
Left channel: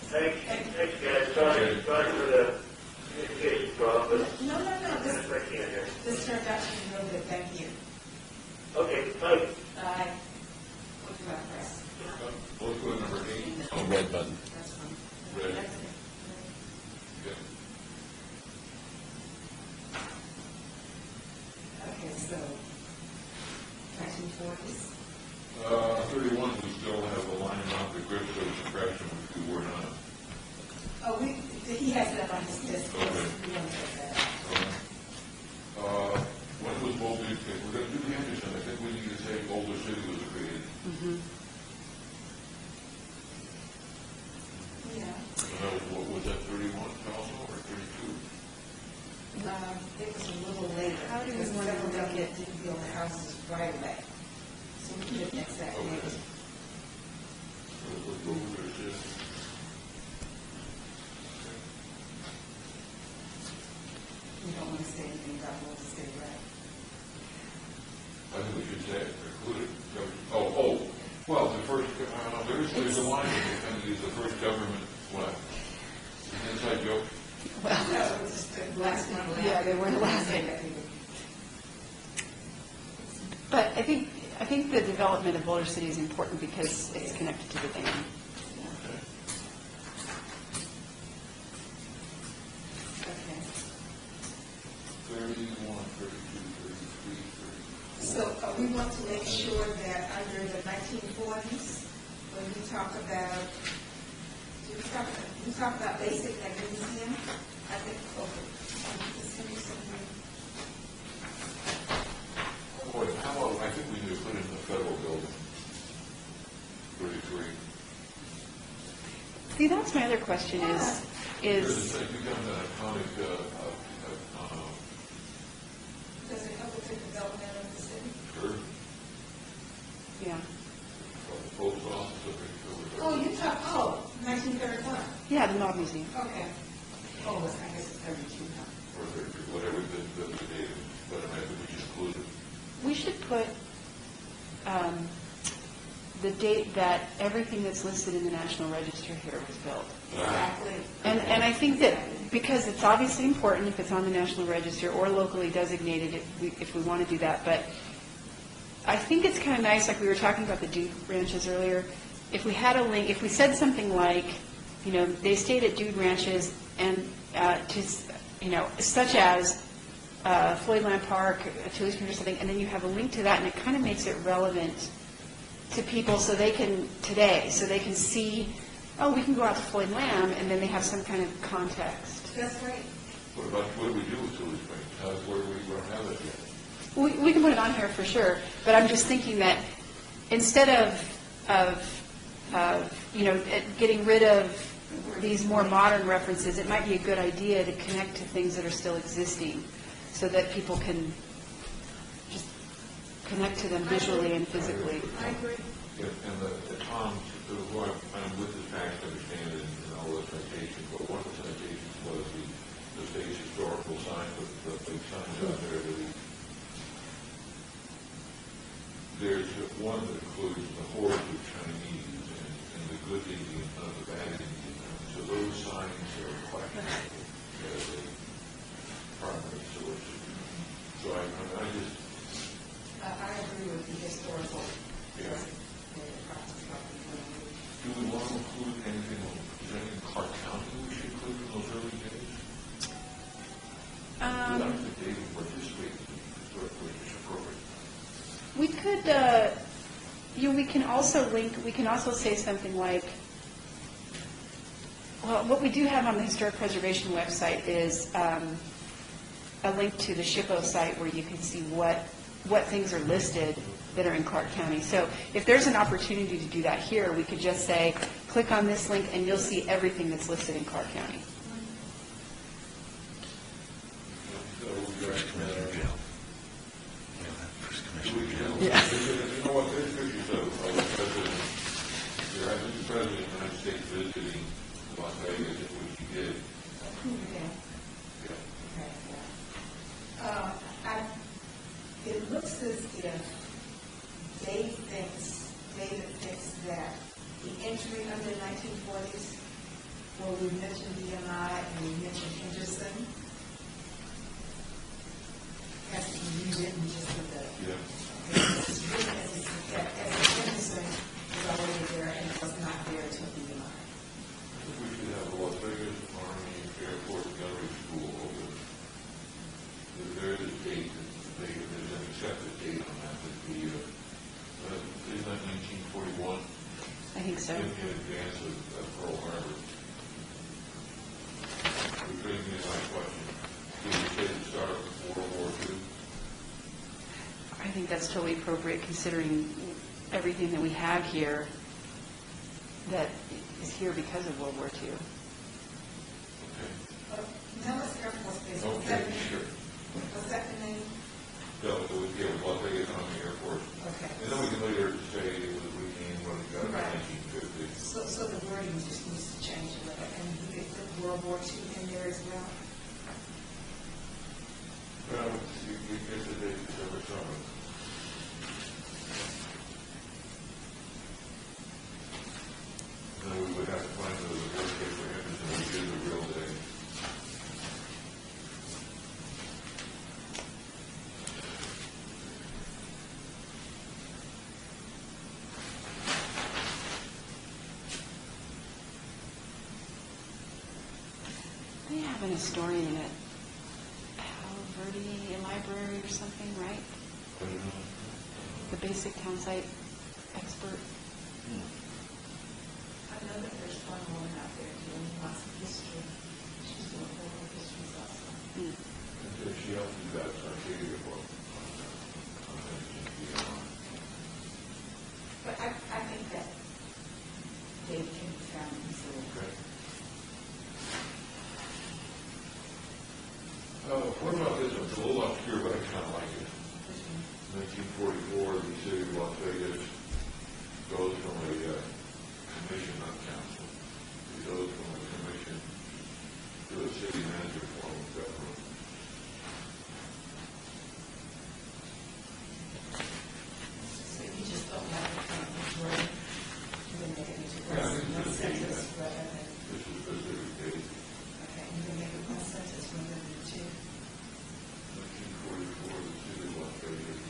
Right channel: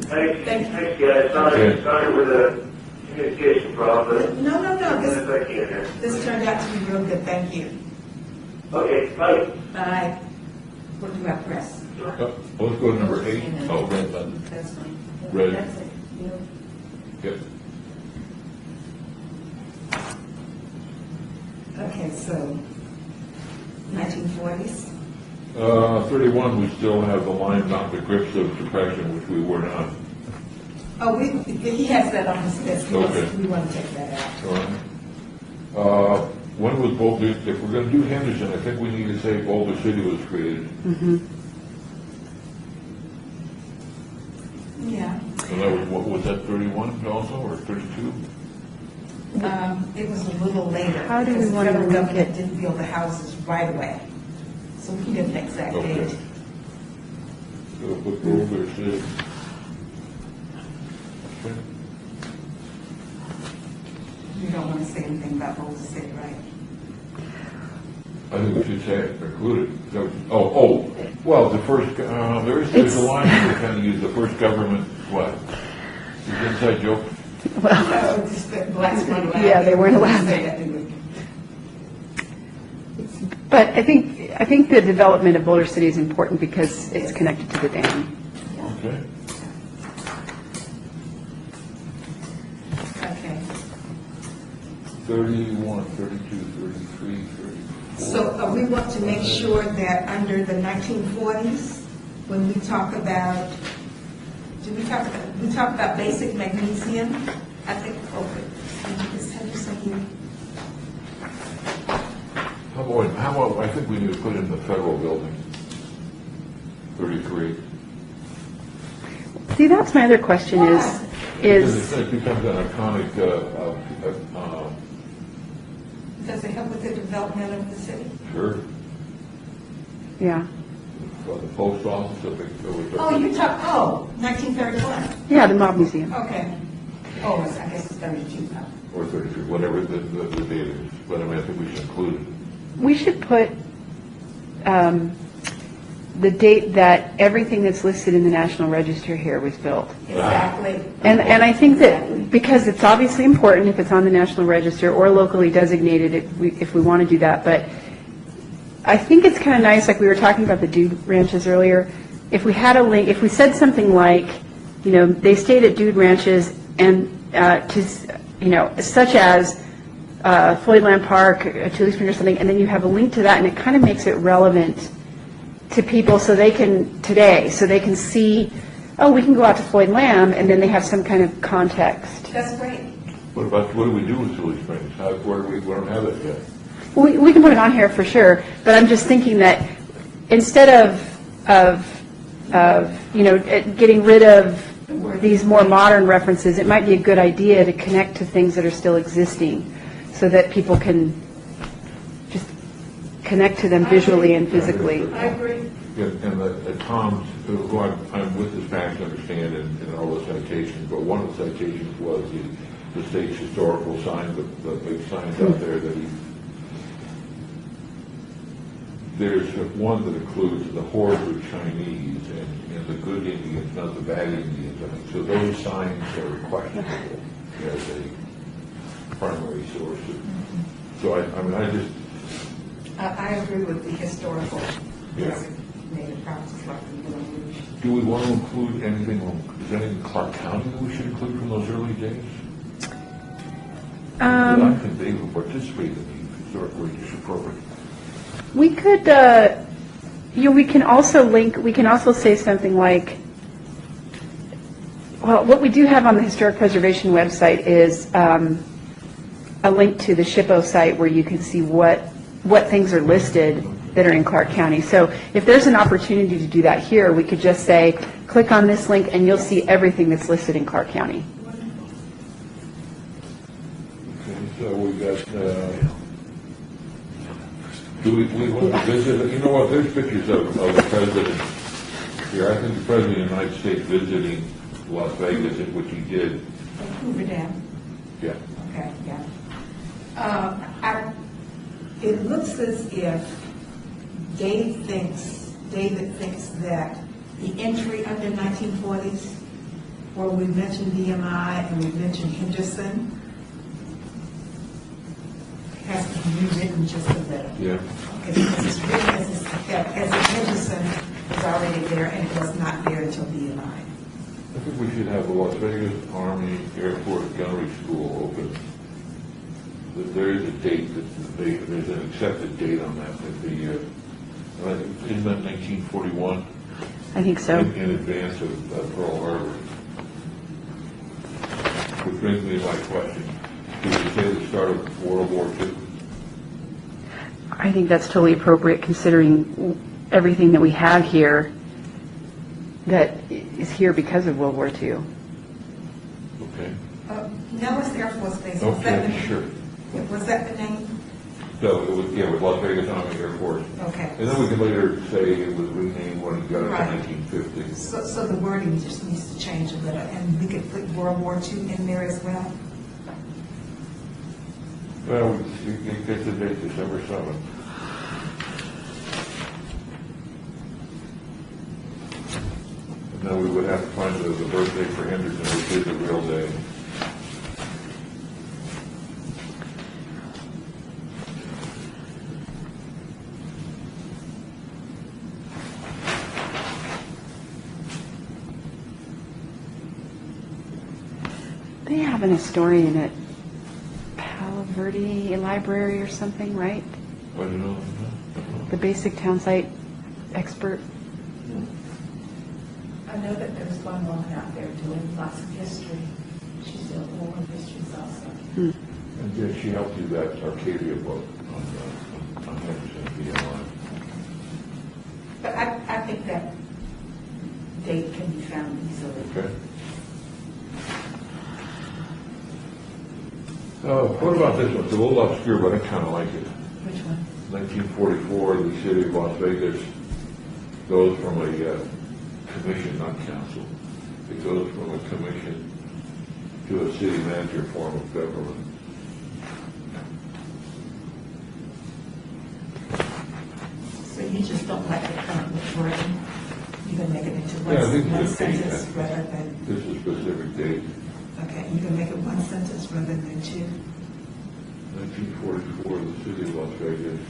Thanks, Thank you. thanks, guys. Okay. Sorry for the communication problem, but No, as this, best I can here. this turned out to be real good, thank you. Okay, bye. Bye. What do you have, press? Let's go to number 8. Oh, Red button. That's fine. red. That's it. Yeah. Okay, so 1940s. 31, we still have the line not the grips of depression, which we were not. Oh, he has that on his list. Okay. We want to take that out. When was Boulder, if we're going to do Henderson, I think we need to say Boulder City was created. Yeah. And that was, what was that, 31 also, or 32? It was a little later. How do we because the want to federal link government it? didn't build the houses right away. So we can get an exact Okay. date. So we'll put Boulder City. Okay. You don't want to say anything about Boulder City, right? I think we should say it included. Well, the first, there's a line that we kind of use, the first government, what? Is it inside joke? That's what just the blacks weren't allowed. Yeah, they weren't allowed. Say that, didn't we? But I think the development of Boulder City is important because it's connected to the dam. Okay. Okay. 31, 32, 33, 34. So we want to make sure that under the 1940s, when we talk about, we talk about basic magnesium? I think, okay. Let me just tell you something. How about, I think we need to put in the federal building, 33. See, that's my other question Because is, it becomes an iconic, Does it help with the development of the city? sure, yeah. the post office, if it was. Oh, 1931. Yeah, the Mob Museum. Okay. Oh, I guess it's 32 now. Or 33, whatever the date is, but I mean, I think we should include it. We should put the date that everything that's listed in the National Register here was built. Exactly. And I think that because it's obviously important if it's on the National Register or locally designated if we want to do that, but I think it's kind of nice, like we were talking about the Dude Ranches earlier, if we had a link, if we said something like, they stayed at Dude Ranches and such as Floydland Park, Tully Spring or something, and then you have a link to that, and it kind of makes it relevant to people so they can see, oh, we can go out to Floyd Lamb, and then they have some kind of context. That's great. What do we do with Tully Springs? We don't have that yet. We can put it on here for sure, but I'm just thinking that instead of getting rid of these more modern references, it might be a good idea to connect to things that are still existing so that people can just connect to them visually and physically. I agree. Yeah, and Tom's, who I'm with his package, understand, and all the citations, but one of the citations was the state's historical sign, the big signs out there that there's one that includes the hordes of Chinese and the good Indians, not the bad Indians. So those signs are questionable as a primary source. So I agree with the historical. Yeah. Native practices like the language. Do we want to include anything, is there anything in Clark County that we should include from those early days? I think they would participate in the historic register program. We could, we can also say something like, well, what we do have on the Historic Preservation website is a link to the SHPO site where you can see what things are listed that are in Clark County. So if there's an opportunity to do that here, we could just say, click on this link and you'll see everything that's listed in Clark County. Okay, so we got, Do we want to visit it? You know what, there's pictures of the president here. I think the president of the United States visiting Las Vegas, which he did. Hoover Dam. Yeah. Okay, yeah. It looks as if David thinks that the entry under 1940s, where we mentioned BMI and we mentioned Henderson, has to be rewritten just a little. Yeah. Because it's written as if Henderson is already there and was not there until BMI. I think we should have the Las Vegas Army Air Force Gunnery School open. There is a date there's an accepted date on that isn't that 1941? I think so. In advance of Pearl Harbor. Which brings me to my question. Did you say the start of World War II? I think that's totally appropriate considering everything that we have here that is here because of World War II. Okay. Nellis Air Force Base, was that Okay, the sure. Was that the name? So it was, with Las Vegas Army Air Force. Okay. And then we can later say it was renamed when it got up Right. in 1950. So the wording just needs to change a little, and we could put World War II in there as well. Well, it gets the date December 7th. And then we would have to find the birthday for Henderson, which is a real day. They have an historian at Palo Verde Library or something, right? I don't know. The basic town site expert. I know that there's one woman out there doing lots of history. She's doing war histories also. And did she help you that Arcadia book on Henderson, BMI? But I think that date can be found easily. Okay. What about this one? It's a little obscure, but I kind of like it. Which one? 1944, the city of Las Vegas goes from a commission, not council. It goes from a commission to a city manager form of government. So you just don't like the current wording? You can make it into Yeah, I think one it's a date, sentence rather than, This is a specific date, okay, you can make it one sentence rather than two. 1944, the city of Las Vegas.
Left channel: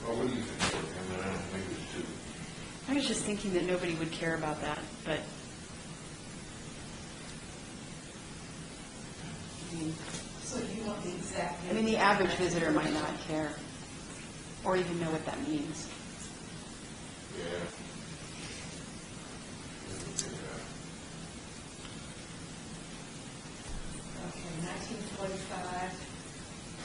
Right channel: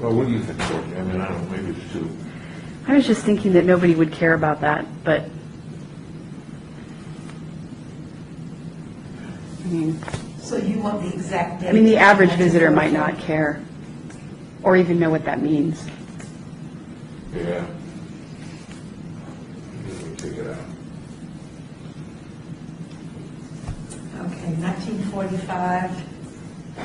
Well, what do you think, Courtney? I mean, I don't know, maybe it's two. I was just thinking that nobody would care about that, but I mean, So you want the exact date? I mean, the average visitor might not care or even know what that means. Yeah. Figure it out. Okay, 1945,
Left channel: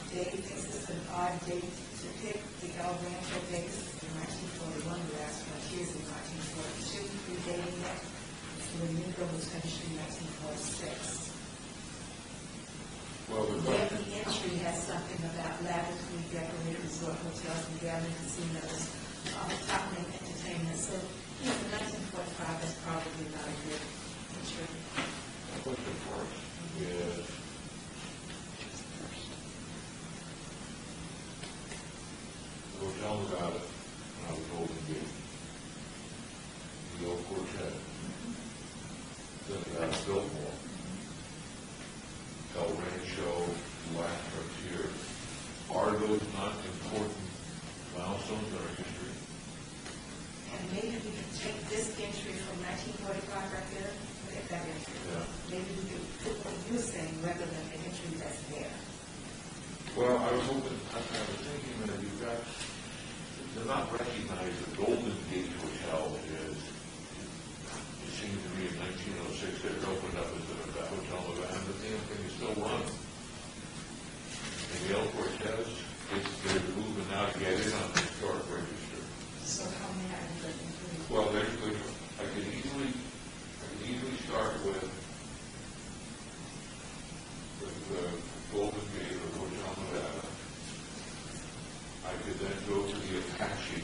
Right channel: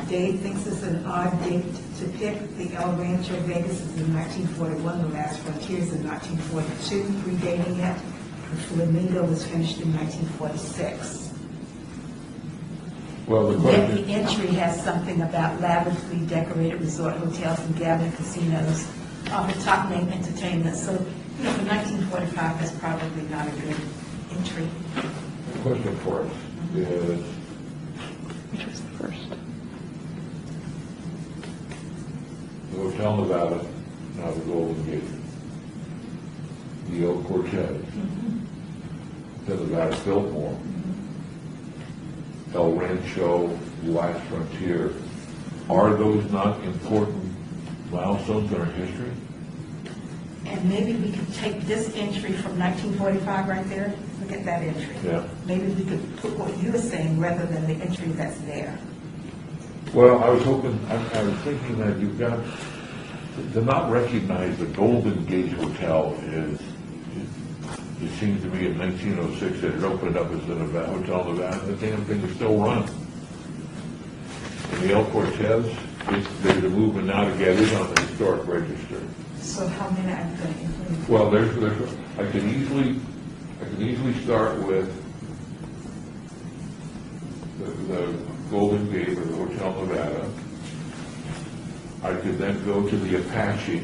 Dave thinks it's an odd date to pick. The El Rancho Vegas is in 1941, the last frontier is in 1942, predating it. The Flamingo was finished in 1946. Well, the Then question, the entry has something about lavishly decorated resort hotels and gambling casinos, off the top name entertainment. So, you know, for 1945, that's probably not a good entry. question for us is, Which was the first? the Hotel Nevada, now the Golden Gate, the El Cortez, the Nevada Biltmore, El Rancho, Last Frontier. Are those not important milestones in our history? And maybe we could take this entry from 1945 right there, look at that entry. Yeah. Maybe we could put what you were saying rather than the entry that's there. Well, I was hoping, I was thinking that you've got, to not recognize the Golden Gate Hotel is, it seemed to me in 1906 that it opened up as the Nevada Hotel Nevada, and the damn thing was still running. And the El Cortez, there's a movement now to get it on the historic register. So how many are you going to include? Well, I could easily start with the Golden Gate or the Hotel Nevada. I could then go to the Apache.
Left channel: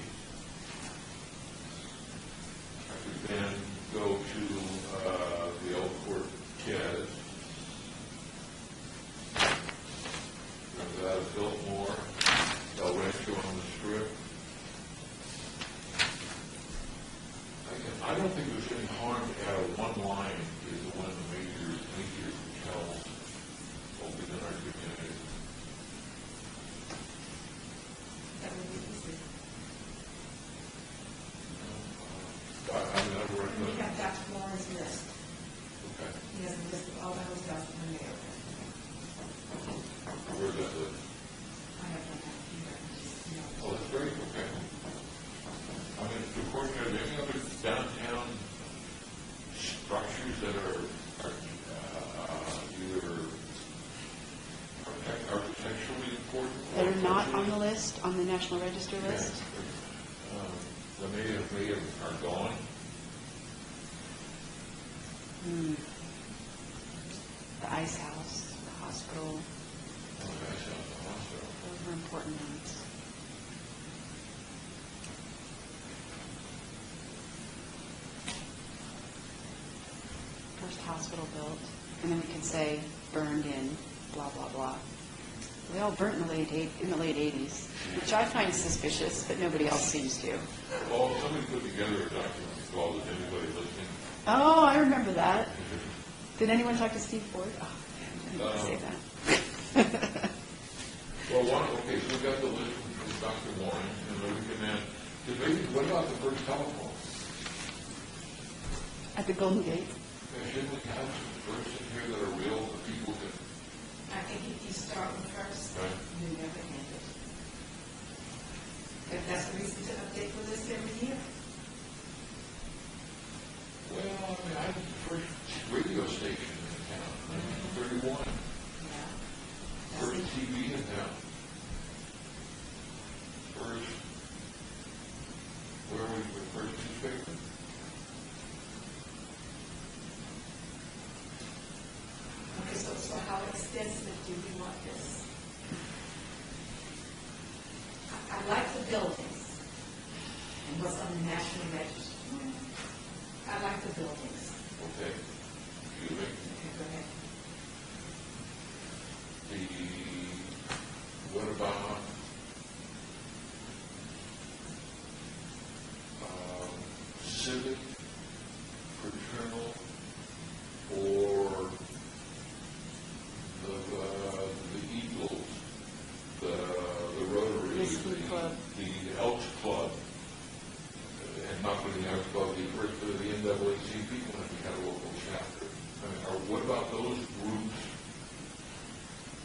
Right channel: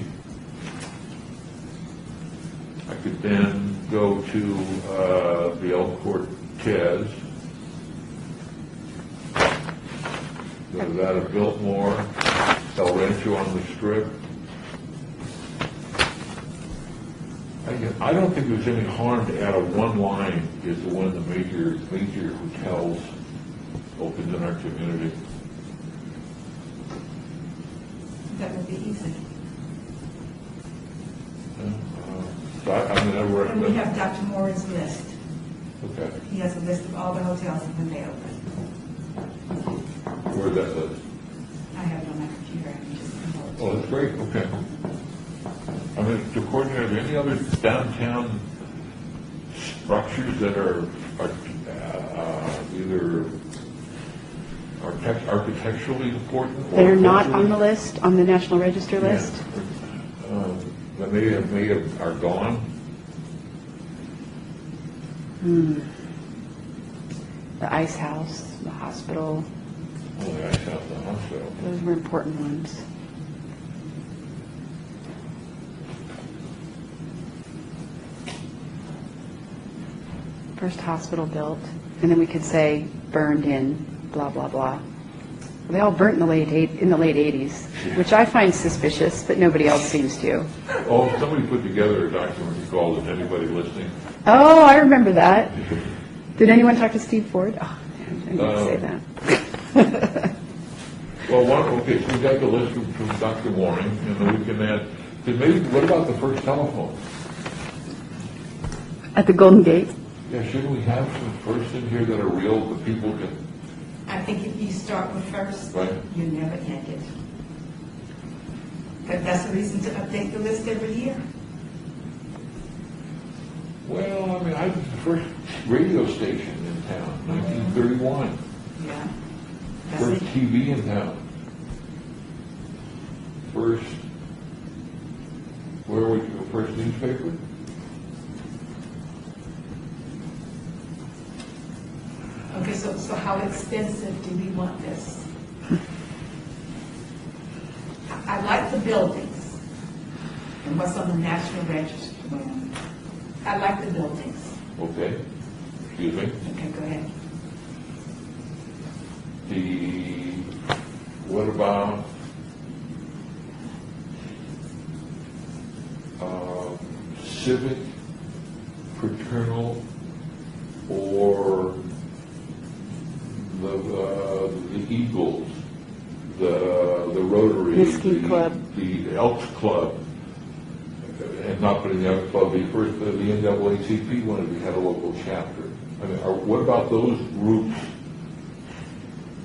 I could then go to the El Cortez. Go to that of Biltmore, El Rancho on the Strip. I don't think there's any harm to add a one line is the one of the major hotels opened in our community. That would be easy. So I mean, I And we recommend. have Dr. Moore's list. Okay, He has a list of all the hotels in the area. where's that list? I have it on my computer. I can just email it. Oh, that's great, okay. I mean, to coordinate, are there any other downtown structures that are either architecturally important? or They're not on culturally? the list, on the National Register Yeah. list? That may have are gone. The Ice House, the hospital, Oh, the Ice House, the hospital. those were important ones. First hospital built, and then we could say burned in, blah, blah, blah. They all burnt in the late 80s, which I find suspicious, but nobody else seems to. Oh, somebody put together a document called "Is Anybody Listening?" Oh, I remember that. Did anyone talk to Steve Ford? Oh, man, I didn't say that. Well, okay, so we got the list from Dr. Warren, and then we can add, then maybe, what about the first telephone? At the Golden Gate? Yeah, shouldn't we have some firsts in here that are real, that people can, I think if you start with first, Right. you never end it. But that's a reason to update the list every year. well, I mean, I was the first radio station in town, 1931. Yeah. That's First it. TV in town. First, where were you, first newspaper? Okay, so how extensive do we want this? I like the buildings and what's on the National Register. I like the buildings. Okay, excuse me. Okay, go ahead. What about, civic, fraternal, or the Eagles, the Rotary, Whiskey Club. the Elks Club, and not putting the Elks Club, the NAACP wanted to have a local chapter. I mean, what about those groups?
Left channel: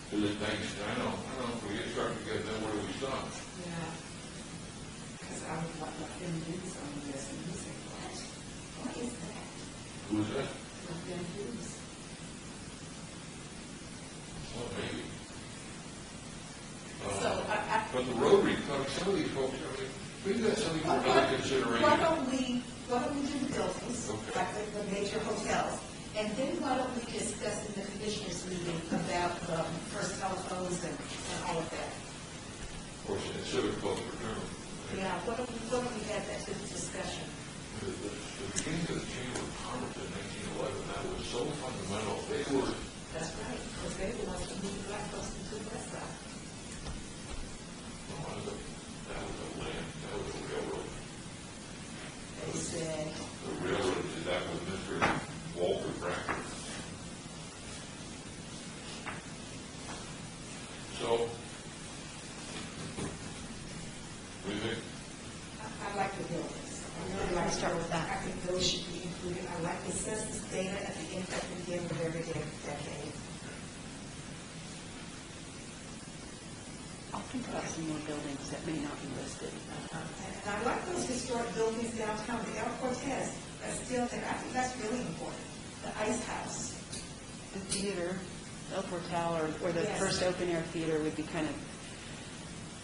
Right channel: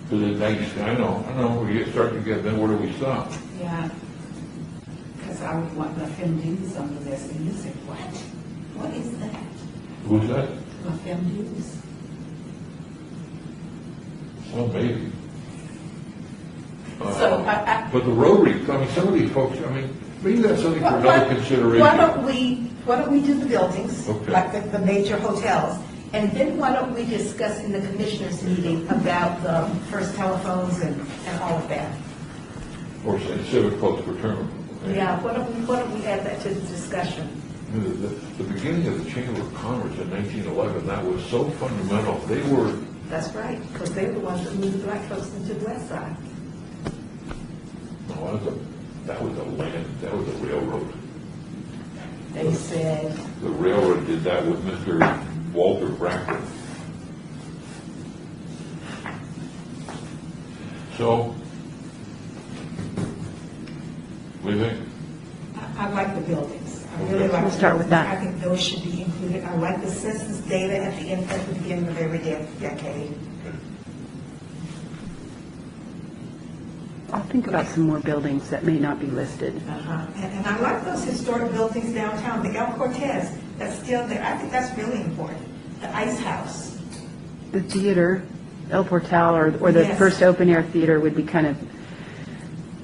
Because it's nice, I know, we start to get, then where do we stop? Yeah. Because I would want the FMDs on the list, and you say, what? What is that? Who's that? The FMDs. Well, maybe. So, But the Rotary, I mean, some of these folks, I mean, maybe that's something for another consideration. Why don't we do the buildings, Okay. like the major hotels, and then why don't we discuss in the commissioners meeting about the first telephones and all of that? Or say civic plus fraternal. Yeah, why don't we add that to the discussion? The beginning of the Chamber of Commerce in 1911, that was so fundamental. They were, That's right, because they were the ones that moved black folks into the west side. well, that was a railroad. They said, The railroad did that with Mr. Walter Bracken. So, what do you think? I like the buildings. I really like. We'll the start with buildings. that. I think those should be included. I like the census data at the end, at the beginning of every decade. I'll think about some more buildings that may not be listed. And I like those historic buildings downtown, the El Cortez, that's still there. I think that's really important. The Ice House. The theater, El Portal, or the Yes. first open-air theater would be kind of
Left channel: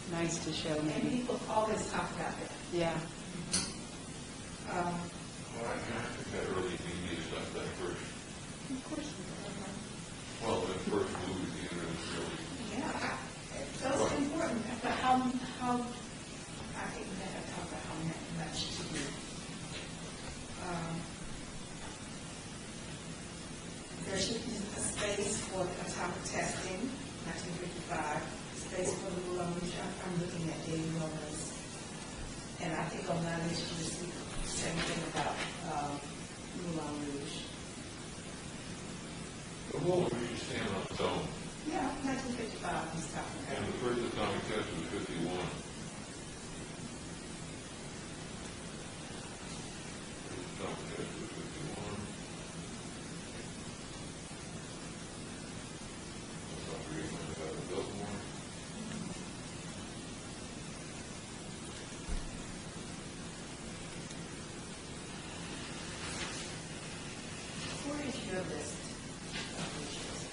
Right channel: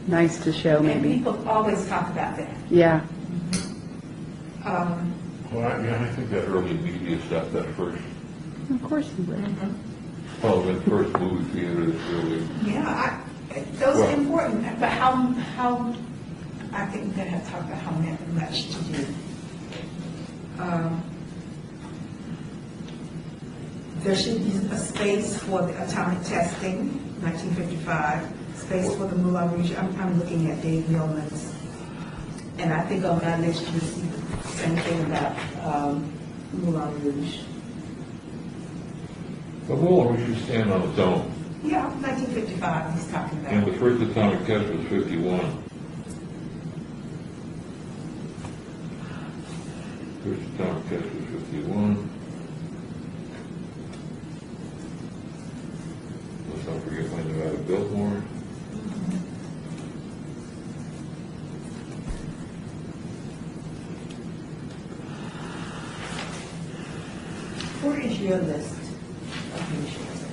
nice to show, And maybe. people always talk about that. Yeah. Um, Well, I think that early media stuff, that first, Of course you would. well, the first movie theater is really, Yeah, Those Well- are important, but how, I think we're gonna have to talk about how much to do. There should be a space for the atomic testing, 1955, space for the Moulin Rouge. I'm looking at Dave Yeoman's. And I think on my list, you see the same thing about Moulin Rouge. The Moulin Rouge should stand on its own, Yeah, 1955, he's talking and the about. first atomic test was 51. First atomic test was 51. Let's not forget when Nevada built one. Where is your list of nations?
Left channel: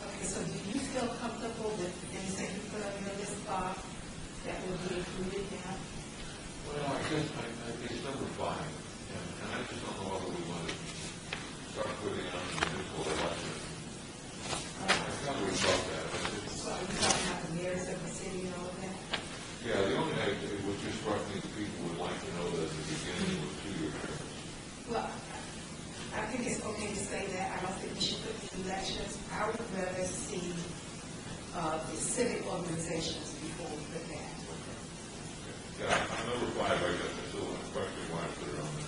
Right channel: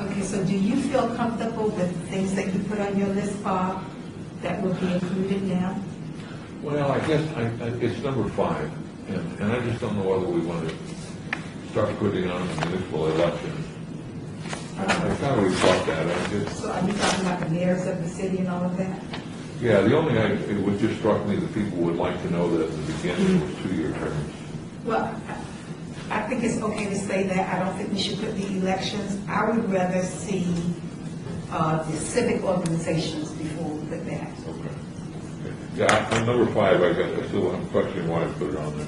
Okay, so do you feel comfortable with things that you put on your list, Bob, that will be included now? Well, I guess it's number 5, and I just don't know whether we want to start putting on the municipal election. I kind of always thought that. I just, So are you talking about the mayors of the city and all of that? yeah, the only, it was just struck me that people would like to know that at the beginning it was 2-year terms. Well, I think it's okay to say that. I don't think we should put the elections. I would rather see the civic organizations before we put that. Okay. Yeah, I'm number 5, I guess, I still, I'm questioning why I put it on there.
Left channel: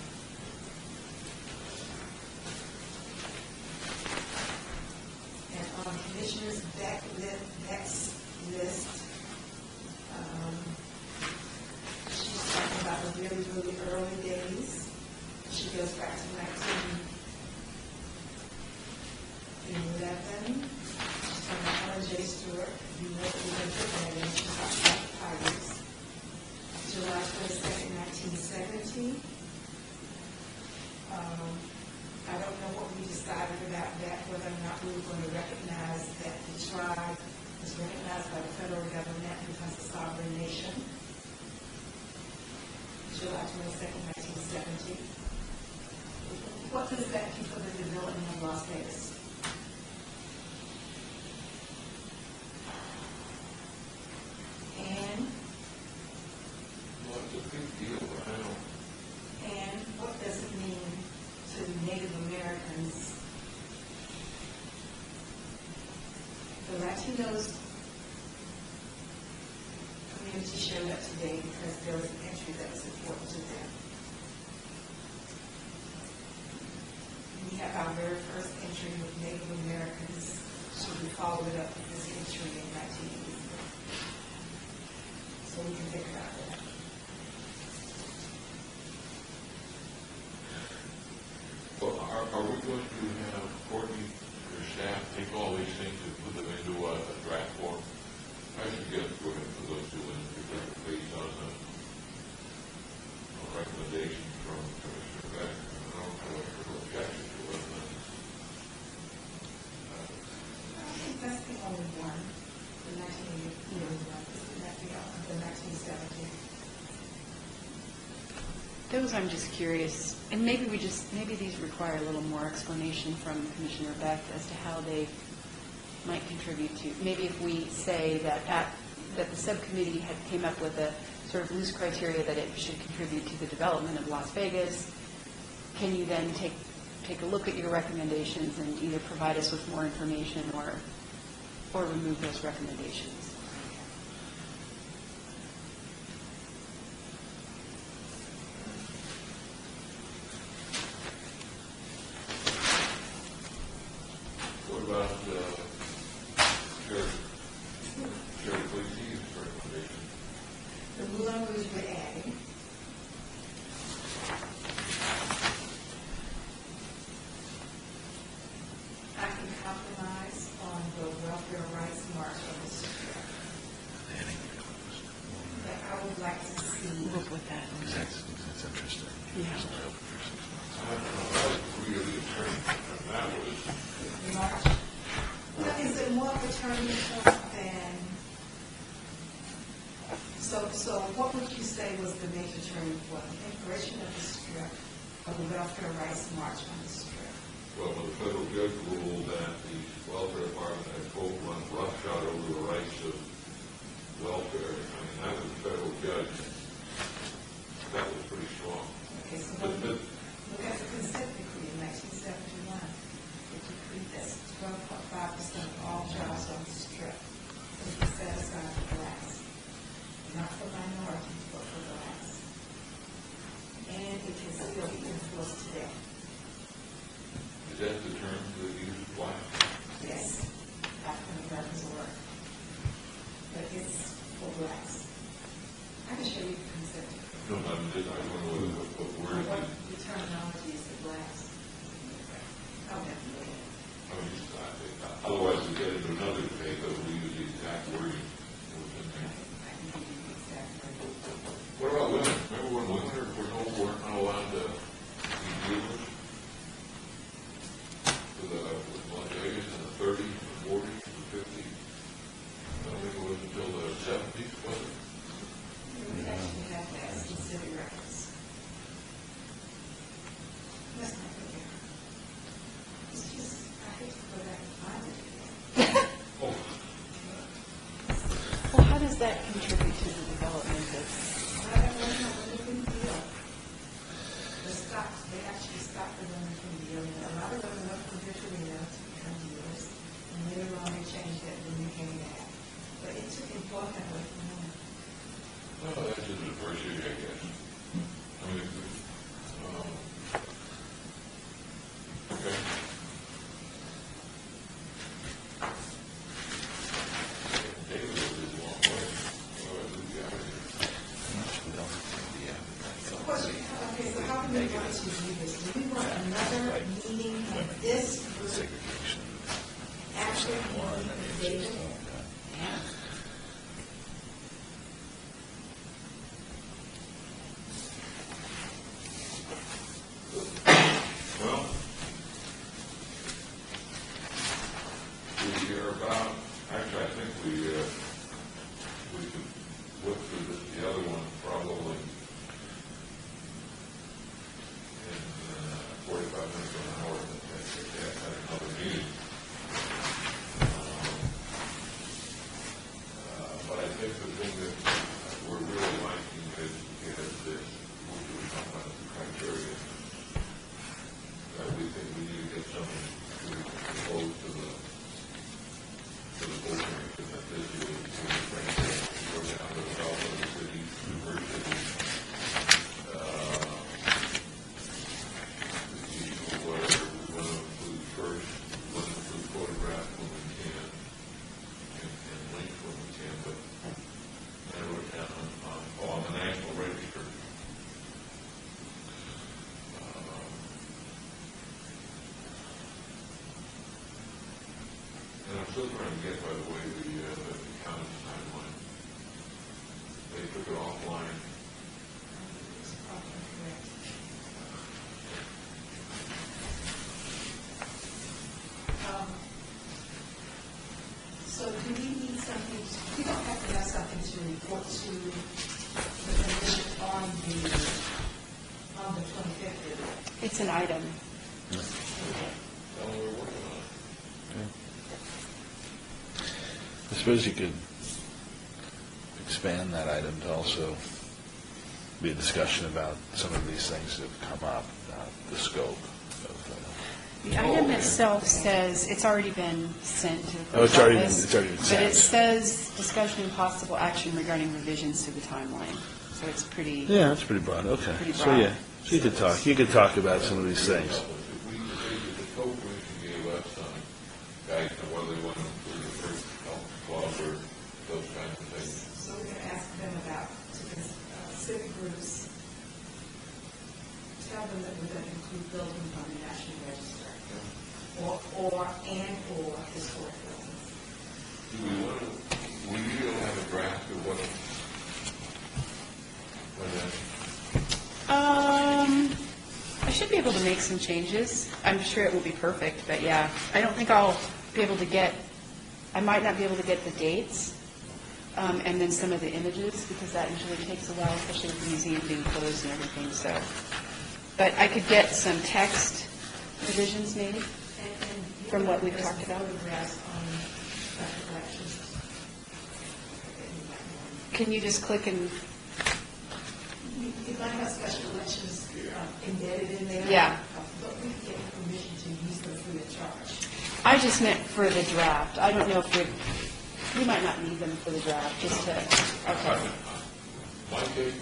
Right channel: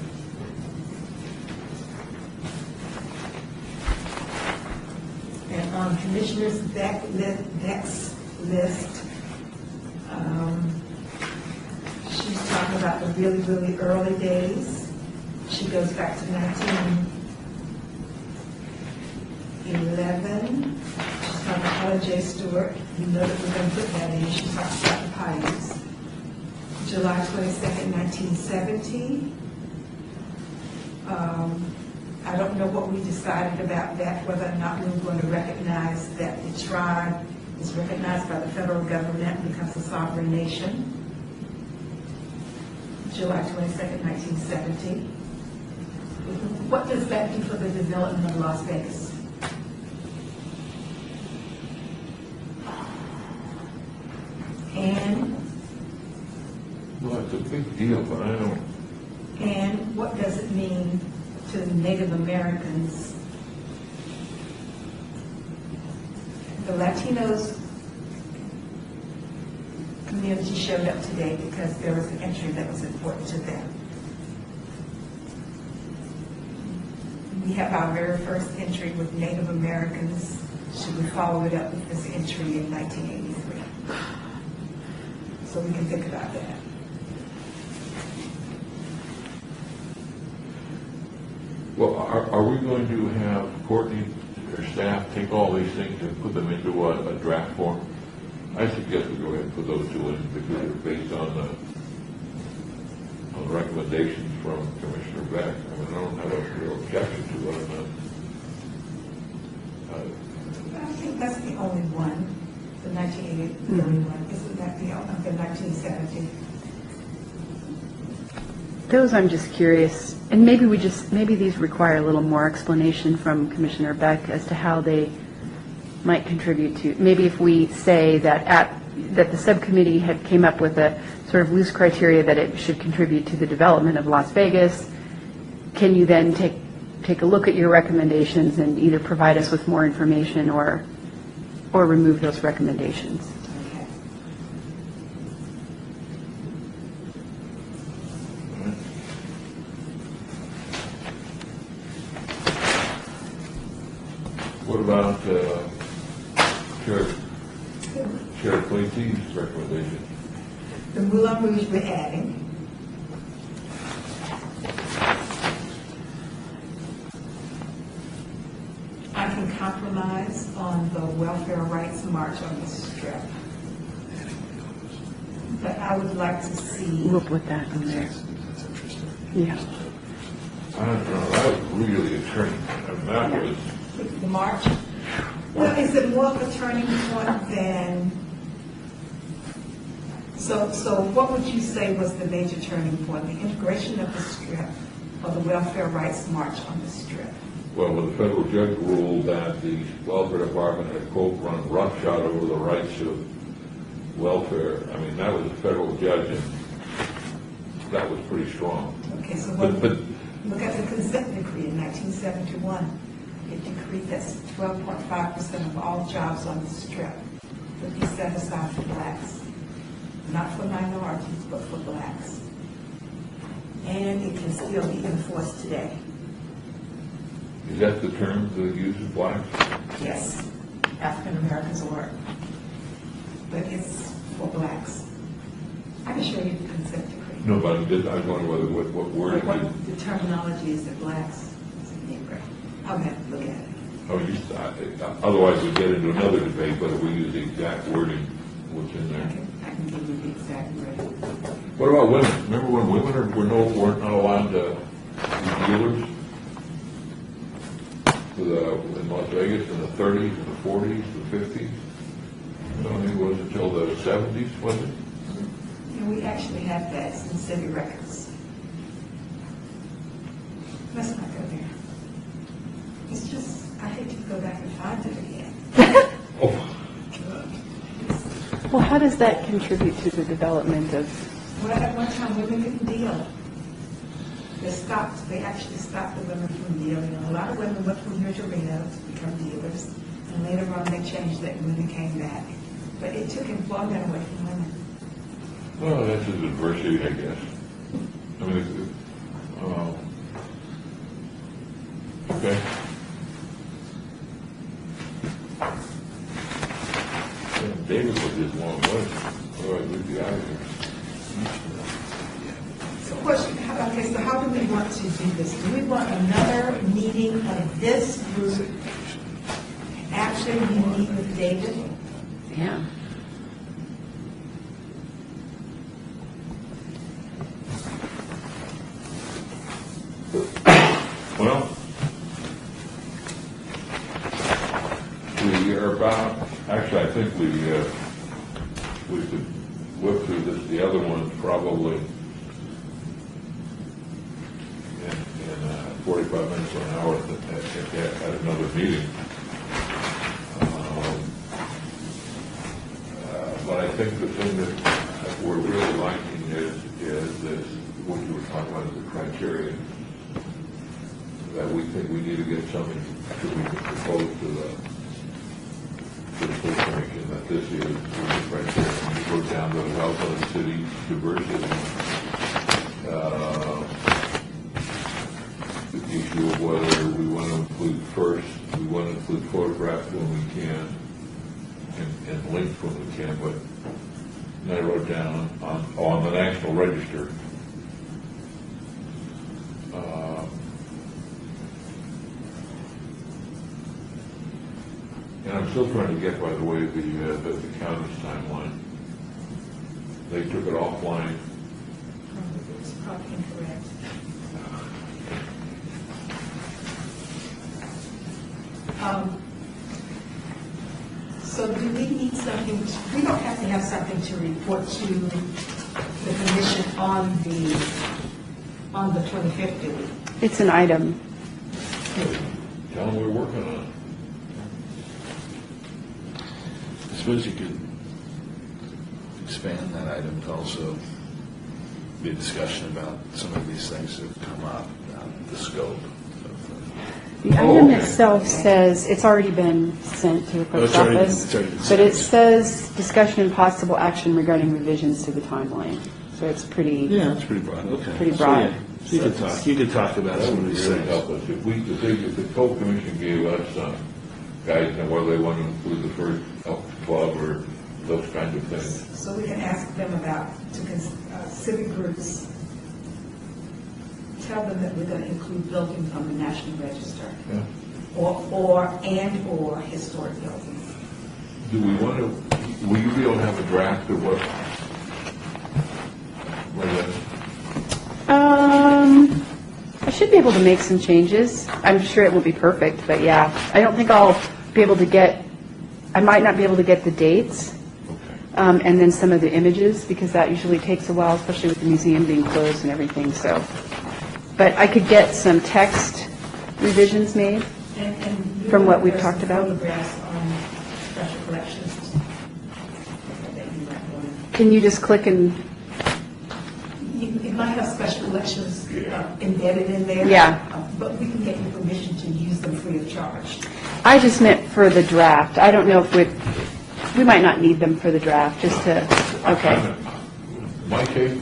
And on Commissioner's Beck's list, she's talking about the really, really early days. She goes back to 1911. She's talking about Ella J. Stewart. You know that we're going to put that in. She talks about the pioneers. July 22nd, 1970. I don't know what we decided about that, whether or not we were going to recognize that the tribe is recognized by the federal government and becomes a sovereign nation. July 22nd, 1970. What does that do for the development of Las Vegas? And Well, it's a big deal, but I don't, And what does it mean to the Native Americans? The Latinos community showed up today because there was an entry that was important to them. We have our very first entry with Native Americans. Should we follow it up with this entry in 1983? So we can think about that. well, are we going to have Courtney or staff take all these things and put them into a draft form? I suggest we go ahead and put those 2 in because they're based on recommendations from Commissioner Beck. I mean, I don't have a real objection to it. I think that's the only one, the 1981. Isn't that the 1970? Those I'm just curious, and maybe these require a little more explanation from Commissioner Beck as to how they might contribute to, maybe if we say that that the subcommittee had came up with a sort of loose criteria that it should contribute to the development of Las Vegas, can you then take a look at your recommendations and either provide us with more information or remove those recommendations? What about Chair Clayton's recommendation? The Moulin Rouge we're adding. I can compromise on the welfare rights march on the strip. But I would like to see, We'll put that in there. Yeah. I don't know, that was really a turning point. I mean, that was, the march. Well, is it more of a turning point than So what would you say was the major turning point, the integration of the strip or the welfare rights march on the strip? Well, when the federal judge ruled that the welfare department had, quote, run roughshod over the rights of welfare, I mean, that was a federal judge, and that was pretty strong. Okay, so But look at the consent decree in 1971. It decreed that 12.5% of all jobs on the strip would be set aside for blacks, not for minorities, but for blacks. And it can still be enforced today. is that the term that uses black? Yes, African Americans or, but it's for blacks. I can show you the consent decree. No, but I was wondering what word it What is. the terminology is that blacks, I'll have to look at it. Otherwise, we get into another debate, but if we use the exact wording, what's in there. I can give you the exact word. What about women? Remember when women weren't not allowed to be dealers? In Las Vegas in the 30s, the 40s, the 50s? I think it was until the 70s, was it? And we actually have that in city records. Let's not go there. It's just, I hate to go back and find it again. Oh, Well, how does that contribute to the development of, Well, at one time, women didn't deal. They actually stopped the women from dealing. A lot of women went from here to Reno to become dealers, and later on, they changed that when they came back. But it took employment away from women. well, that's just adversity, I guess. I mean, okay. Yeah, David was just long way, otherwise we'd be out of here. So question, okay, so how do we want to do this? Do we want another meeting of this group after we meet with David? yeah? Well, we are about, actually, I think we could whip through this, the other one probably in 45 minutes or an hour at another meeting. But I think the thing that we're really liking is this, what you were talking about, the criteria, that we think we need to get something to be proposed to the full commission, that this is the criteria. When you go down to the health of the city, diversity, the issue of whether we want to include first, we want to include photographs when we can, and links when we can, but I wrote down on the National Register. And I'm still trying to get, by the way, the county's timeline. They took it offline. It's probably incorrect. So do we need something, we don't have to have something to report to the commission on the 25th, do we? It's an item. Tell them we're working on it. I suppose you could expand that item to also be a discussion about some of these things that come up, the scope of The item itself says, it's already been sent to the clerk's it's already been- office. it's already been But sent, it yeah. says discussion and possible action regarding revisions to the timeline. So it's pretty, Yeah, that's pretty broad, okay. Pretty So, broad. yeah. So you could talk about some of these That would things. help us. If the full commission gave us guidance on whether they want to include the first club or those kinds of things. So we can ask them about, civic groups, tell them that we're going to include buildings on the National Register, or historic buildings. Do we want to, will you be able to have a draft of what? I should be able to make some changes. I'm sure it won't be perfect, but yeah. I don't think I'll be able to get, I might not be able to get the dates, and then some of the images, because that usually takes a while, especially with the museum being closed and everything, so. But I could get some text revisions made. And From what we've talked about? Photographs on special collections. that you might want. Can you just click and, It might have special collections embedded in there. Yeah. But we can get you permission to use them free of charge. I just meant for the draft. I don't know if we might not need them for the draft, just to, okay. My take,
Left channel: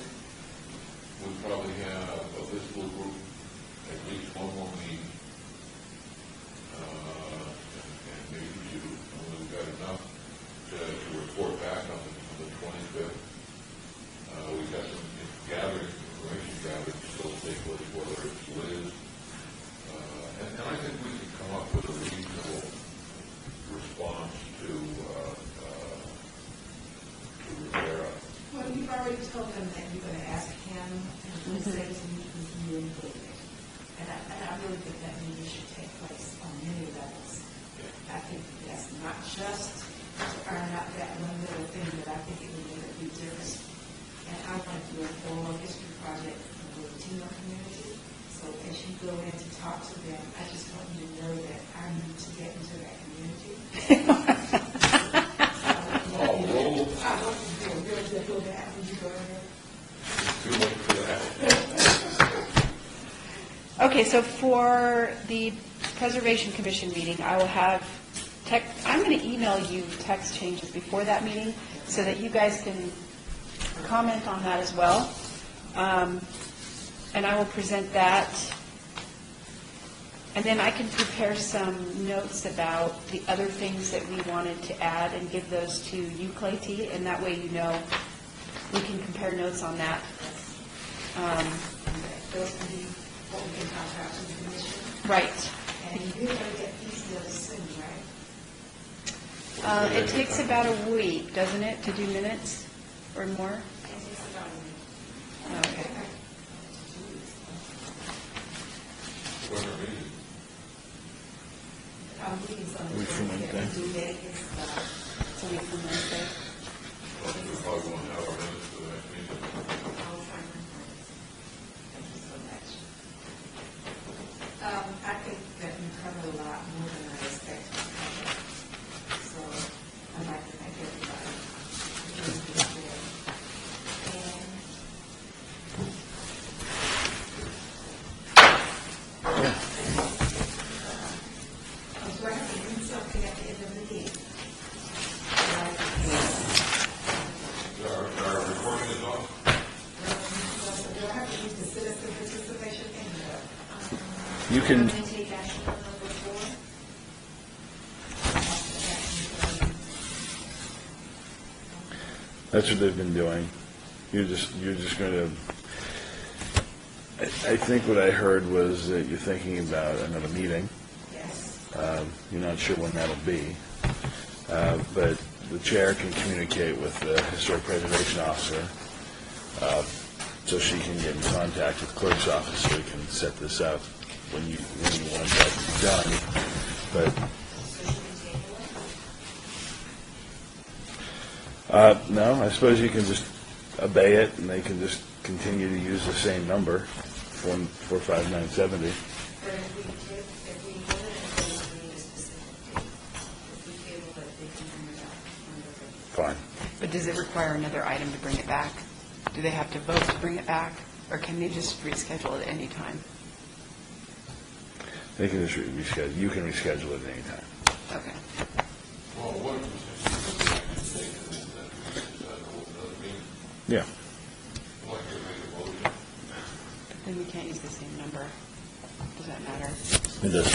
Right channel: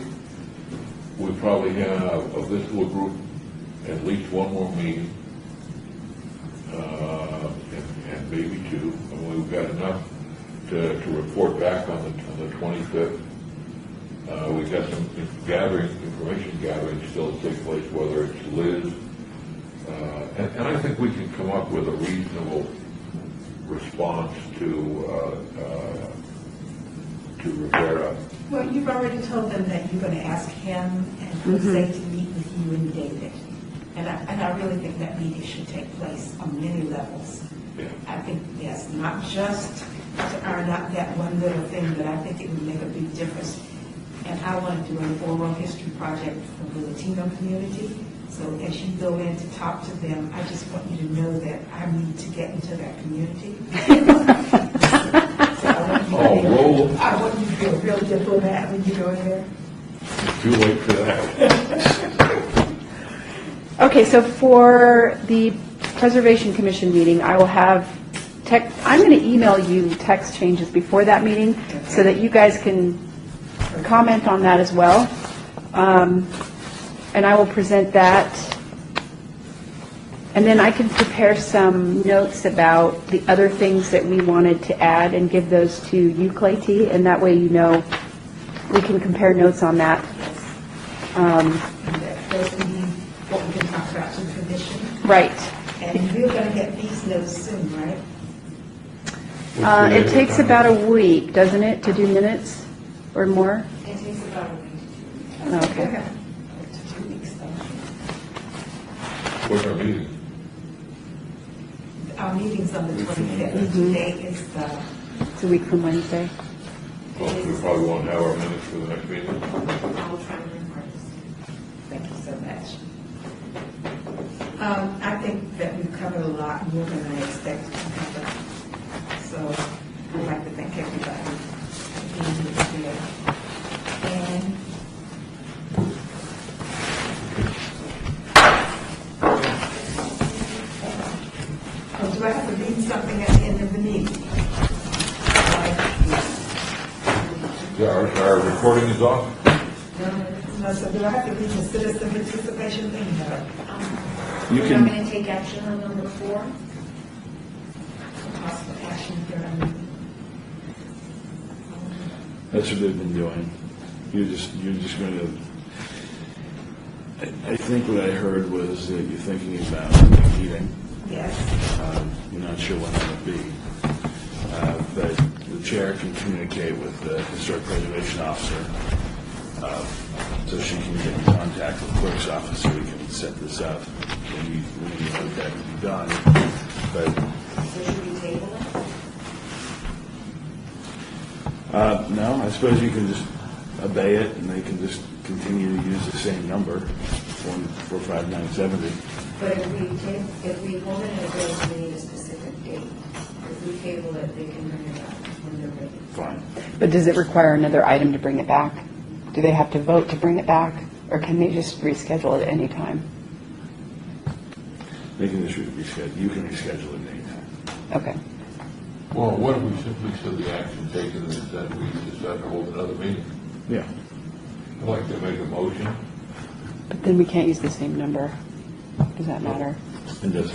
we probably have, of this little group, at least one more meeting, and maybe two, and we've got enough to report back on the 25th. We've got some information gathering still to take place, whether it's Liz, and I think we can come up with a reasonable response to Rivera. Well, you've already told them that you're going to ask him and Jose to meet with you and David. And I really think that meeting should take place on many levels. Yeah. I think, yes, not just to iron out that one little thing, but I think it would make a big difference. And I want to do an oral history project for the Latino community. So as you go in to talk to them, I just want you to know that I need to get into that community. I want you to be a real diplomat when you go in there. Too late for that. Okay, so for the Preservation Commission meeting, I will have I'm going to email you text changes before that meeting so that you guys can comment on that as well. And I will present that. And then I can prepare some notes about the other things that we wanted to add and give those to you, Clay T. And that way you know we can compare notes on that. Those would be what we can talk about to the commission. Right. And we're going to get these notes soon, right? It takes about a week, doesn't it, to do minutes or more? It takes about a week. Okay. 2 weeks, though. What's our meeting? Our meeting's on the 25th. Today is It's a week from Wednesday. Well, we probably won't have our minutes for the next meeting. I'll try and record this. thank you so much. I think that we've covered a lot more than I expected to cover. So I'd like to thank everybody for being here. And do I have to read something at the end of the meeting? Yeah, our recording is off. No, so do I have to read the citizen participation thing? You I'm can, going to take action on number 4. that's what they've been doing. You're just going to, I think what I heard was that you're thinking about a meeting. Yes. You're not sure when that'll be. But the chair can communicate with the historic preservation officer, so she can get in contact with the clerk's office so we can set this up when you want that to be done. But So should we table it? no, I suppose you can just obey it, and they can just continue to use the same number, 45970. But if we hold it in place, we need a specific date. If we table it, they can bring it back when they're ready. Fine. But does it require another item to bring it back? Do they have to vote to bring it back? Or can they just reschedule it at any time? They can just reschedule. You can reschedule it anytime. Okay. Well, what if we simply put the action taken is that we decide to hold another meeting? Yeah. I'd like to make a motion. But then we can't use the same number. Does that matter? It does.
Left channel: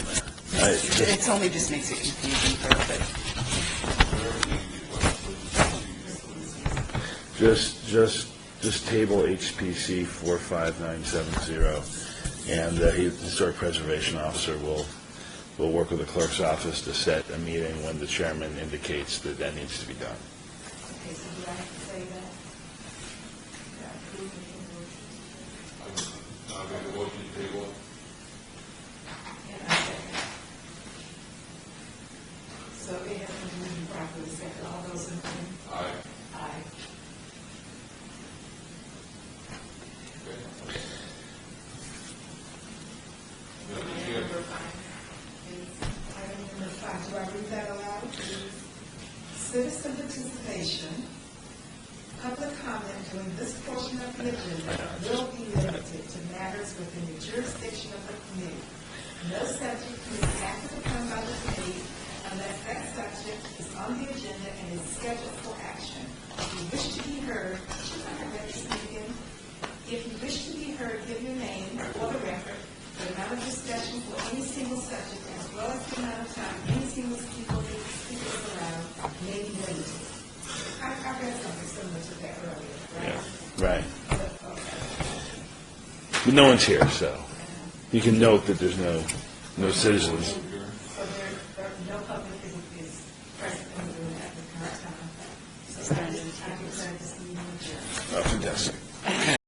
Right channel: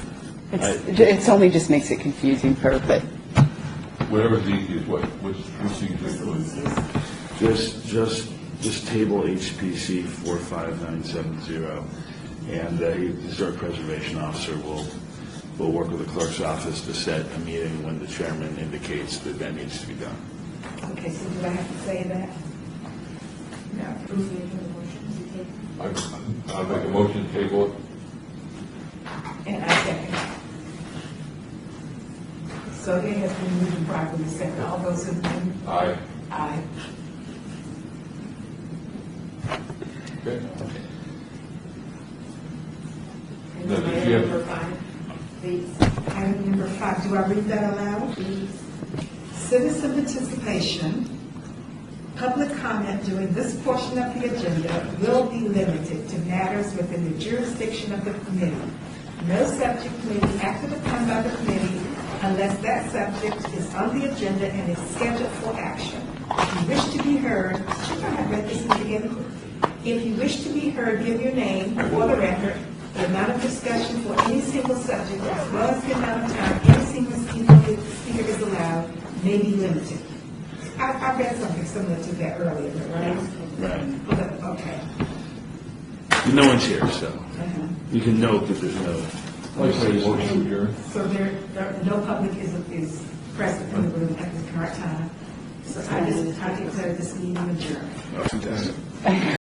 It only just makes it confusing for, but, Whatever's easiest, what's easiest? Just table HPC 45970, and the historic preservation officer will work with the clerk's office to set a meeting when the chairman indicates that that needs to be done. Okay, so do I have to say that? No. Who's making the motions? I'll make a motion to table it. And I second. So it has been moved and properly second. All those in favor? Aye. Aye. Okay. And No, then did you have- number 5, please. Item number 5, do I read that aloud? Citizen participation, public comment during this portion of the agenda will be limited to matters within the jurisdiction of the committee. No subject may be acted upon by the committee unless that subject is on the agenda and is scheduled for action. If you wish to be heard, I read this again. If you wish to be heard, give your name for the record, the amount of discussion for any single subject, as well as the amount of time any single speaker is allowed, may be limited. I read something similar to that earlier, right? Right. Okay. But no one's here, so you can note that there's no citizens. So no public is present in the room at the current time. So I declare this meeting adjourned. Oh, fantastic.